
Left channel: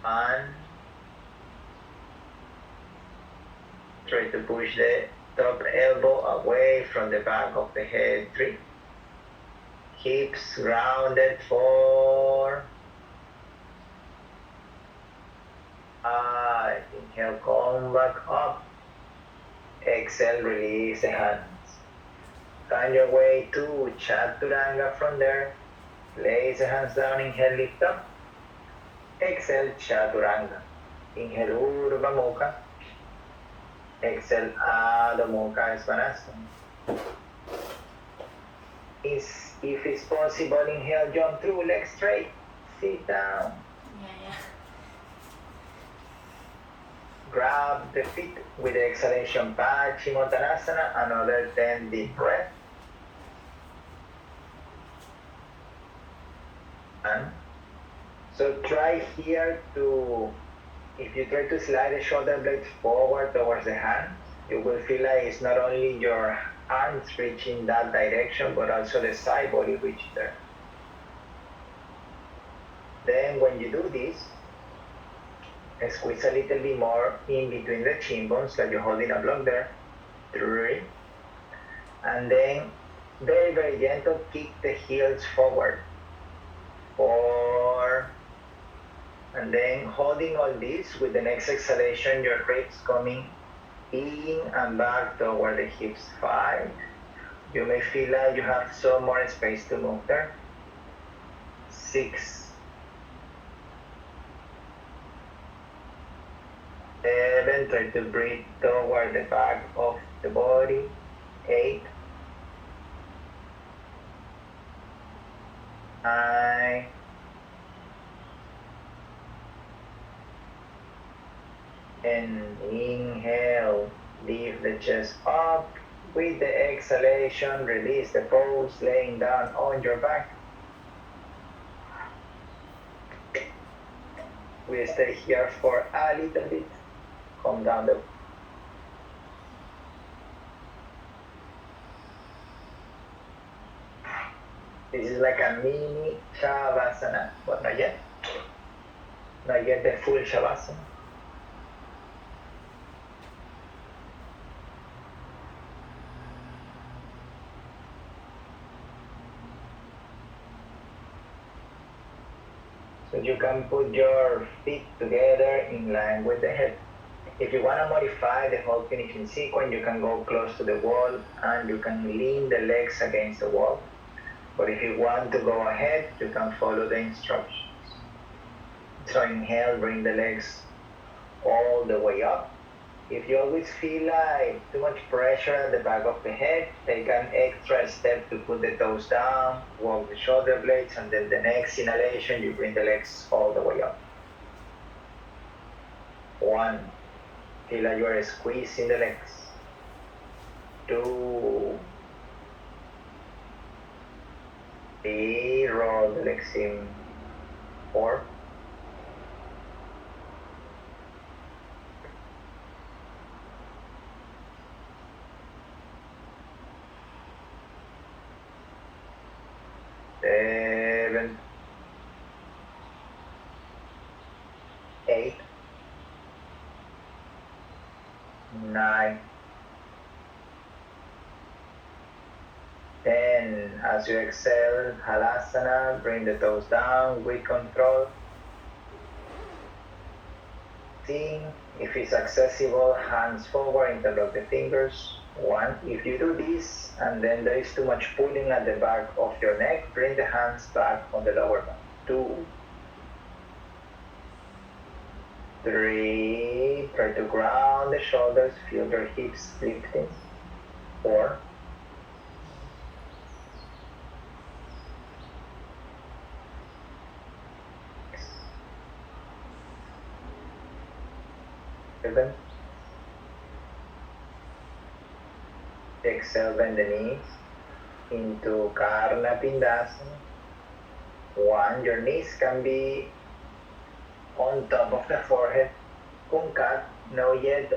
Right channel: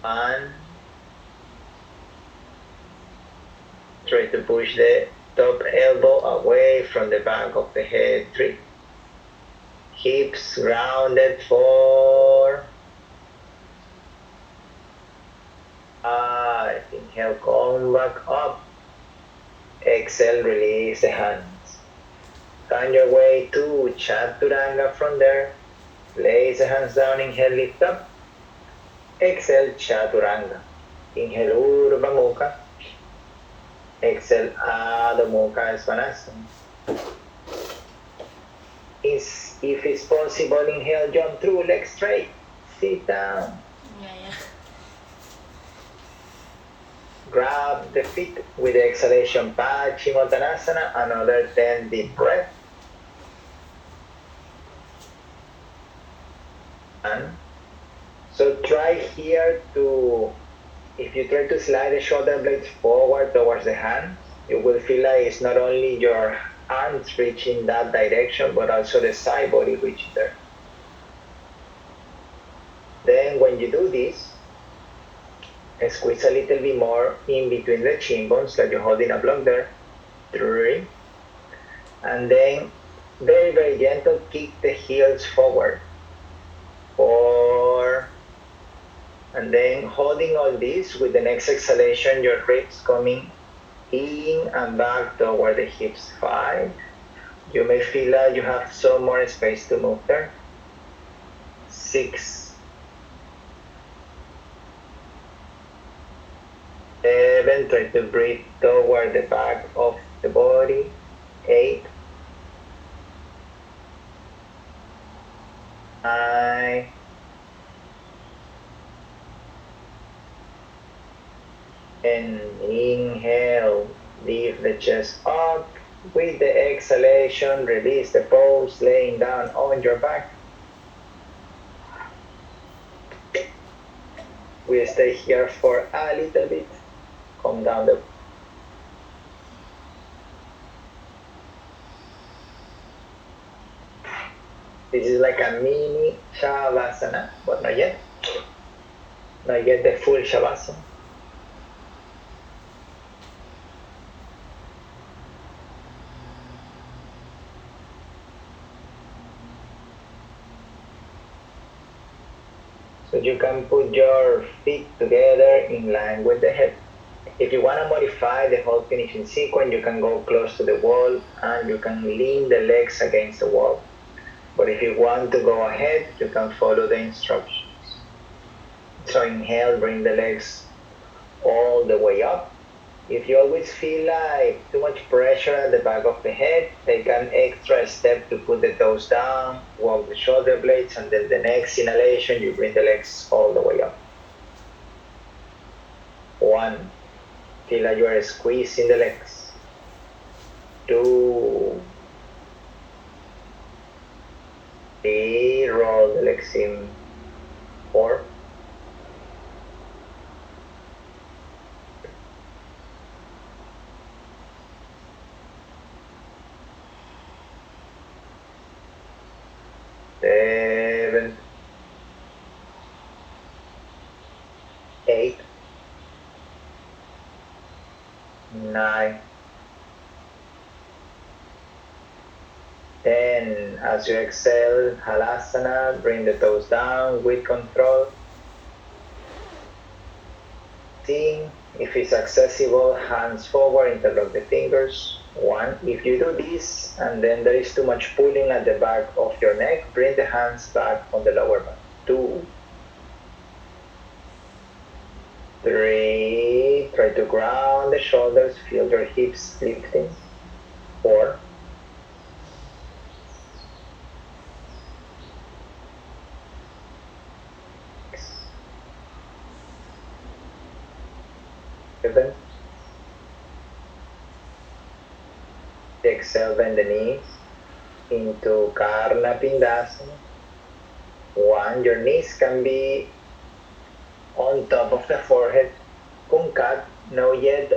1. Try to push the top elbow away from the back of the head. 3. Hips grounded. 4. 5. Inhale, come back up. Exhale, release the hands. Find your way to Chaturanga from there. Place the hands down, inhale, lift up. Exhale, Chaturanga. Inhale, Urdhva Mukha. Exhale, Adho Mukha Svanasana. If it's possible, inhale, jump through, legs straight. Sit down. Grab the feet with the exhalation, Paschimottanasana, another 10 deep breaths. So try here to, if you try to slide the shoulder blades forward towards the hand, you will feel like it's not only your arms reaching that direction, but also the side body reaching there. Then when you do this, squeeze a little bit more in between the chin bones, like you're holding a block there. 3. And then very, very gentle, kick the heels forward. 4. And then holding all this with the next exhalation, your ribs coming in and back toward the hips. 5. You may feel like you have some more space to move there. 6. 7. Try to breathe toward the back of the body. 8. 9. And inhale, lift the chest up. With the exhalation, release the pose, laying down on your back. We stay here for a little bit. Come down the. This is like a mini Shavasana, but not yet. Not yet the full Shavasana. So you can put your feet together in line with the hip. If you want to modify the whole finishing sequence, you can go close to the wall and you can lean the legs against the wall. But if you want to go ahead, you can follow the instructions. So inhale, bring the legs all the way up. If you always feel like too much pressure at the back of the head, take an extra step to put the toes down, walk the shoulder blades, and then the next inhalation, you bring the legs all the way up. 1, feel like you are squeezing the legs. 2, 3, roll the legs in. 4, 7, 8, 9, 10. As you exhale, Halasana, bring the toes down with control. See if it's accessible, hands forward, interlock the fingers. 1. If you do this and then there is too much pulling at the back of your neck, bring the hands back on the lower back. 2, 3, try to ground the shoulders, feel your hips lifting. 4, 7, exhale, bend the knees into Karna Pindasana. 1, your knees can be on top of the forehead. Kunkat, no yet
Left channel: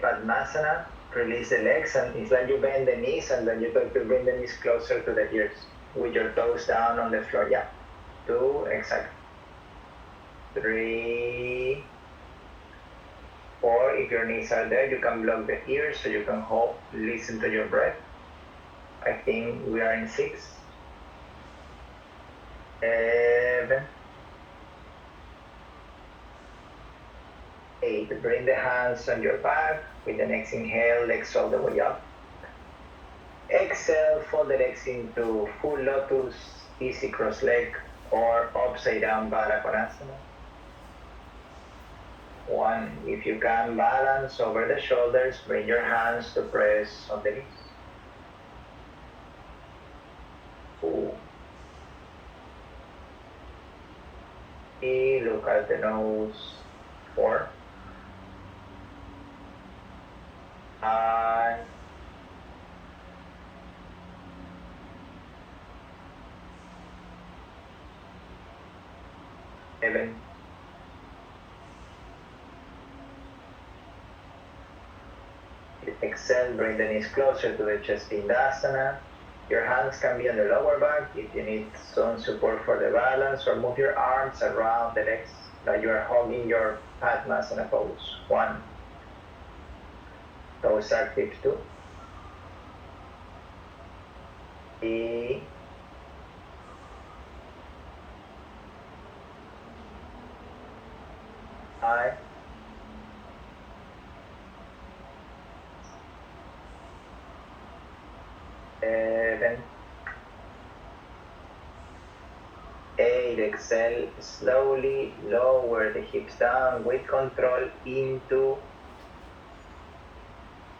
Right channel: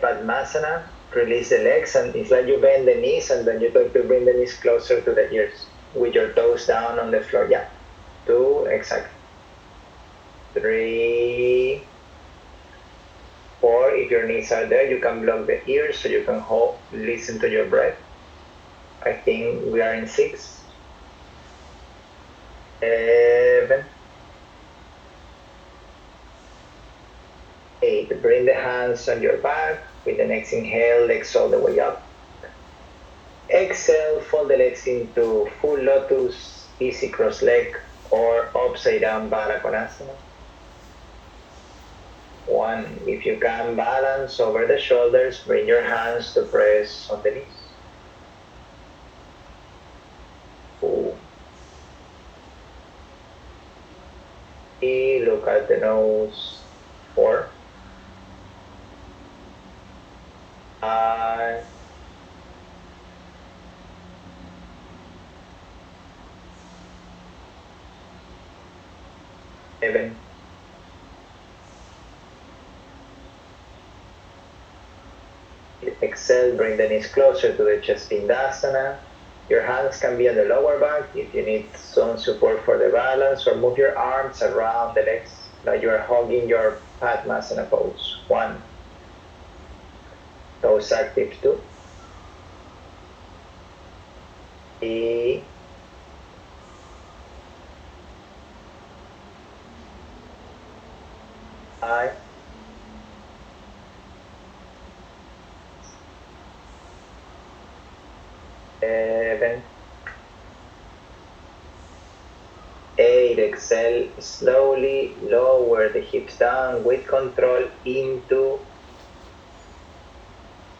Padmasana. Release the legs and it's like you bend the knees and then you try to bring the knees closer to the ears with your toes down on the floor. Yeah. 2, exactly. 3, 4, if your knees are there, you can block the ears so you can hold, listen to your breath. I think we are in 6, 7, 8. Bring the hands on your back. With the next inhale, legs all the way up. Exhale, fold the legs into full lotus, easy cross leg, or upside down Baddha Konasana. 1, if you can balance over the shoulders, bring your hands to press on the knees. 2, 3, look at the nose. 4, 5, 7, 8. Exhale, bring the knees closer to the chest Pindasana. Your hands can be on the lower back if you need some support for the balance, or move your arms around the legs like you are hugging your Padmasana pose. 1, toes active. 2, 3, 5, 7, 8. Exhale, slowly lower the hips down with control into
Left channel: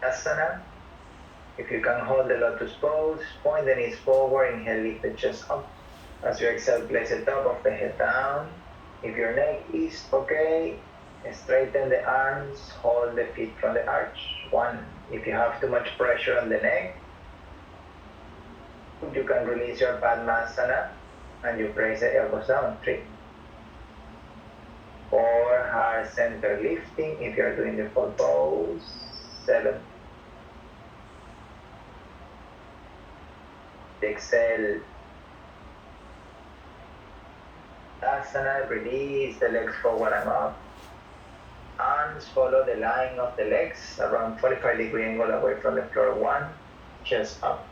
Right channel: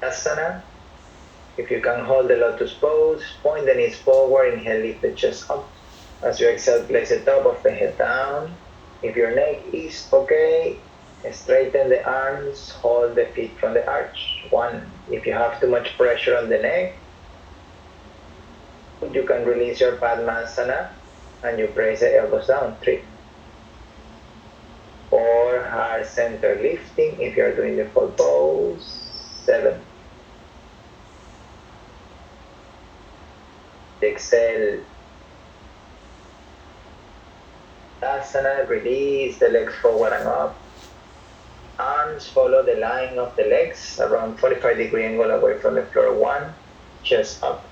Asana. If you can hold the lotus pose, point the knees forward, inhale, lift the chest up. As you exhale, place the top of the head down. If your neck is okay, straighten the arms, hold the feet from the arch. 1, if you have too much pressure on the neck, you can release your Padmasana and you press the elbows down. 3, 4, heart center lifting if you're doing the full pose. 7, exhale, Asana, release the legs forward and up. Arms follow the line of the legs, around 45-degree angle away from the floor. 1, chest up.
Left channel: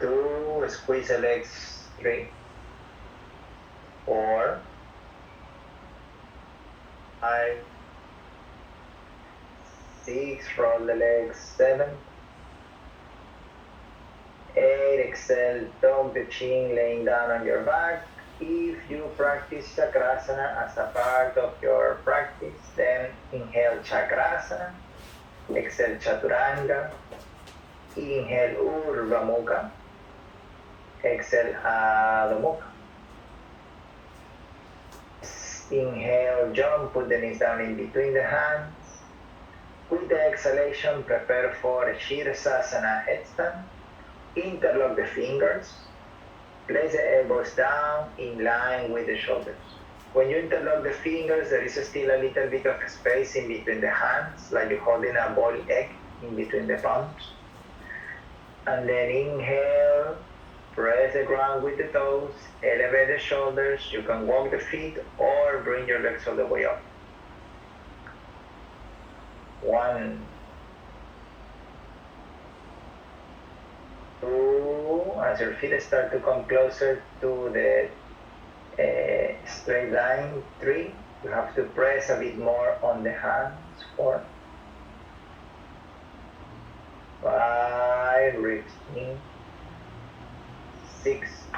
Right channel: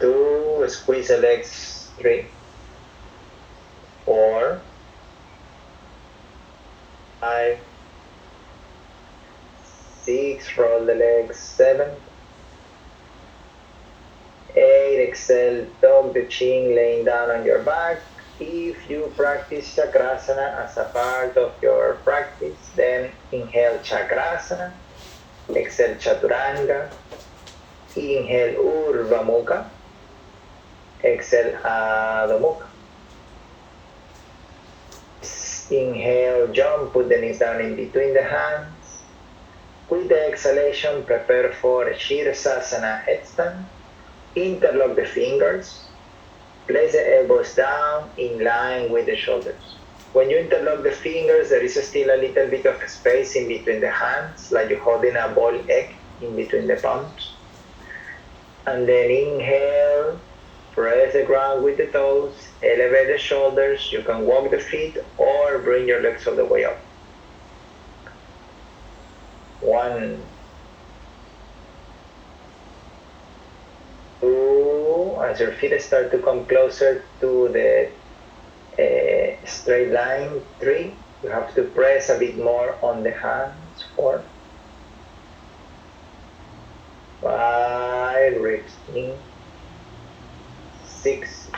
2, squeeze the legs. 3, 4, 5, 6, roll the legs, 7, 8, exhale, tuck the chin, laying down on your back. If you practice Chakrasana as a part of your practice, then inhale Chakrasana, exhale Chaturanga, inhale Urdhva Mukha, exhale Adho Mukha. Inhale, jump, put the knees down in between the hands. With the exhalation, prepare for Shirsasana headstand. Interlock the fingers. Place the elbows down in line with the shoulders. When you interlock the fingers, there is still a little bit of space in between the hands, like you're holding a boiled egg in between the palms. And then inhale, press the ground with the toes, elevate the shoulders. You can walk the feet or bring your legs all the way up. 1, 2, as your feet start to come closer to the straight line, 3, you have to press a bit more on the hands, 4, 5, ribs in, 6,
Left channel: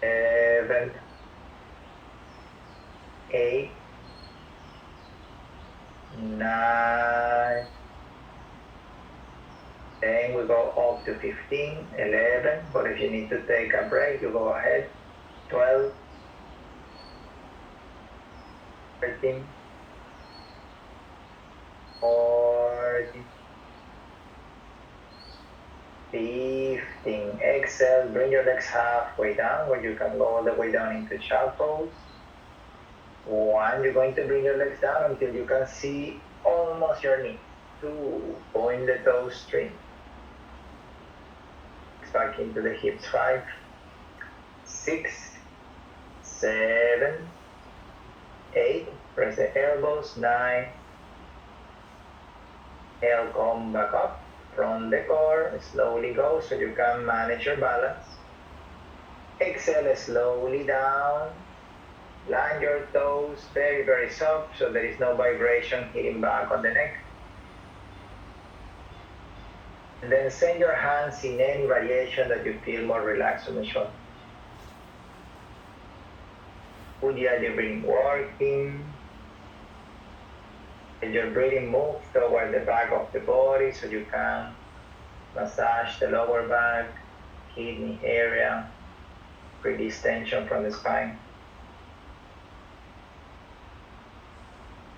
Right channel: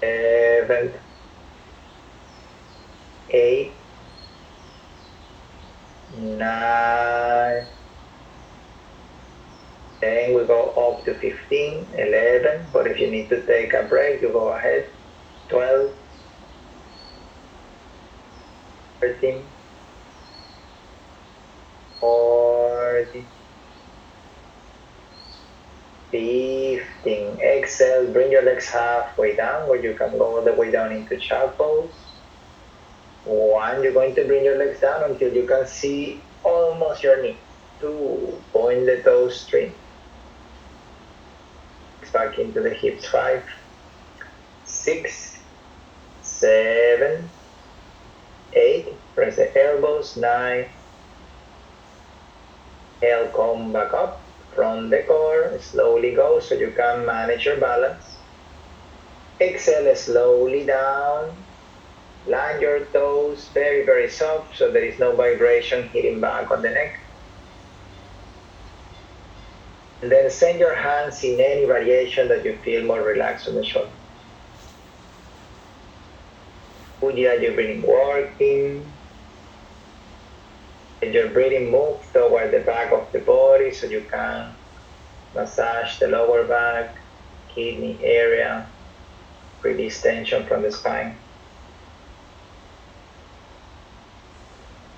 7, 8, 9, 10, we go up to 15, 11, but if you need to take a break, you go ahead, 12, 13, 14, 15, exhale, bring your legs halfway down, where you can go all the way down into child pose. 1, you're going to bring your legs down until you can see almost your knee. 2, point the toes straight. Back into the hips, 5, 6, 7, 8, press the elbows, 9, inhale, come back up from the core, slowly go so you can manage your balance. Exhale, slowly down, land your toes very, very soft so there is no vibration hitting back on the neck. And then send your hands in any variation that you feel more relaxed on the shoulder. Ujjayi, your breathing working. Let your breathing move toward the back of the body so you can massage the lower back, kidney area, release tension from the spine.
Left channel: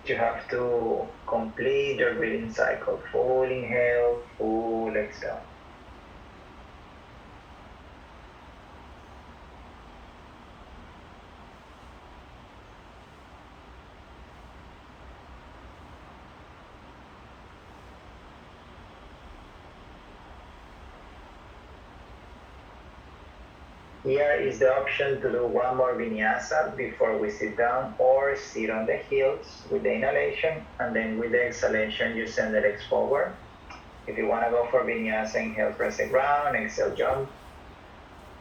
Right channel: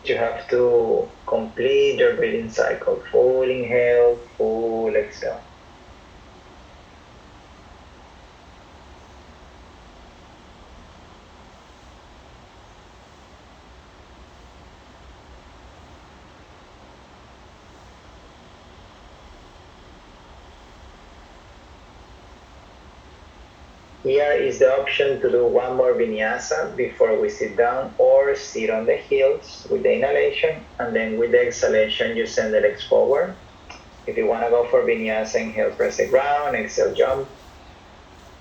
You have to complete your breathing cycle. Full inhale, full exhale. Here is the option to do one more vinyasa before we sit down, or sit on the heels with the inhalation, and then with the exhalation you send the legs forward. If you want to go for vinyasa, inhale, press the ground, exhale, jump.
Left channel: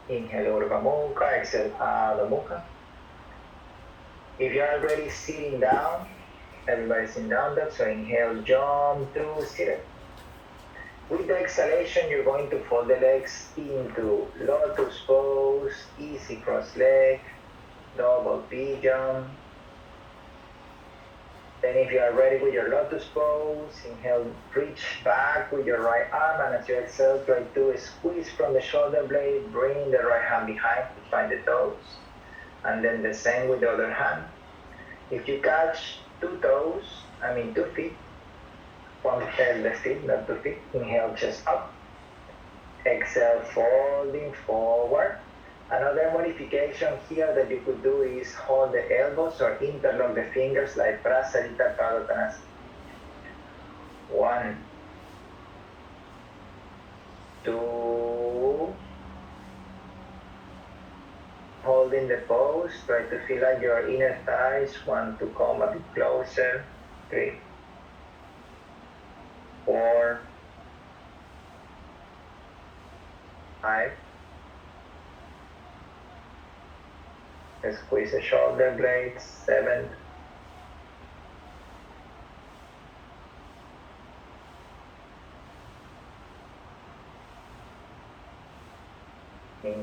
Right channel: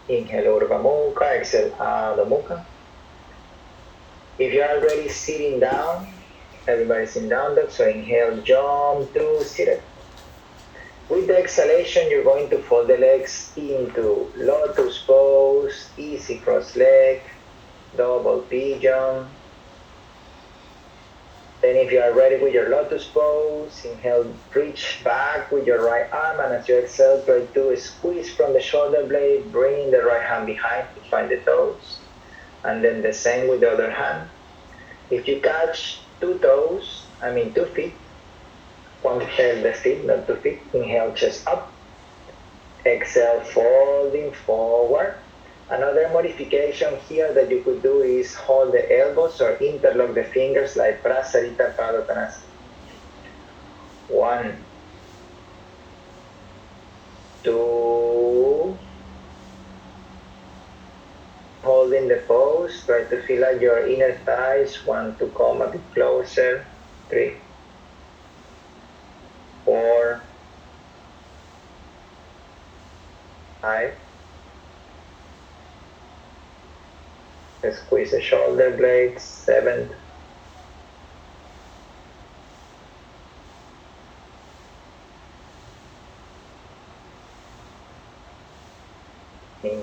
Inhale, Urdhva Mukha, exhale, Adho Mukha. If you're already sitting down, everybody's in down dog, so inhale, jump through seated. With the exhalation, you're going to fold the legs into lotus pose, easy cross leg, double pigeon. Then if you are ready with your lotus pose, inhale, reach back with your right arm, and as you exhale, try to squeeze from the shoulder blade, bring the right hand behind to find the toes, and then the same with the other hand. If you catch 2 feet, one hand the feet, not 2 feet, inhale, chest up, exhale, folding forward. Another modification here that you could do is hold the elbows or interlock the fingers like Prasarita Padottanasana. 1, 2, holding the pose, try to feel like your inner thighs want to come a bit closer. 3, 4, 5. Squeeze the shoulder blades. 7,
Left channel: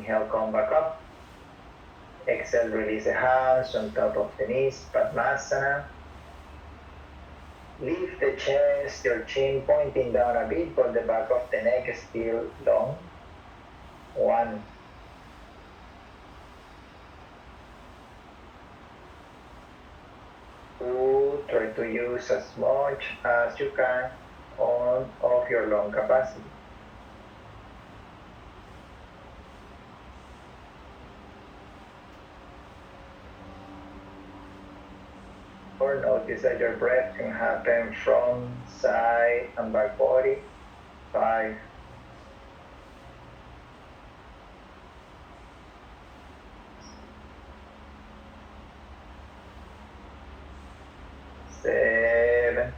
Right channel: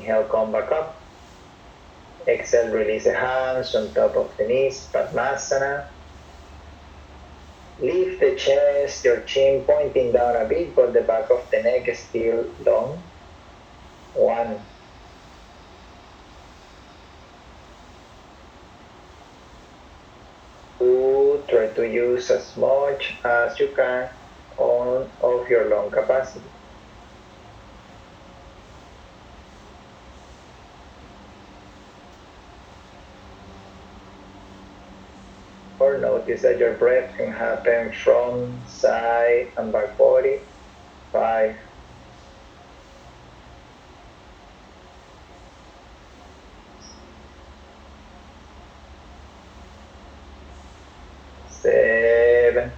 Inhale, come back up. Exhale, release the hands on top of the knees, Padmasana. Lift the chest, your chin pointing down a bit, but the back of the neck is still long. 1. 2. Try to use as much as you can of your lung capacity. Or notice that your breath can happen from side and back body. 5. 7.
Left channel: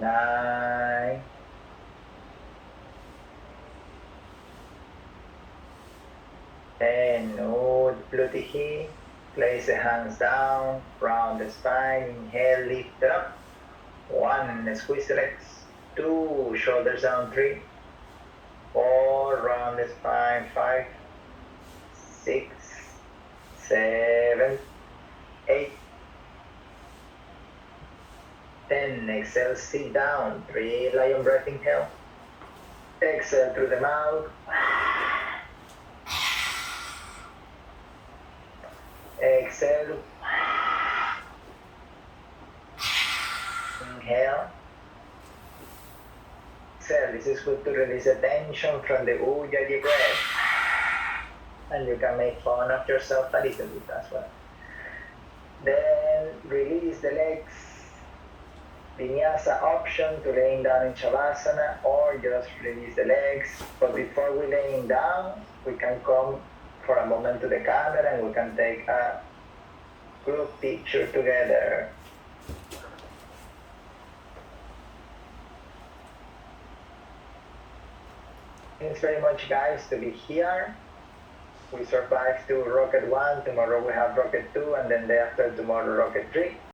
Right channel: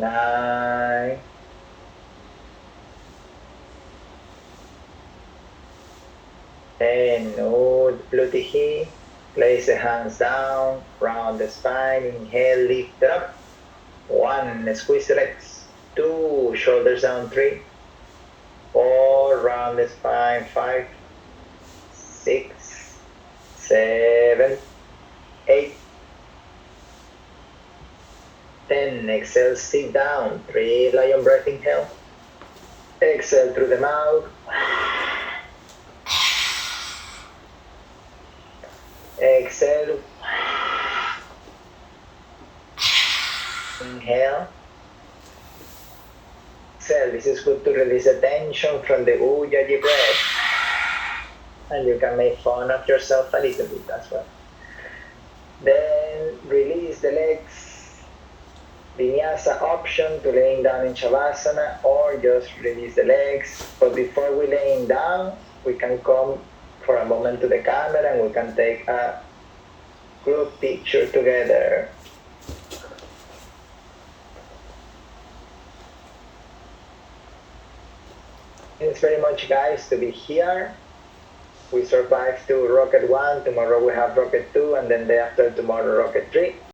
9. 10. Uddhiti. Place the hands down, round the spine. Inhale, lift up. 1. Squeeze the legs. 2. Shoulders down. 3. 4. Round the spine. 5. 6. 7. 8. 10. Exhale, sit down. 3. Lion breath. Inhale. Exhale through the mouth. Exhale. Inhale. Exhale. This is good to release the tension from the Ujjayi breath. And you can make fun of yourself a little bit as well. Then release the legs. Vinyasa option to laying down in Shavasana, or just release the legs. But before we laying down, we can come for a moment to the camera and we can take a group picture together. Thanks very much, guys, to be here. We survived to rocket 1, tomorrow we have rocket 2, and then day after tomorrow rocket 3.